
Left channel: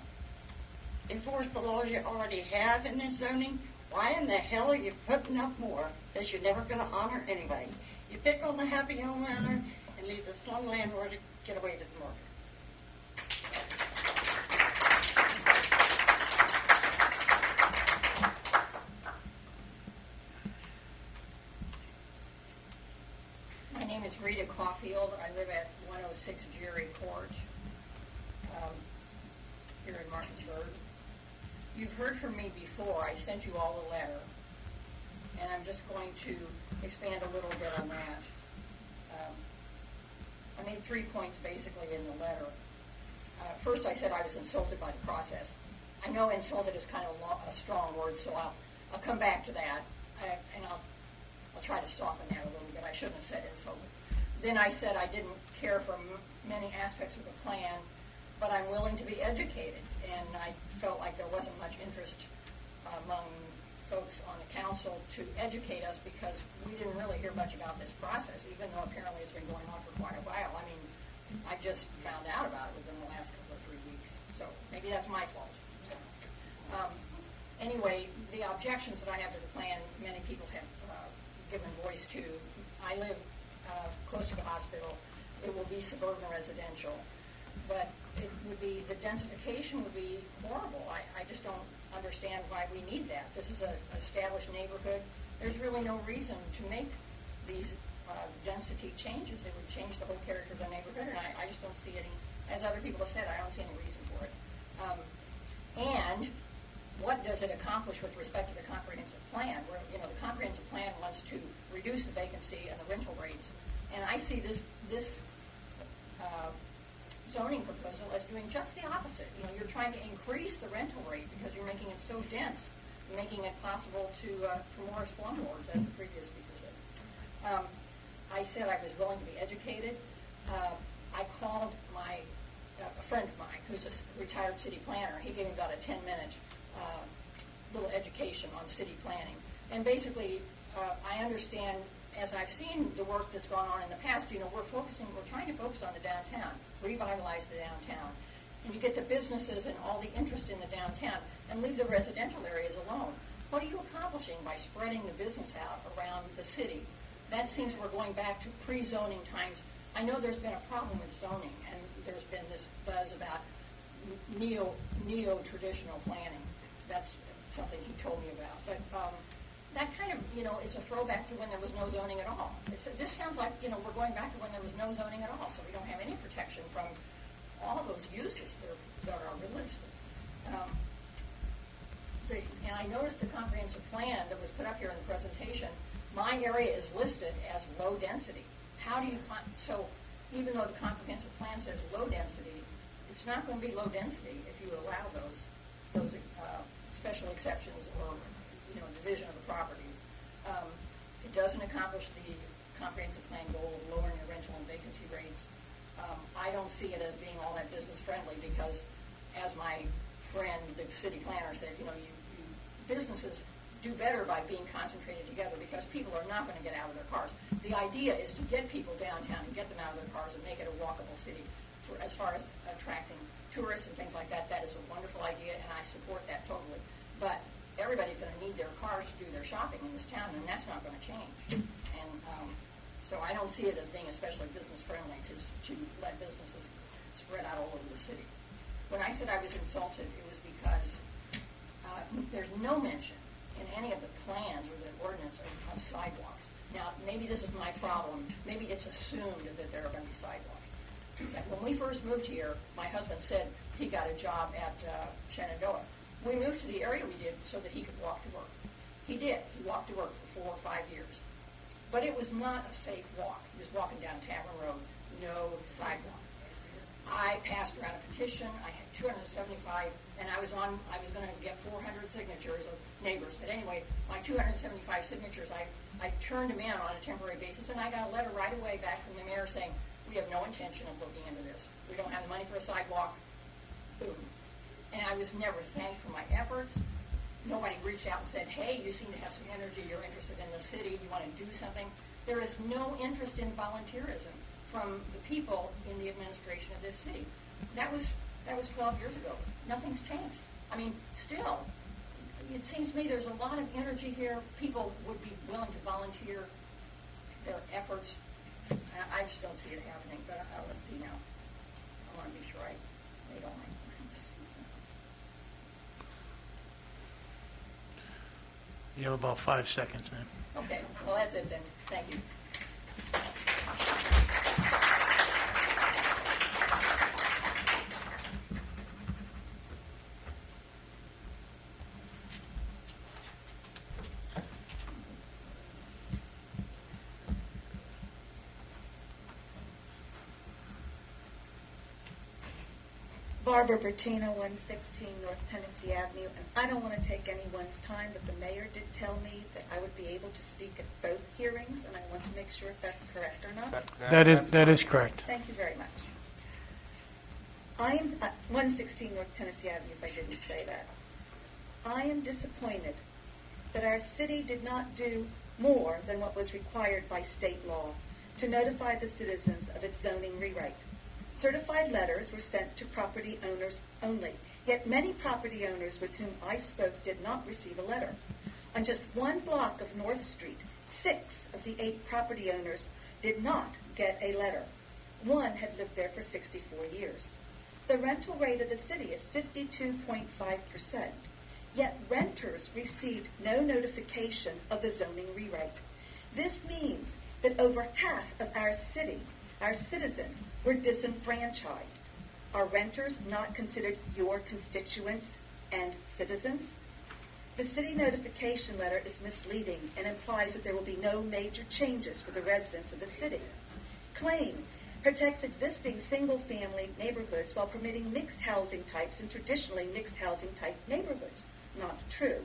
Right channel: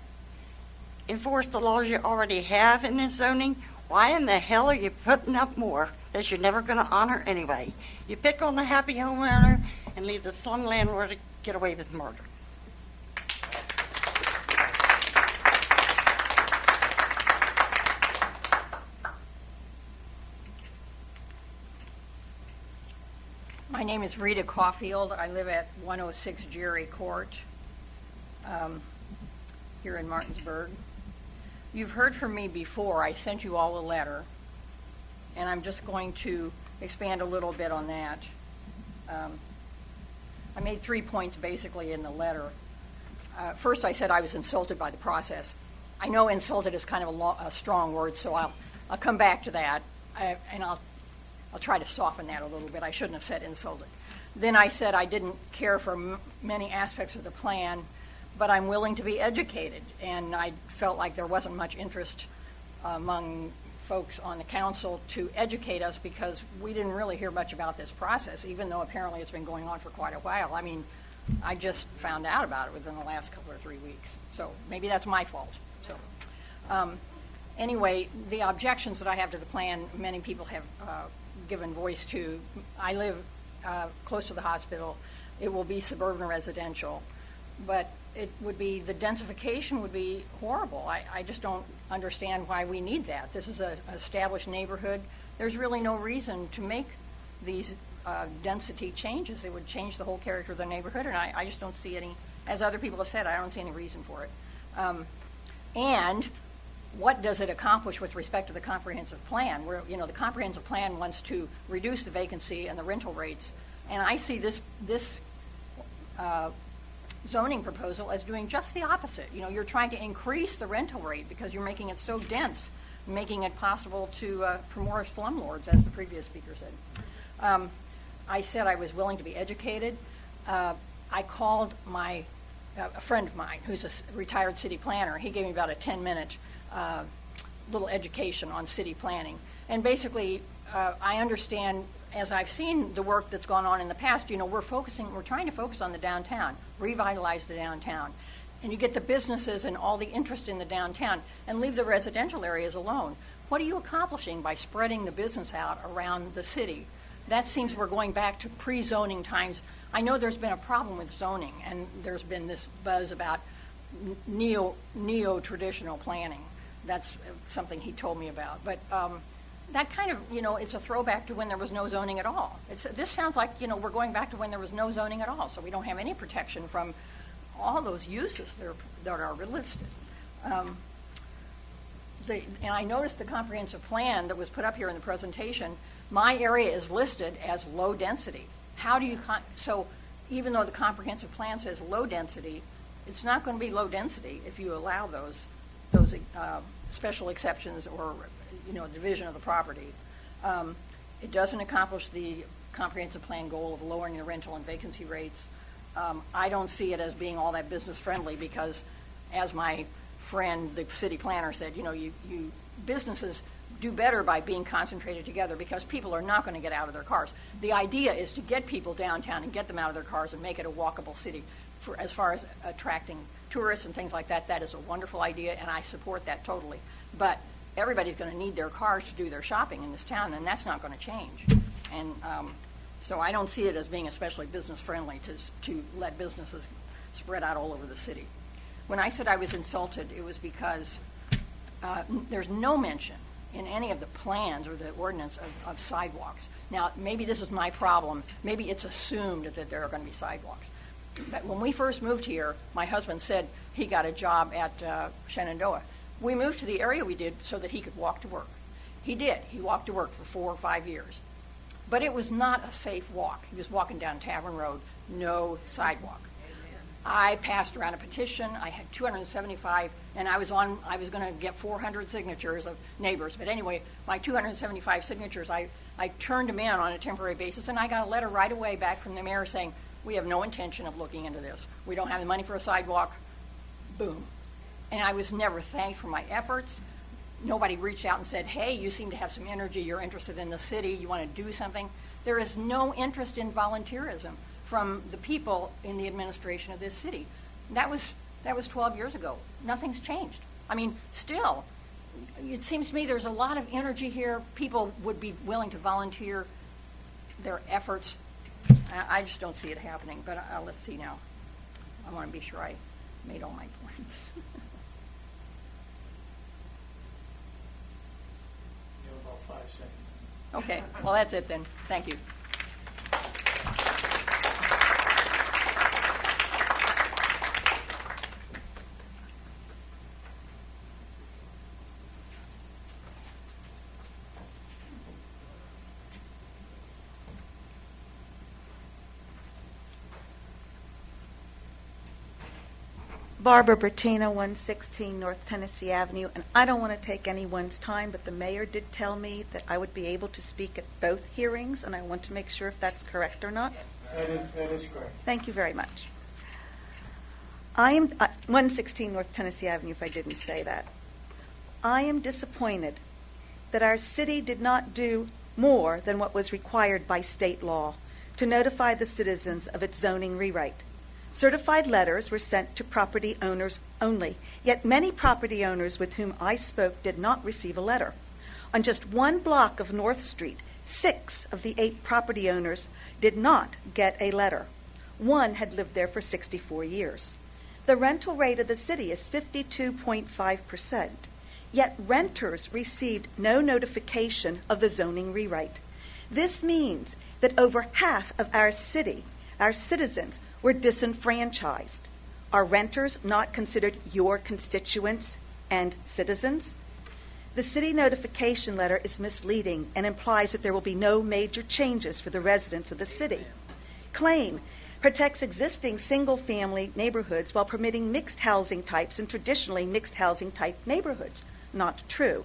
enforce the laws you already have in this zoning, why in the hell are you putting up more that you're never going to honor anyway? You pick on the happy homeowner and leave the slum landlord to get away with murder. My name is Rita Caulfield. I live at 106 Jerry Court here in Martinsburg. You've heard from me before. I sent you all a letter, and I'm just going to expand a little bit on that. I made 3 points basically in the letter. First, I said I was insulted by the process. I know insulted is kind of a strong word, so I'll come back to that, and I'll try to soften that a little bit. I shouldn't have said insulted. Then I said I didn't care for many aspects of the plan, but I'm willing to be educated, and I felt like there wasn't much interest among folks on the council to educate us because we didn't really hear much about this process, even though apparently it's been going on for quite a while. I mean, I just found out about it within the last couple or 3 weeks, so maybe that's my fault. So, anyway, the objections that I have to the plan, many people have given voice to. I live close to the hospital. It will be suburban residential, but it would be, the densification would be horrible. I just don't understand why we need that. This is an established neighborhood. There's really no reason to make these density changes. It would change the whole character of the neighborhood, and I just don't see any, as other people have said, I don't see any reason for it. And what does it accomplish with respect to the comprehensive plan? Where, you know, the comprehensive plan wants to reduce the vacancy and the rental rates, and I see this zoning proposal as doing just the opposite. You know, you're trying to increase the rental rate because you're making it so dense, making it possible to for more slumlords, as the previous speaker said. I said I was willing to be educated. I called a friend of mine who's a retired city planner. He gave me about a 10-minute little education on city planning. And basically, I understand, as I've seen the work that's gone on in the past, you know, we're trying to focus on the downtown, revitalize the downtown. And you get the businesses and all the interest in the downtown and leave the residential areas alone. What are you accomplishing by spreading the business out around the city? That seems we're going back to pre-zoning times. I know there's been a problem with zoning, and there's been this buzz about neo-traditional planning. That's something he told me about. But that kind of, you know, it's a throwback to when there was no zoning at all. This sounds like, you know, we're going back to when there was no zoning at all, so we don't have any protection from all those uses that are listed. And I noticed the comprehensive plan that was put up here in the presentation, my area is listed as low density. How do you, so even though the comprehensive plan says low density, it's not going to be low density if you allow those special exceptions or, you know, division of the property. It doesn't accomplish the comprehensive plan goal of lowering the rental and vacancy rates. I don't see it as being all that business friendly because, as my friend, the city planner, said, you know, businesses do better by being concentrated together because people are not going to get out of their cars. The idea is to get people downtown and get them out of their cars and make it a walkable city. For as far as attracting tourists and things like that, that is a wonderful idea, and I support that totally. But everybody's going to need their cars to do their shopping in this town, and that's not going to change. And so I don't see it as being especially business friendly to let businesses spread out all over the city. When I said I was insulted, it was because there's no mention in any of the plans or the ordinance of sidewalks. Now, maybe this is my problem. Maybe it's assumed that there are going to be sidewalks. But when we first moved here, my husband said he got a job at Shenandoah. We moved to the area we did so that he could walk to work. He did. He walked to work for 4 or 5 years. But it was not a safe walk. He was walking down Tavern Road, no sidewalk. I passed around a petition. I had 275, and I was going to get 400 signatures of neighbors. But anyway, my 275 signatures, I turned them in on a temporary basis, and I got a letter right away back from the mayor saying, we have no intention of looking into this. We don't have the money for a sidewalk. Boom. And I was never thanked for my efforts. Nobody reached out and said, hey, you seem to have some energy. You're interested in the city. You want to do something. There is no interest in volunteerism from the people in the administration of this city. That was 12 years ago. Nothing's changed. I mean, still, it seems to me there's a lot of energy here. People would be willing to volunteer their efforts. I just don't see it happening, but let's see now. I want to be sure I made all my points. You have about 5 seconds, man. Okay, well, that's it then. Thank you. Barbara Bertina, 116 North Tennessee Avenue, and I don't want to take anyone's time, but the mayor did tell me that I would be able to speak at both hearings, and I want to make sure if that's correct or not. That is correct. Thank you very much. I am 116 North Tennessee Avenue, if I didn't say that. I am disappointed that our city did not do more than what was required by state law to notify the citizens of its zoning rewrite. Certified letters were sent to property owners only, yet many property owners with whom I spoke did not receive a letter. On just one block of North Street, 6 of the 8 property owners did not get a letter. One had lived there for 64 years. The rental rate of the city is 52.5%, yet renters received no notification of the zoning rewrite. This means that over half of our city, our citizens, were disenfranchised. Are renters not considered your constituents and citizens? The city notification letter is misleading and implies that there will be no major changes for the residents of the city. Claim protects existing single-family neighborhoods while permitting mixed housing types in traditionally mixed housing type neighborhoods. Not true.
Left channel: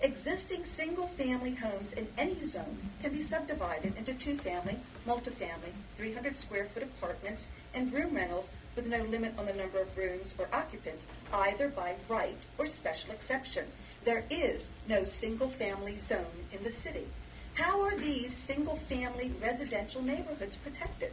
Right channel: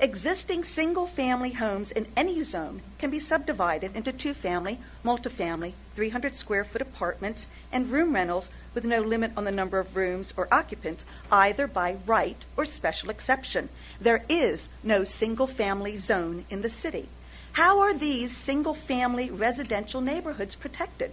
Existing single-family homes in any zone can be subdivided into 2-family, multifamily, 300-square-foot apartments, and room rentals with no limit on the number of rooms or occupants, either by right or special exception. There is no single-family zone in the city. How are these single-family residential neighborhoods protected?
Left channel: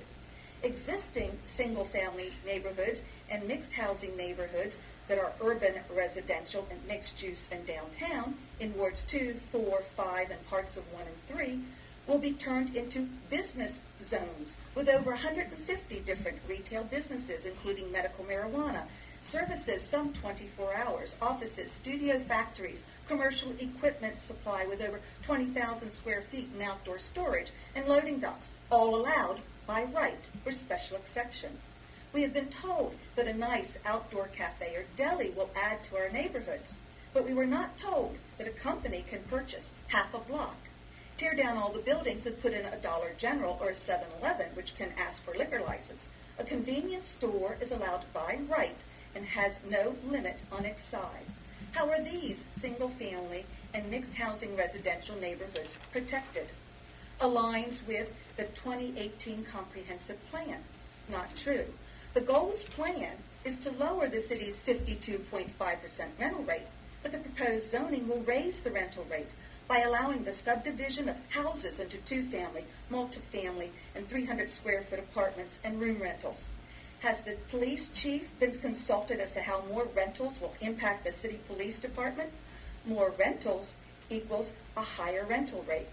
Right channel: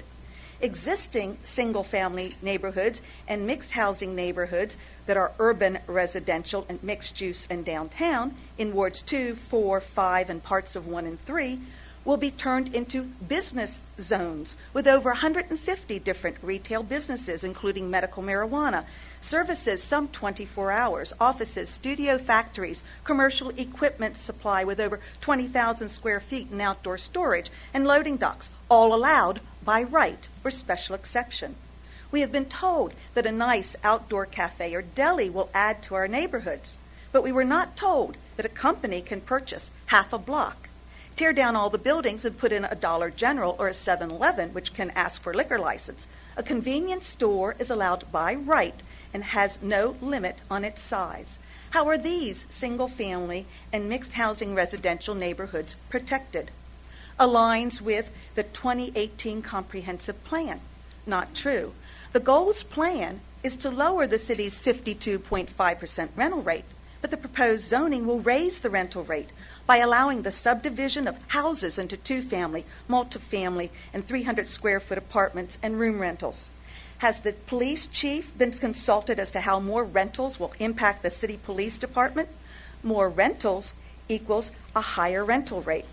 Existing single-family neighborhoods and mixed housing neighborhoods that are urban residential and mixed use and downtown in wards 2, 4, 5, and parts of 1 and 3 will be turned into business zones with over 150 different retail businesses, including medical marijuana, services some 24 hours, offices, studio factories, commercial equipment supply with over 20,000 square feet in outdoor storage, and loading docks, all allowed by right or special exception. We have been told that a nice outdoor cafe or deli will add to our neighborhoods, but we were not told that a company can purchase half a block, tear down all the buildings and put in a Dollar General or a 7-Eleven, which can ask for a liquor license. A convenience store is allowed by right and has no limit on its size. How are these single-family and mixed housing residential neighborhoods protected? Aligns with the 2018 Comprehensive Plan. Not true. The goals plan is to lower the city's 52.5% rental rate, but the proposed zoning will raise the rental rate by allowing the subdivision of houses into 2-family, multifamily, and 300-square-foot apartments and room rentals. Has the police chief been consulted as to how more rentals will impact the city police department? More rentals equals a higher rental rate.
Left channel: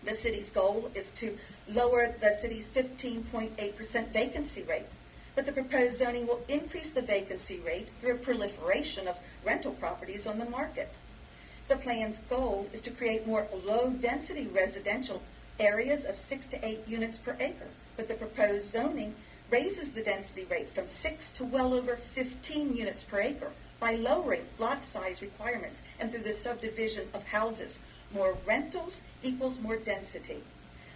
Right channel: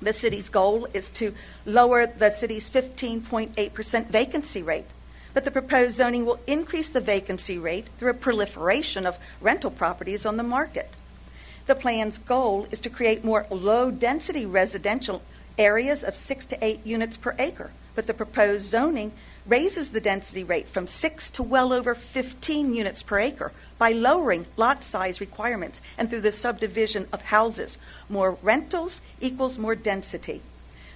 The city's goal is to lower the city's 15.8% vacancy rate, but the proposed zoning will increase the vacancy rate through a proliferation of rental properties on the market. The plan's goal is to create more low-density residential areas of 6 to 8 units per acre, but the proposed zoning raises the density rate from 6 to well over 15 units per acre by lowering lot size requirements and through the subdivision of houses. More rentals equals more density.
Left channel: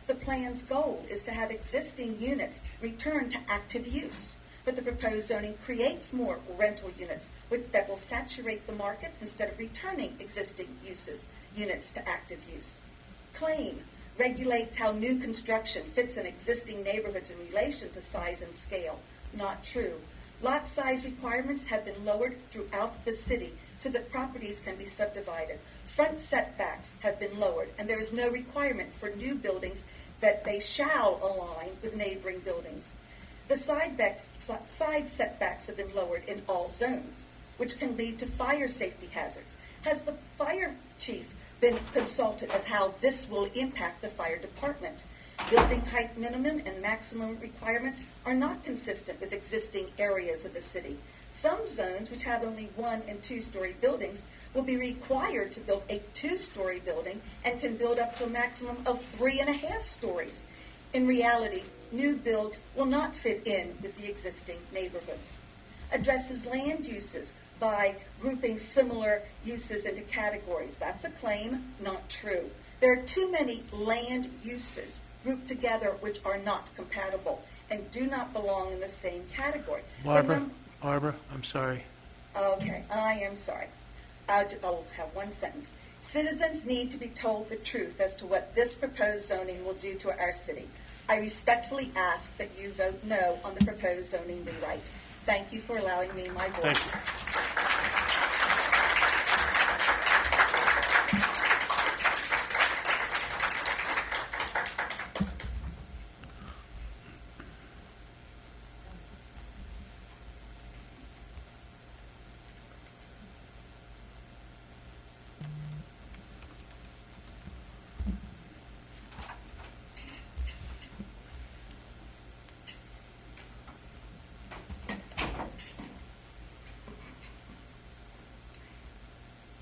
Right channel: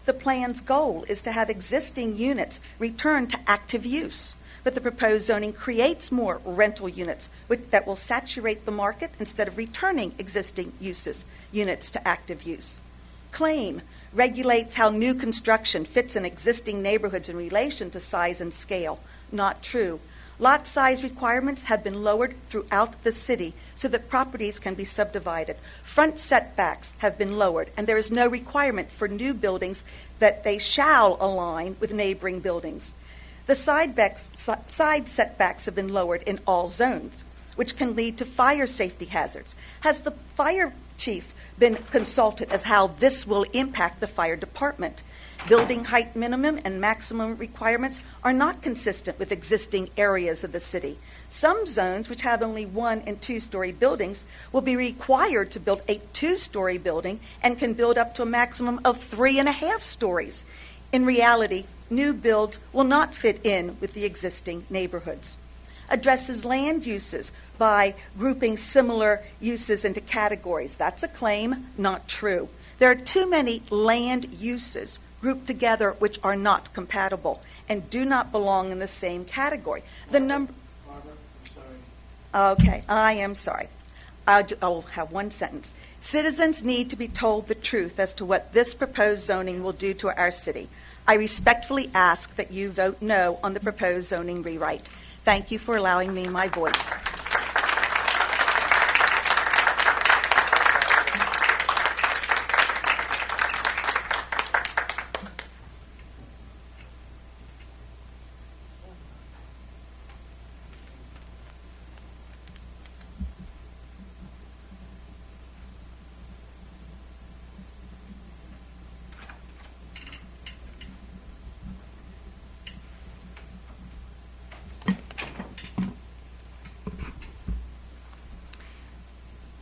The plan's goal is to have existing units return to active use, but the proposed zoning creates more rental units that will saturate the market instead of returning existing units to active use. Claim regulates how new construction fits in existing neighborhoods in relation to size and scale. Not true. Lot size requirements have been lowered throughout the city so that properties can be subdivided. Front setbacks have been lowered, and there is no requirement for new buildings that they shall align with neighboring buildings. The side setbacks have been lowered in all zones, which can lead to fire safety hazards. Has the fire chief been consulted as how this will impact the fire department? Building height minimum and maximum requirements are not consistent with existing areas of the city. Some zones, which have only 1- and 2-story buildings, will be required to build a 2-story building and can build up to a maximum of 3.5 stories. In reality, new builds will not fit in with the existing neighborhoods. Addresses land uses by grouping similar uses into categories. That's a claim, not true. There are too many land uses grouped together which are not compatible and do not belong in the same category. Barbara, Barbara, I'm sorry. Okay, I am sorry. I'll have one sentence. Citizens need to be told the truth as to what this proposed zoning will do to our city. I respectfully ask that you vote no on the proposed zoning rewrite. Thank you for allowing me my voice.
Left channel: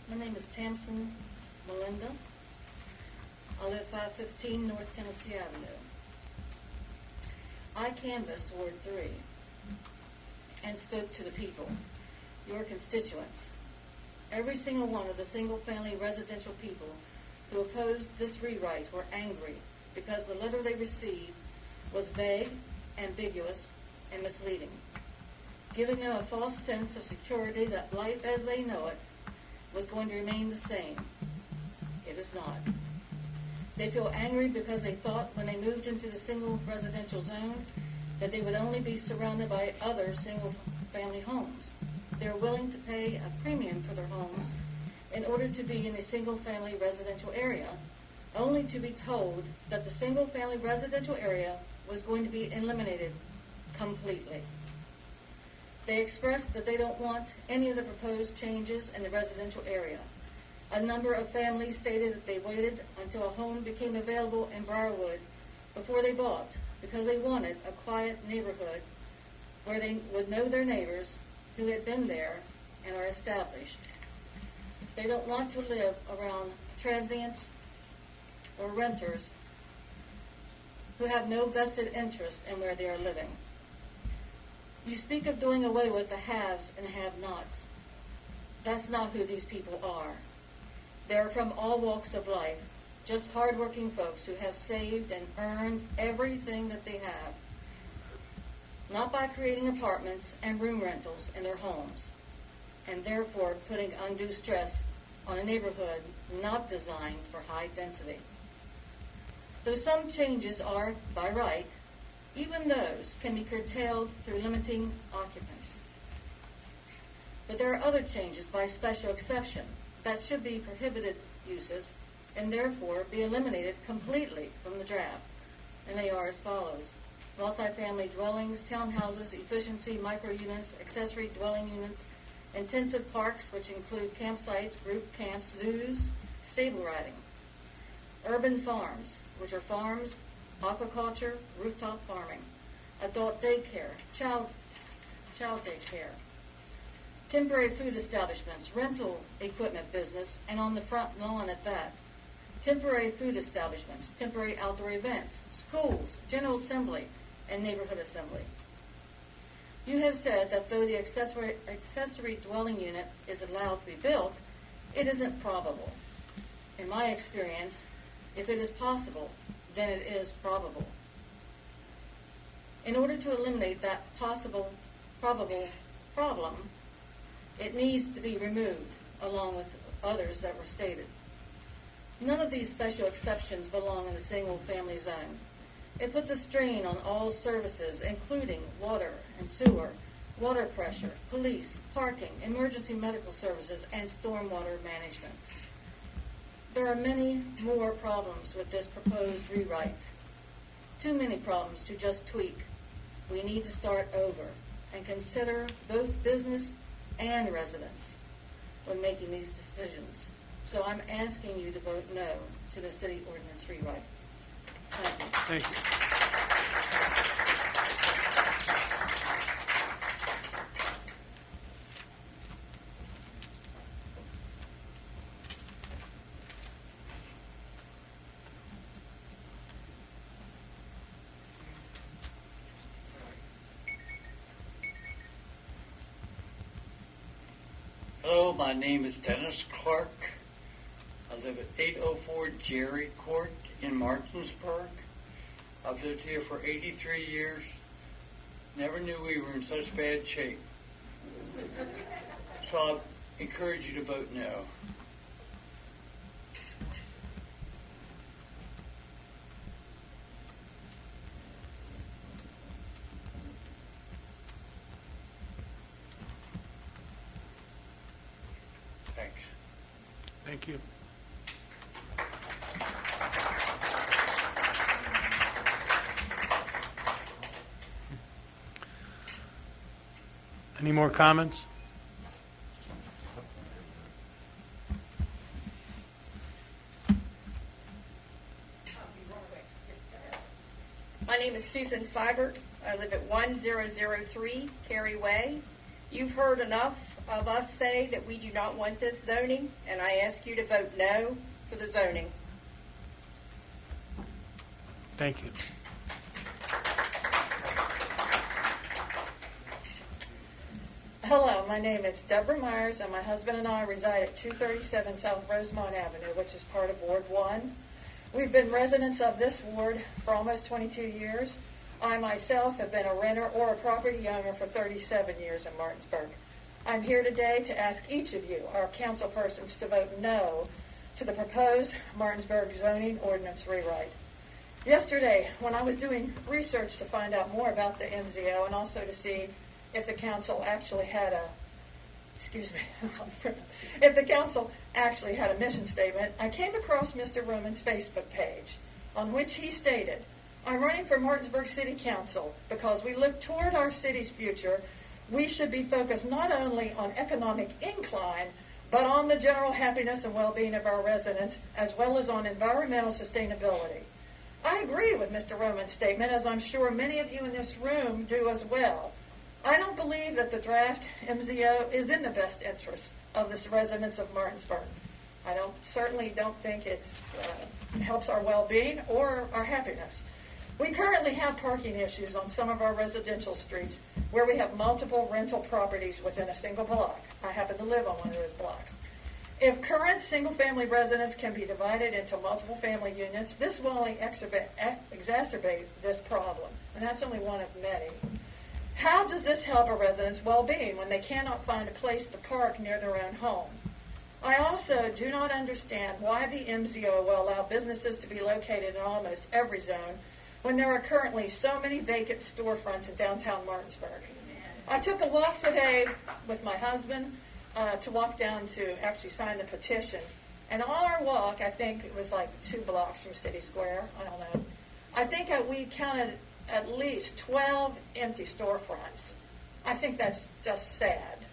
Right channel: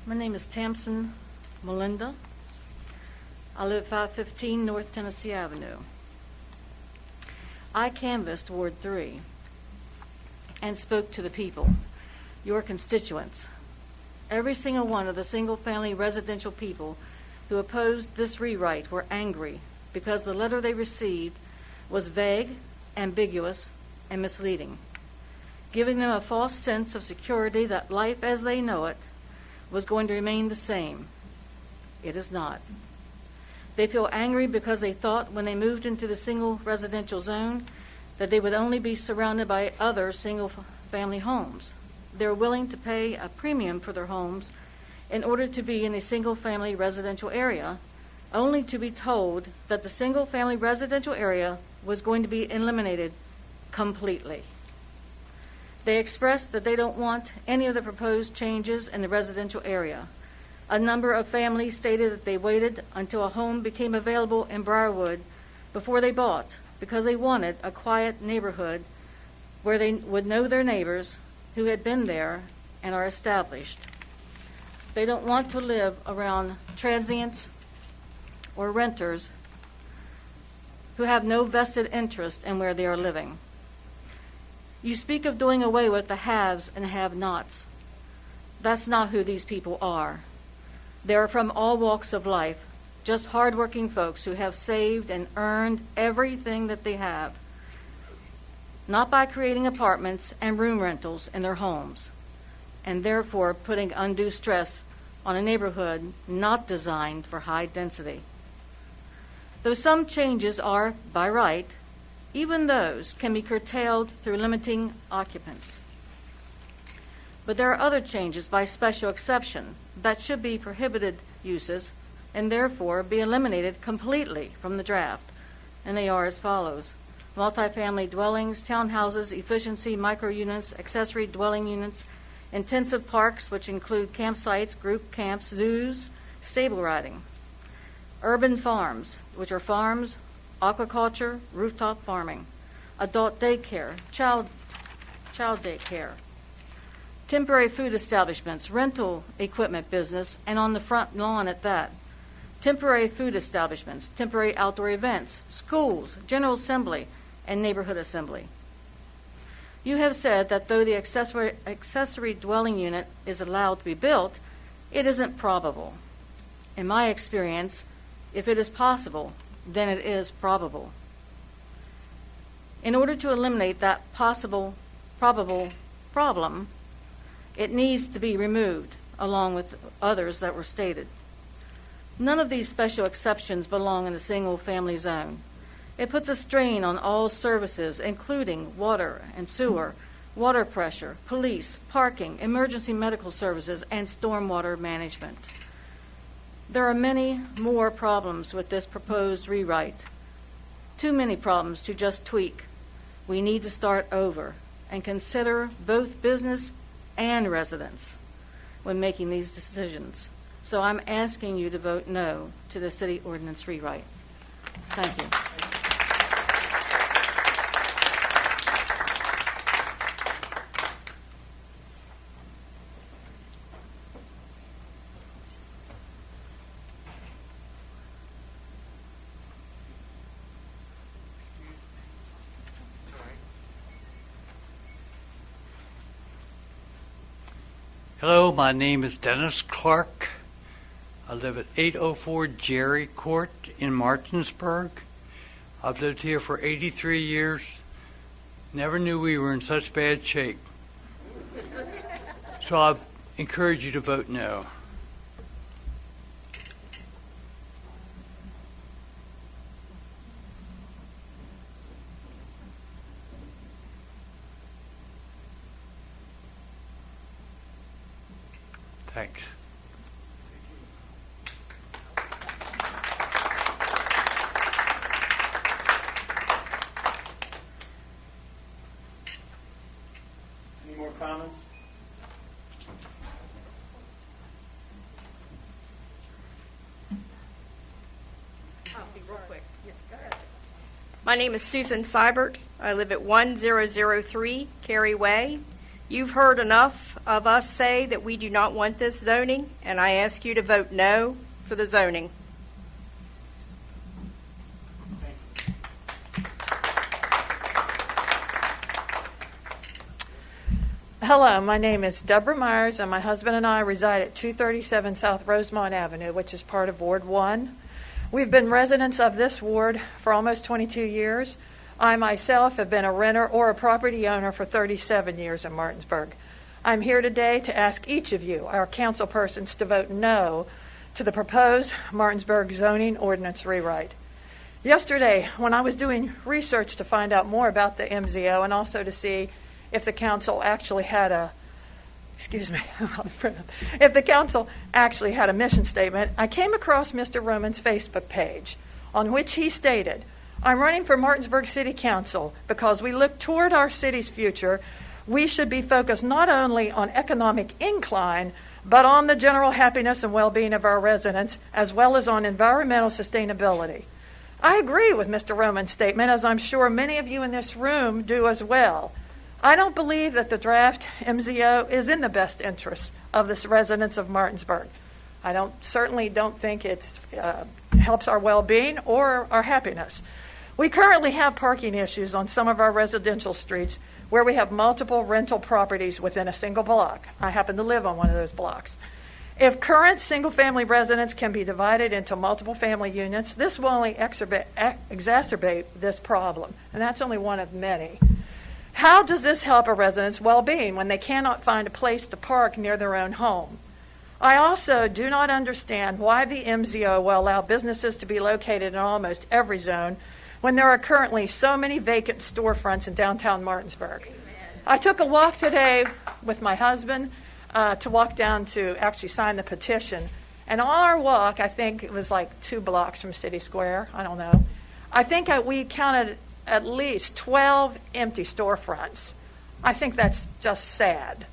My name is Tamsin Melinda. I live 515 North Tennessee Avenue. I canvassed Ward 3 and spoke to the people, your constituents. Every single one of the single-family residential people who opposed this rewrite were angry because the letter they received was vague, ambiguous, and misleading, giving them a false sense of security that life as they know it was going to remain the same. It is not. They feel angry because they thought when they moved into the single residential zone that they would only be surrounded by other single-family homes. They're willing to pay a premium for their homes in order to be in a single-family residential area, only to be told that the single-family residential area was going to be eliminated completely. They expressed that they don't want any of the proposed changes in the residential area. A number of families stated that they waited until a home became available in Briarwood before they bought because they wanted a quiet neighborhood where they would know their neighbors who had been there and are established. They don't want to live around transients or renters who have no vested interest in where they are living. You speak of doing away with the haves and have-nots. That's not who these people are. They're from all walks of life, just hardworking folks who have saved and earned everything that they have, not by creating apartments and room rentals in their homes, and therefore putting undue stress on a neighborhood not designed for high density. Though some changes are, by right, even those can be curtailed through limiting occupants. But there are other changes by special exception that should be prohibited uses and therefore be eliminated completely from the draft. And they are as follows: multifamily dwellings, townhouses, efficiency, micro-units, accessory dwelling units, intensive parks, which include campsites, group camps, zoos, stable riding. Urban farms, which are farms, aquaculture, rooftop farming, adult daycare, child daycare, temporary food establishments, rental equipment business, and on the front lawn at that, temporary food establishments, temporary outdoor events, schools, general assembly, and neighborhood assembly. You have said that though the accessory dwelling unit is allowed to be built, it isn't probable. In my experience, if it is possible, then it is probable. In order to eliminate that probable problem, it needs to be removed along with others that were stated. None of these special exceptions belong in the single-family zone. It puts a strain on all services, including water and sewer, water pressure, police, parking, emergency medical services, and stormwater management. There are many more problems with this proposed rewrite. Too many problems to just tweak. We need to start over and consider both business and residents when making these decisions. So I'm asking you to vote no to the city ordinance rewrite. Thank you. Thank you. Hello, my name is Dennis Clark. I live at 804 Jerry Court in Martinsburg. I've lived here for 83 years. Never knew we were in such bad shape. So I encourage you to vote no. Thanks. Thank you. Any more comments? My name is Susan Seibert. I live at 1003 Cary Way. You've heard enough of us say that we do not want this zoning, and I ask you to vote no for the zoning. Thank you. Hello, my name is Deborah Myers, and my husband and I reside at 237 South Rosemont Avenue, which is part of Ward 1. We've been residents of this ward for almost 22 years. I myself have been a renter or a property owner for 37 years in Martinsburg. I'm here today to ask each of you, our council persons, to vote no to the proposed Martinsburg zoning ordinance rewrite. Yesterday, when I was doing research to find out more about the MZO and also to see if the council actually had a if the council actually had a mission statement, I came across Mr. Roman's Facebook page on which he stated, "I'm running for Martinsburg City Council because we look toward our city's future. We should be focused not only on economic incline, but on the general happiness and well-being of our residents, as well as on environmental sustainability." I agree with Mr. Roman's statement, as I'm sure many of you in this room do as well. I don't believe that the draft MZO is in the best interest of the residents of Martinsburg. I certainly don't think it helps our well-being or our happiness. We currently have parking issues on some of our residential streets where we have multiple rental properties within a single block. I happen to live on one of those blocks. If current single-family residents can be divided into multiple family units, this will only exacerbate this problem, and that's only one of many. How does this help a resident's well-being when they cannot find a place to park near their own home? I also do not understand why the MZO will allow businesses to be located in almost every zone when there are currently so many vacant storefronts in downtown Martinsburg. I took a walk today with my husband to walk down to actually sign the petition. And on our walk, I think it was like 2 blocks from City Square, I don't know. I think we counted at least 12 empty storefronts. I think that's just sad.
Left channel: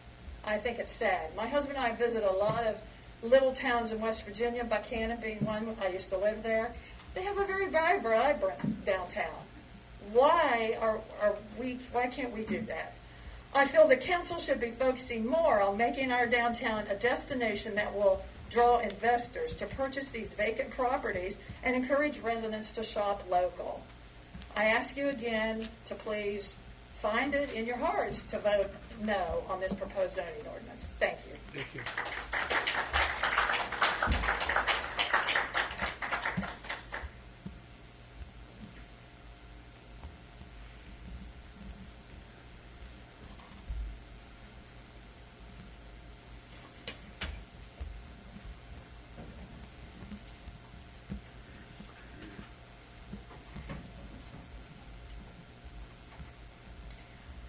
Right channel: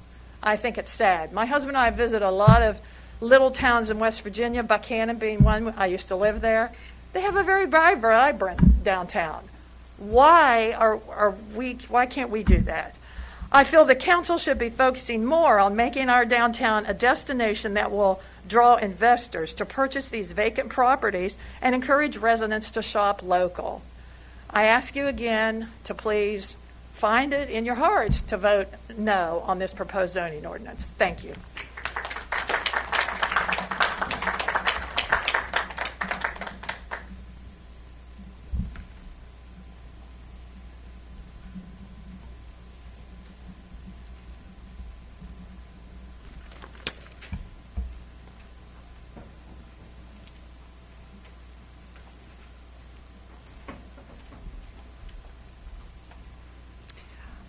I think it's sad. My husband and I visit a lot of little towns in West Virginia, Buchanan being one. I used to live there. They have a very vibrant downtown. Why can't we do that? I feel the council should be focusing more on making our downtown a destination that will draw investors to purchase these vacant properties and encourage residents to shop local. I ask you again to please find it in your hearts to vote no on this proposed zoning ordinance. Thank you.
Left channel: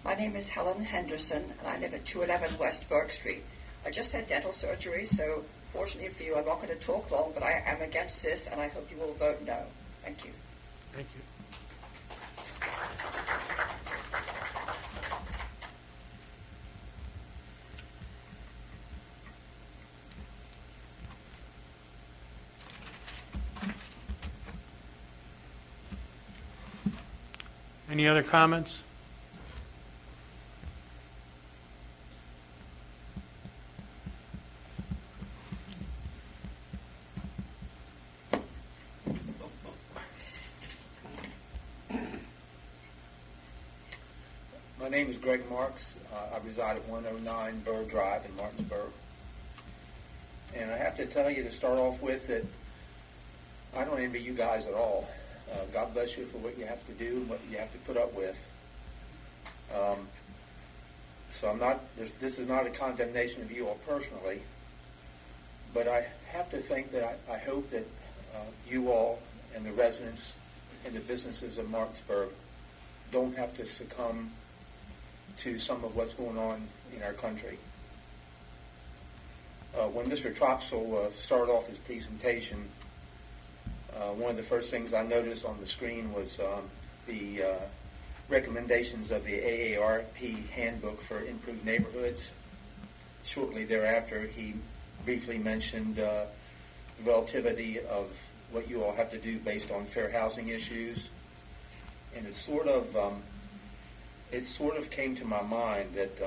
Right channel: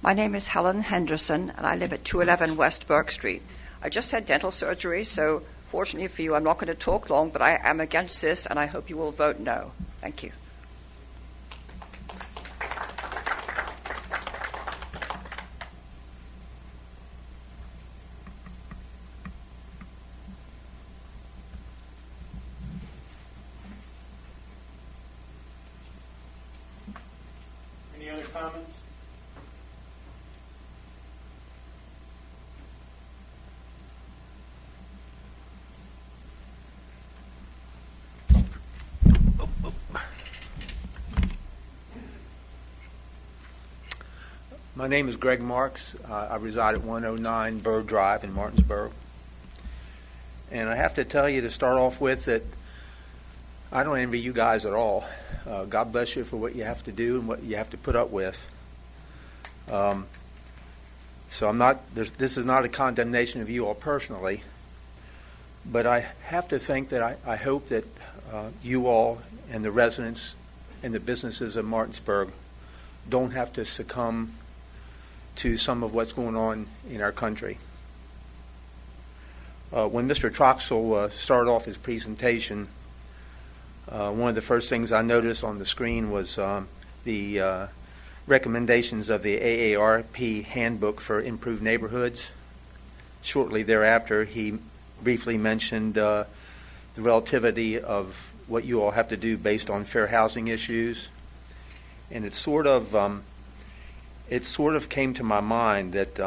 My name is Helen Henderson, and I live at 211 West Burke Street. I just had dental surgery, so fortunately for you, I'm not going to talk long, but I am against this, and I hope you will vote no. Thank you. Thank you. Any other comments? My name is Greg Marks. I reside at 109 Bird Drive in Martinsburg. And I have to tell you to start off with that I don't envy you guys at all. God bless you for what you have to do and what you have to put up with. So this is not a condemnation of you all personally, but I have to think that I hope that you all and the residents and the businesses of Martinsburg don't have to succumb to some of what's going on in our country. When Mr. Troxel started off his presentation, one of the first things I noticed on the screen was the recommendations of the AARP Handbook for Improved Neighborhoods. Shortly thereafter, he briefly mentioned the relativity of what you all have to do based on fair housing issues. And it sort of came to my mind that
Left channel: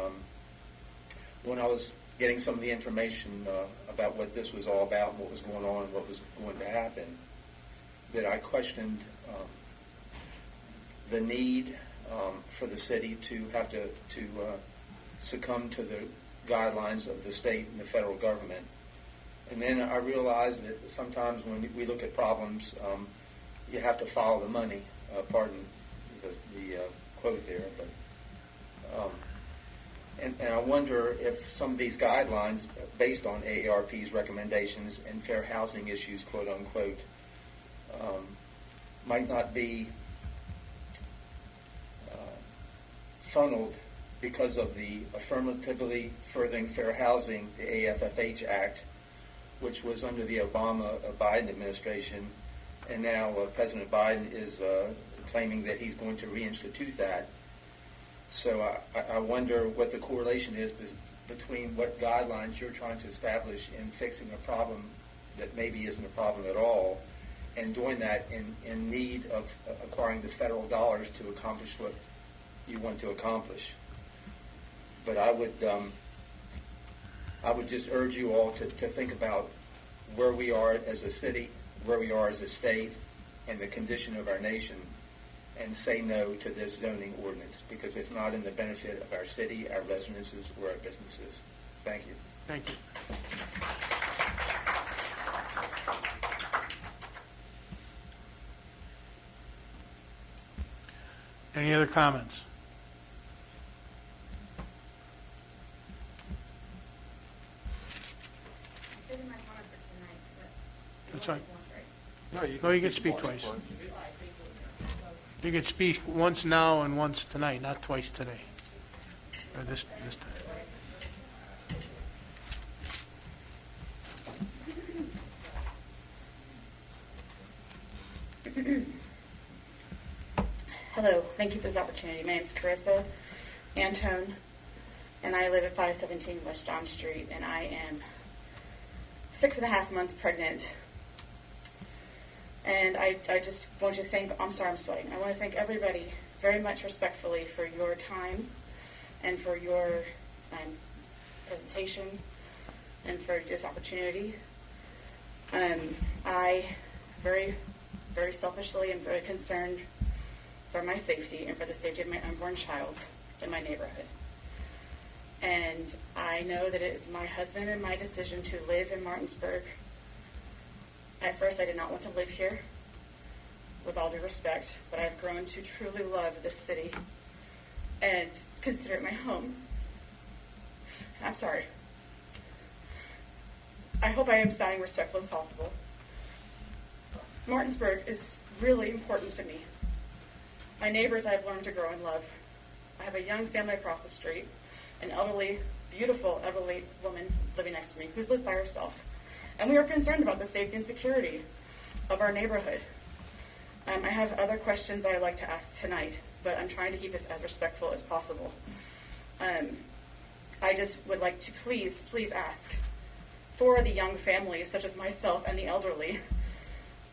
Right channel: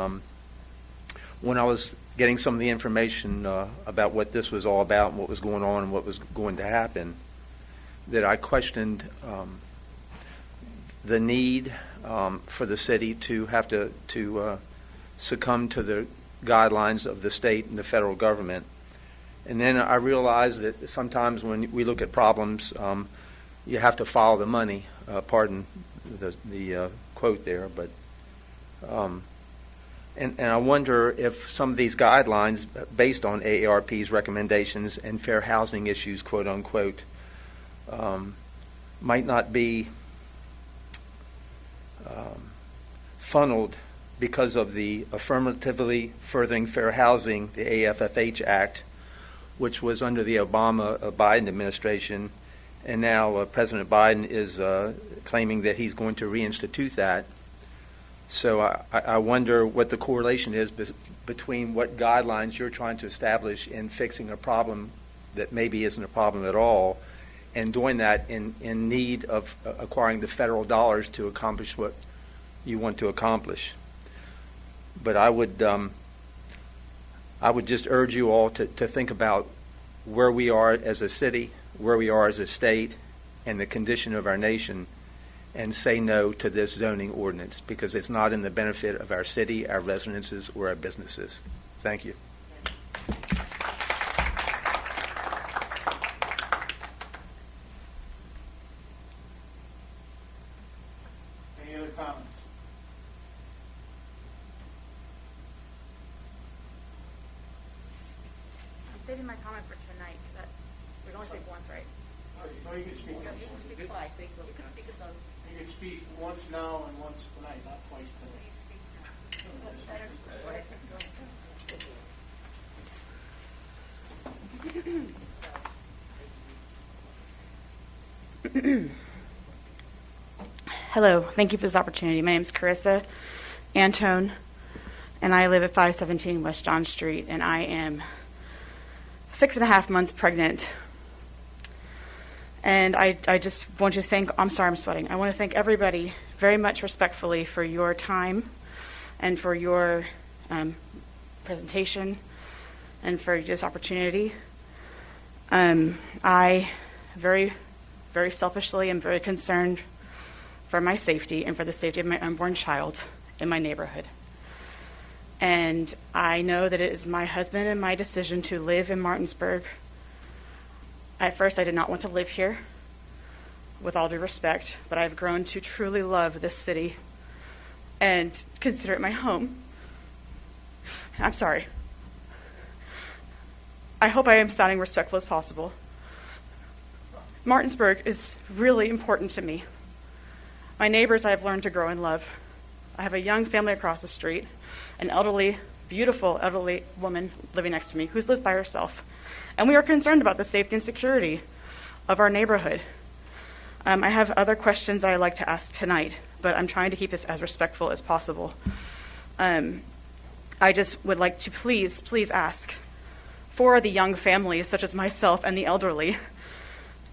when I was getting some of the information about what this was all about and what was going on and what was going to happen, that I questioned the need for the city to have to succumb to the guidelines of the state and the federal government. And then I realized that sometimes when we look at problems, you have to follow the money. Pardon the quote there, but and I wonder if some of these guidelines, based on AARP's recommendations and fair housing issues, quote unquote, might not be funneled because of the Affirmatively Furthering Fair Housing, the AFFH Act, which was under the Obama-Biden administration, and now President Biden is claiming that he's going to reinstitute that. So I wonder what the correlation is between what guidelines you're trying to establish in fixing a problem that maybe isn't a problem at all, and doing that in need of acquiring the federal dollars to accomplish what you want to accomplish. But I would just urge you all to think about where we are as a city, where we are as a state, and the condition of our nation, and say no to this zoning ordinance, because it's not in the benefit of our city, our residences, or our businesses. Thank you. Thank you. Any other comments? I'm saving my comment for tonight, because we That's only fine. take once, right? No, you can speak twice. You can speak once now and once tonight, not twice tonight. Or this time. Hello, thank you for this opportunity. My name is Carissa Antone, and I live at 517 West John Street, and I am 6.5 months pregnant. And I just want to thank, I'm sorry I'm sweating, I want to thank everybody very much respectfully for your time and for your presentation and for this opportunity. I very, very selfishly am very concerned for my safety and for the safety of my unborn child in my neighborhood. And I know that it is my husband and my decision to live in Martinsburg. At first, I did not want to live here, with all due respect, but I've grown to truly love this city and consider it my home. I'm sorry. I hope I am sounding respectful as possible. Martinsburg is really important to me. My neighbors I have learned to grow and love. I have a young family across the street, an elderly, beautiful elderly woman living next to me who lives by herself. And we are concerned about the safety and security of our neighborhood. I have other questions that I'd like to ask tonight, but I'm trying to keep this as respectful as possible. I just would like to please ask for the young families, such as myself and the elderly,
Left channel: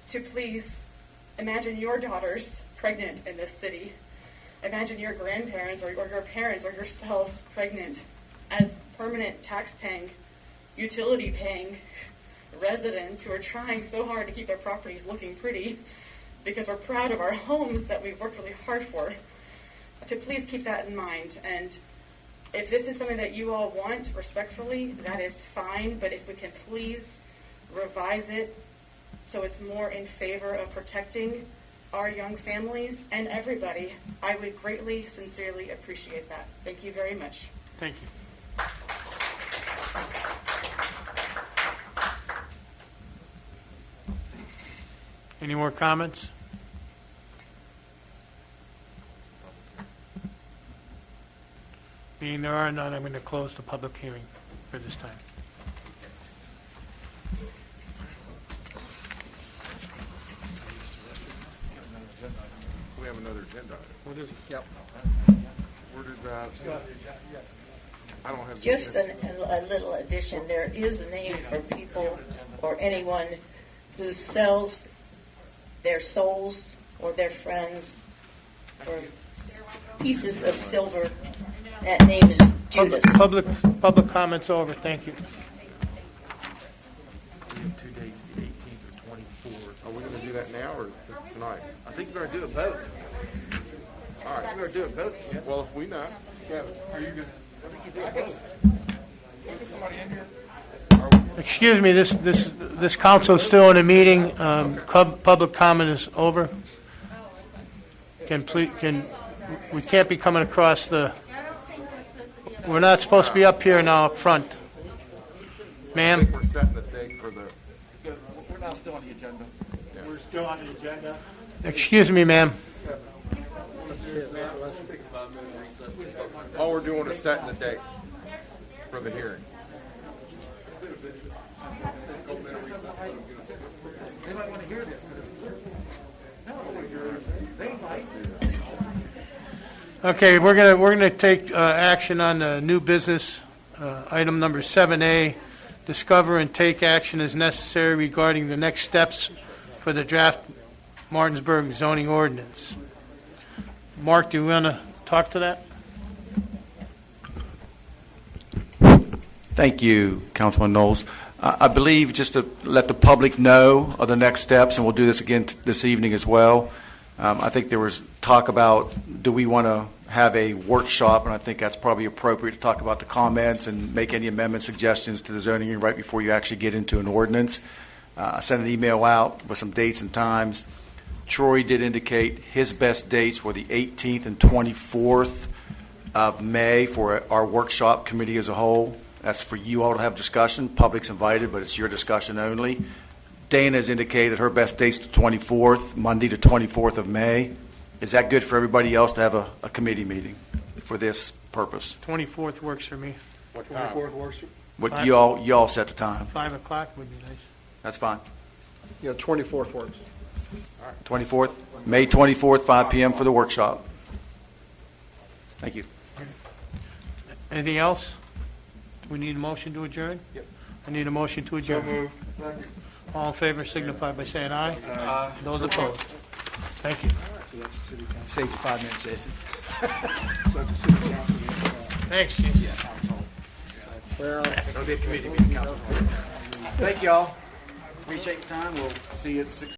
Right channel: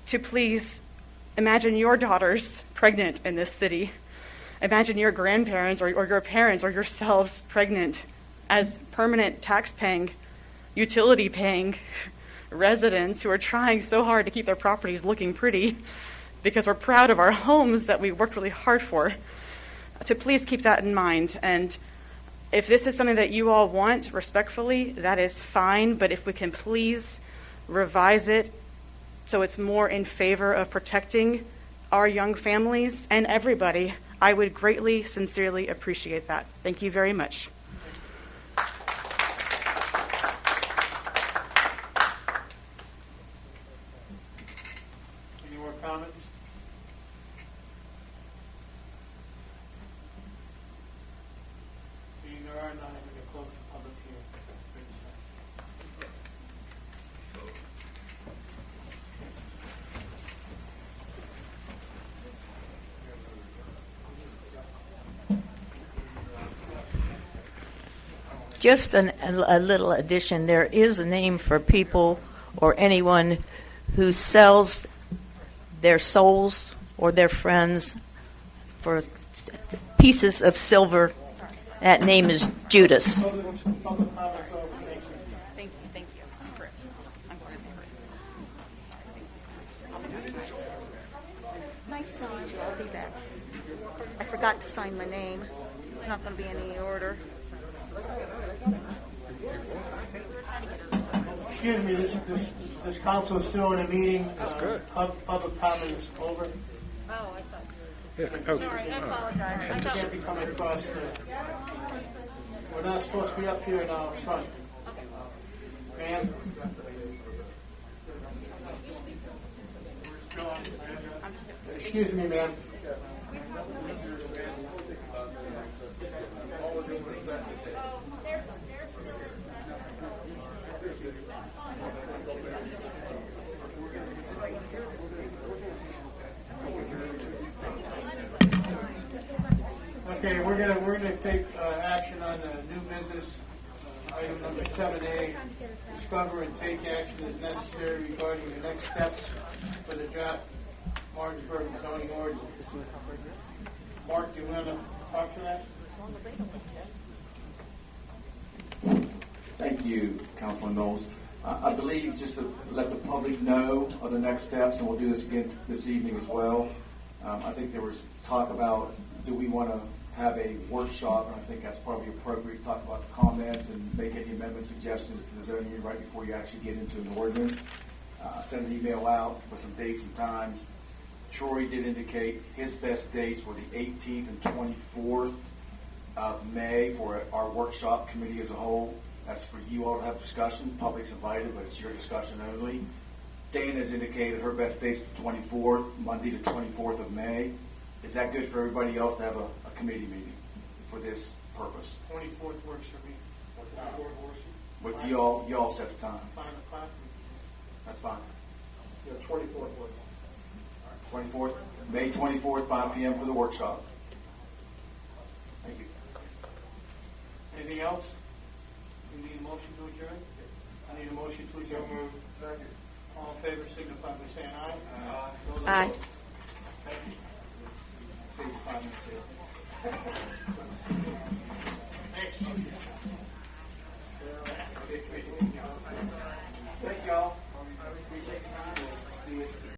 to please imagine your daughters pregnant in this city. Imagine your grandparents or your parents or yourselves pregnant as permanent tax-paying, utility-paying residents who are trying so hard to keep their properties looking pretty because we're proud of our homes that we worked really hard for. To please keep that in mind. And if this is something that you all want, respectfully, that is fine. But if we can please revise it so it's more in favor of protecting our young families and everybody, I would greatly, sincerely appreciate that. Thank you very much. Thank you. Any more comments? Being there are none, I'm going to close the public hearing for this time. We have another agenda. What is it? Yep. I don't have. Just a little addition, there is a name for people or anyone who sells their souls or their friends for pieces of silver. That name is Judas. Public comments over. Thank you. Are we going to do that now or tonight? I think we're going to do the both. I forgot to sign my name. Well, if we know. It's not going to be in any order. Excuse me, this council is still in a meeting. Public comment is over. We can't be coming across the, we're not supposed to be up here now up front. Ma'am? We're setting the date for the. We're not still on the agenda. We're still on the agenda. Excuse me, ma'am. All we're doing is setting the date for the hearing. Okay, we're gonna take action on new business, item number 7A, discover and take action as necessary regarding the next steps for the draft Martinsburg zoning ordinance. Mark, do you want to talk to that? Thank you, Councilman Knowles. I believe, just to let the public know of the next steps, and we'll do this again this evening as well, I think there was talk about, do we want to have a workshop, and I think that's probably appropriate to talk about the comments and make any amendment suggestions to the zoning right before you actually get into an ordinance. I sent an email out with some dates and times. Troy did indicate his best dates were the 18th and 24th of May for our workshop committee as a whole. That's for you all to have discussion. Public's invited, but it's your discussion only. Dana has indicated her best date's the 24th, Monday the 24th of May. Is that good for everybody else to have a committee meeting for this purpose? 24th works for me. What time? 24th works. What you all set the time? 5 o'clock would be nice. That's fine. Yeah, 24th works. 24th, May 24th, 5 p.m. for the workshop. Thank you. Anything else? We need a motion to adjourn? Yep. I need a motion to adjourn. Second. All in favor signify by saying aye. Aye. Those opposed? Thank you. Save 5 minutes, Jason. Thanks, Jason. Well, it'll be a committee meeting, Council. Thank y'all. Appreciate the time. We'll see you at 6.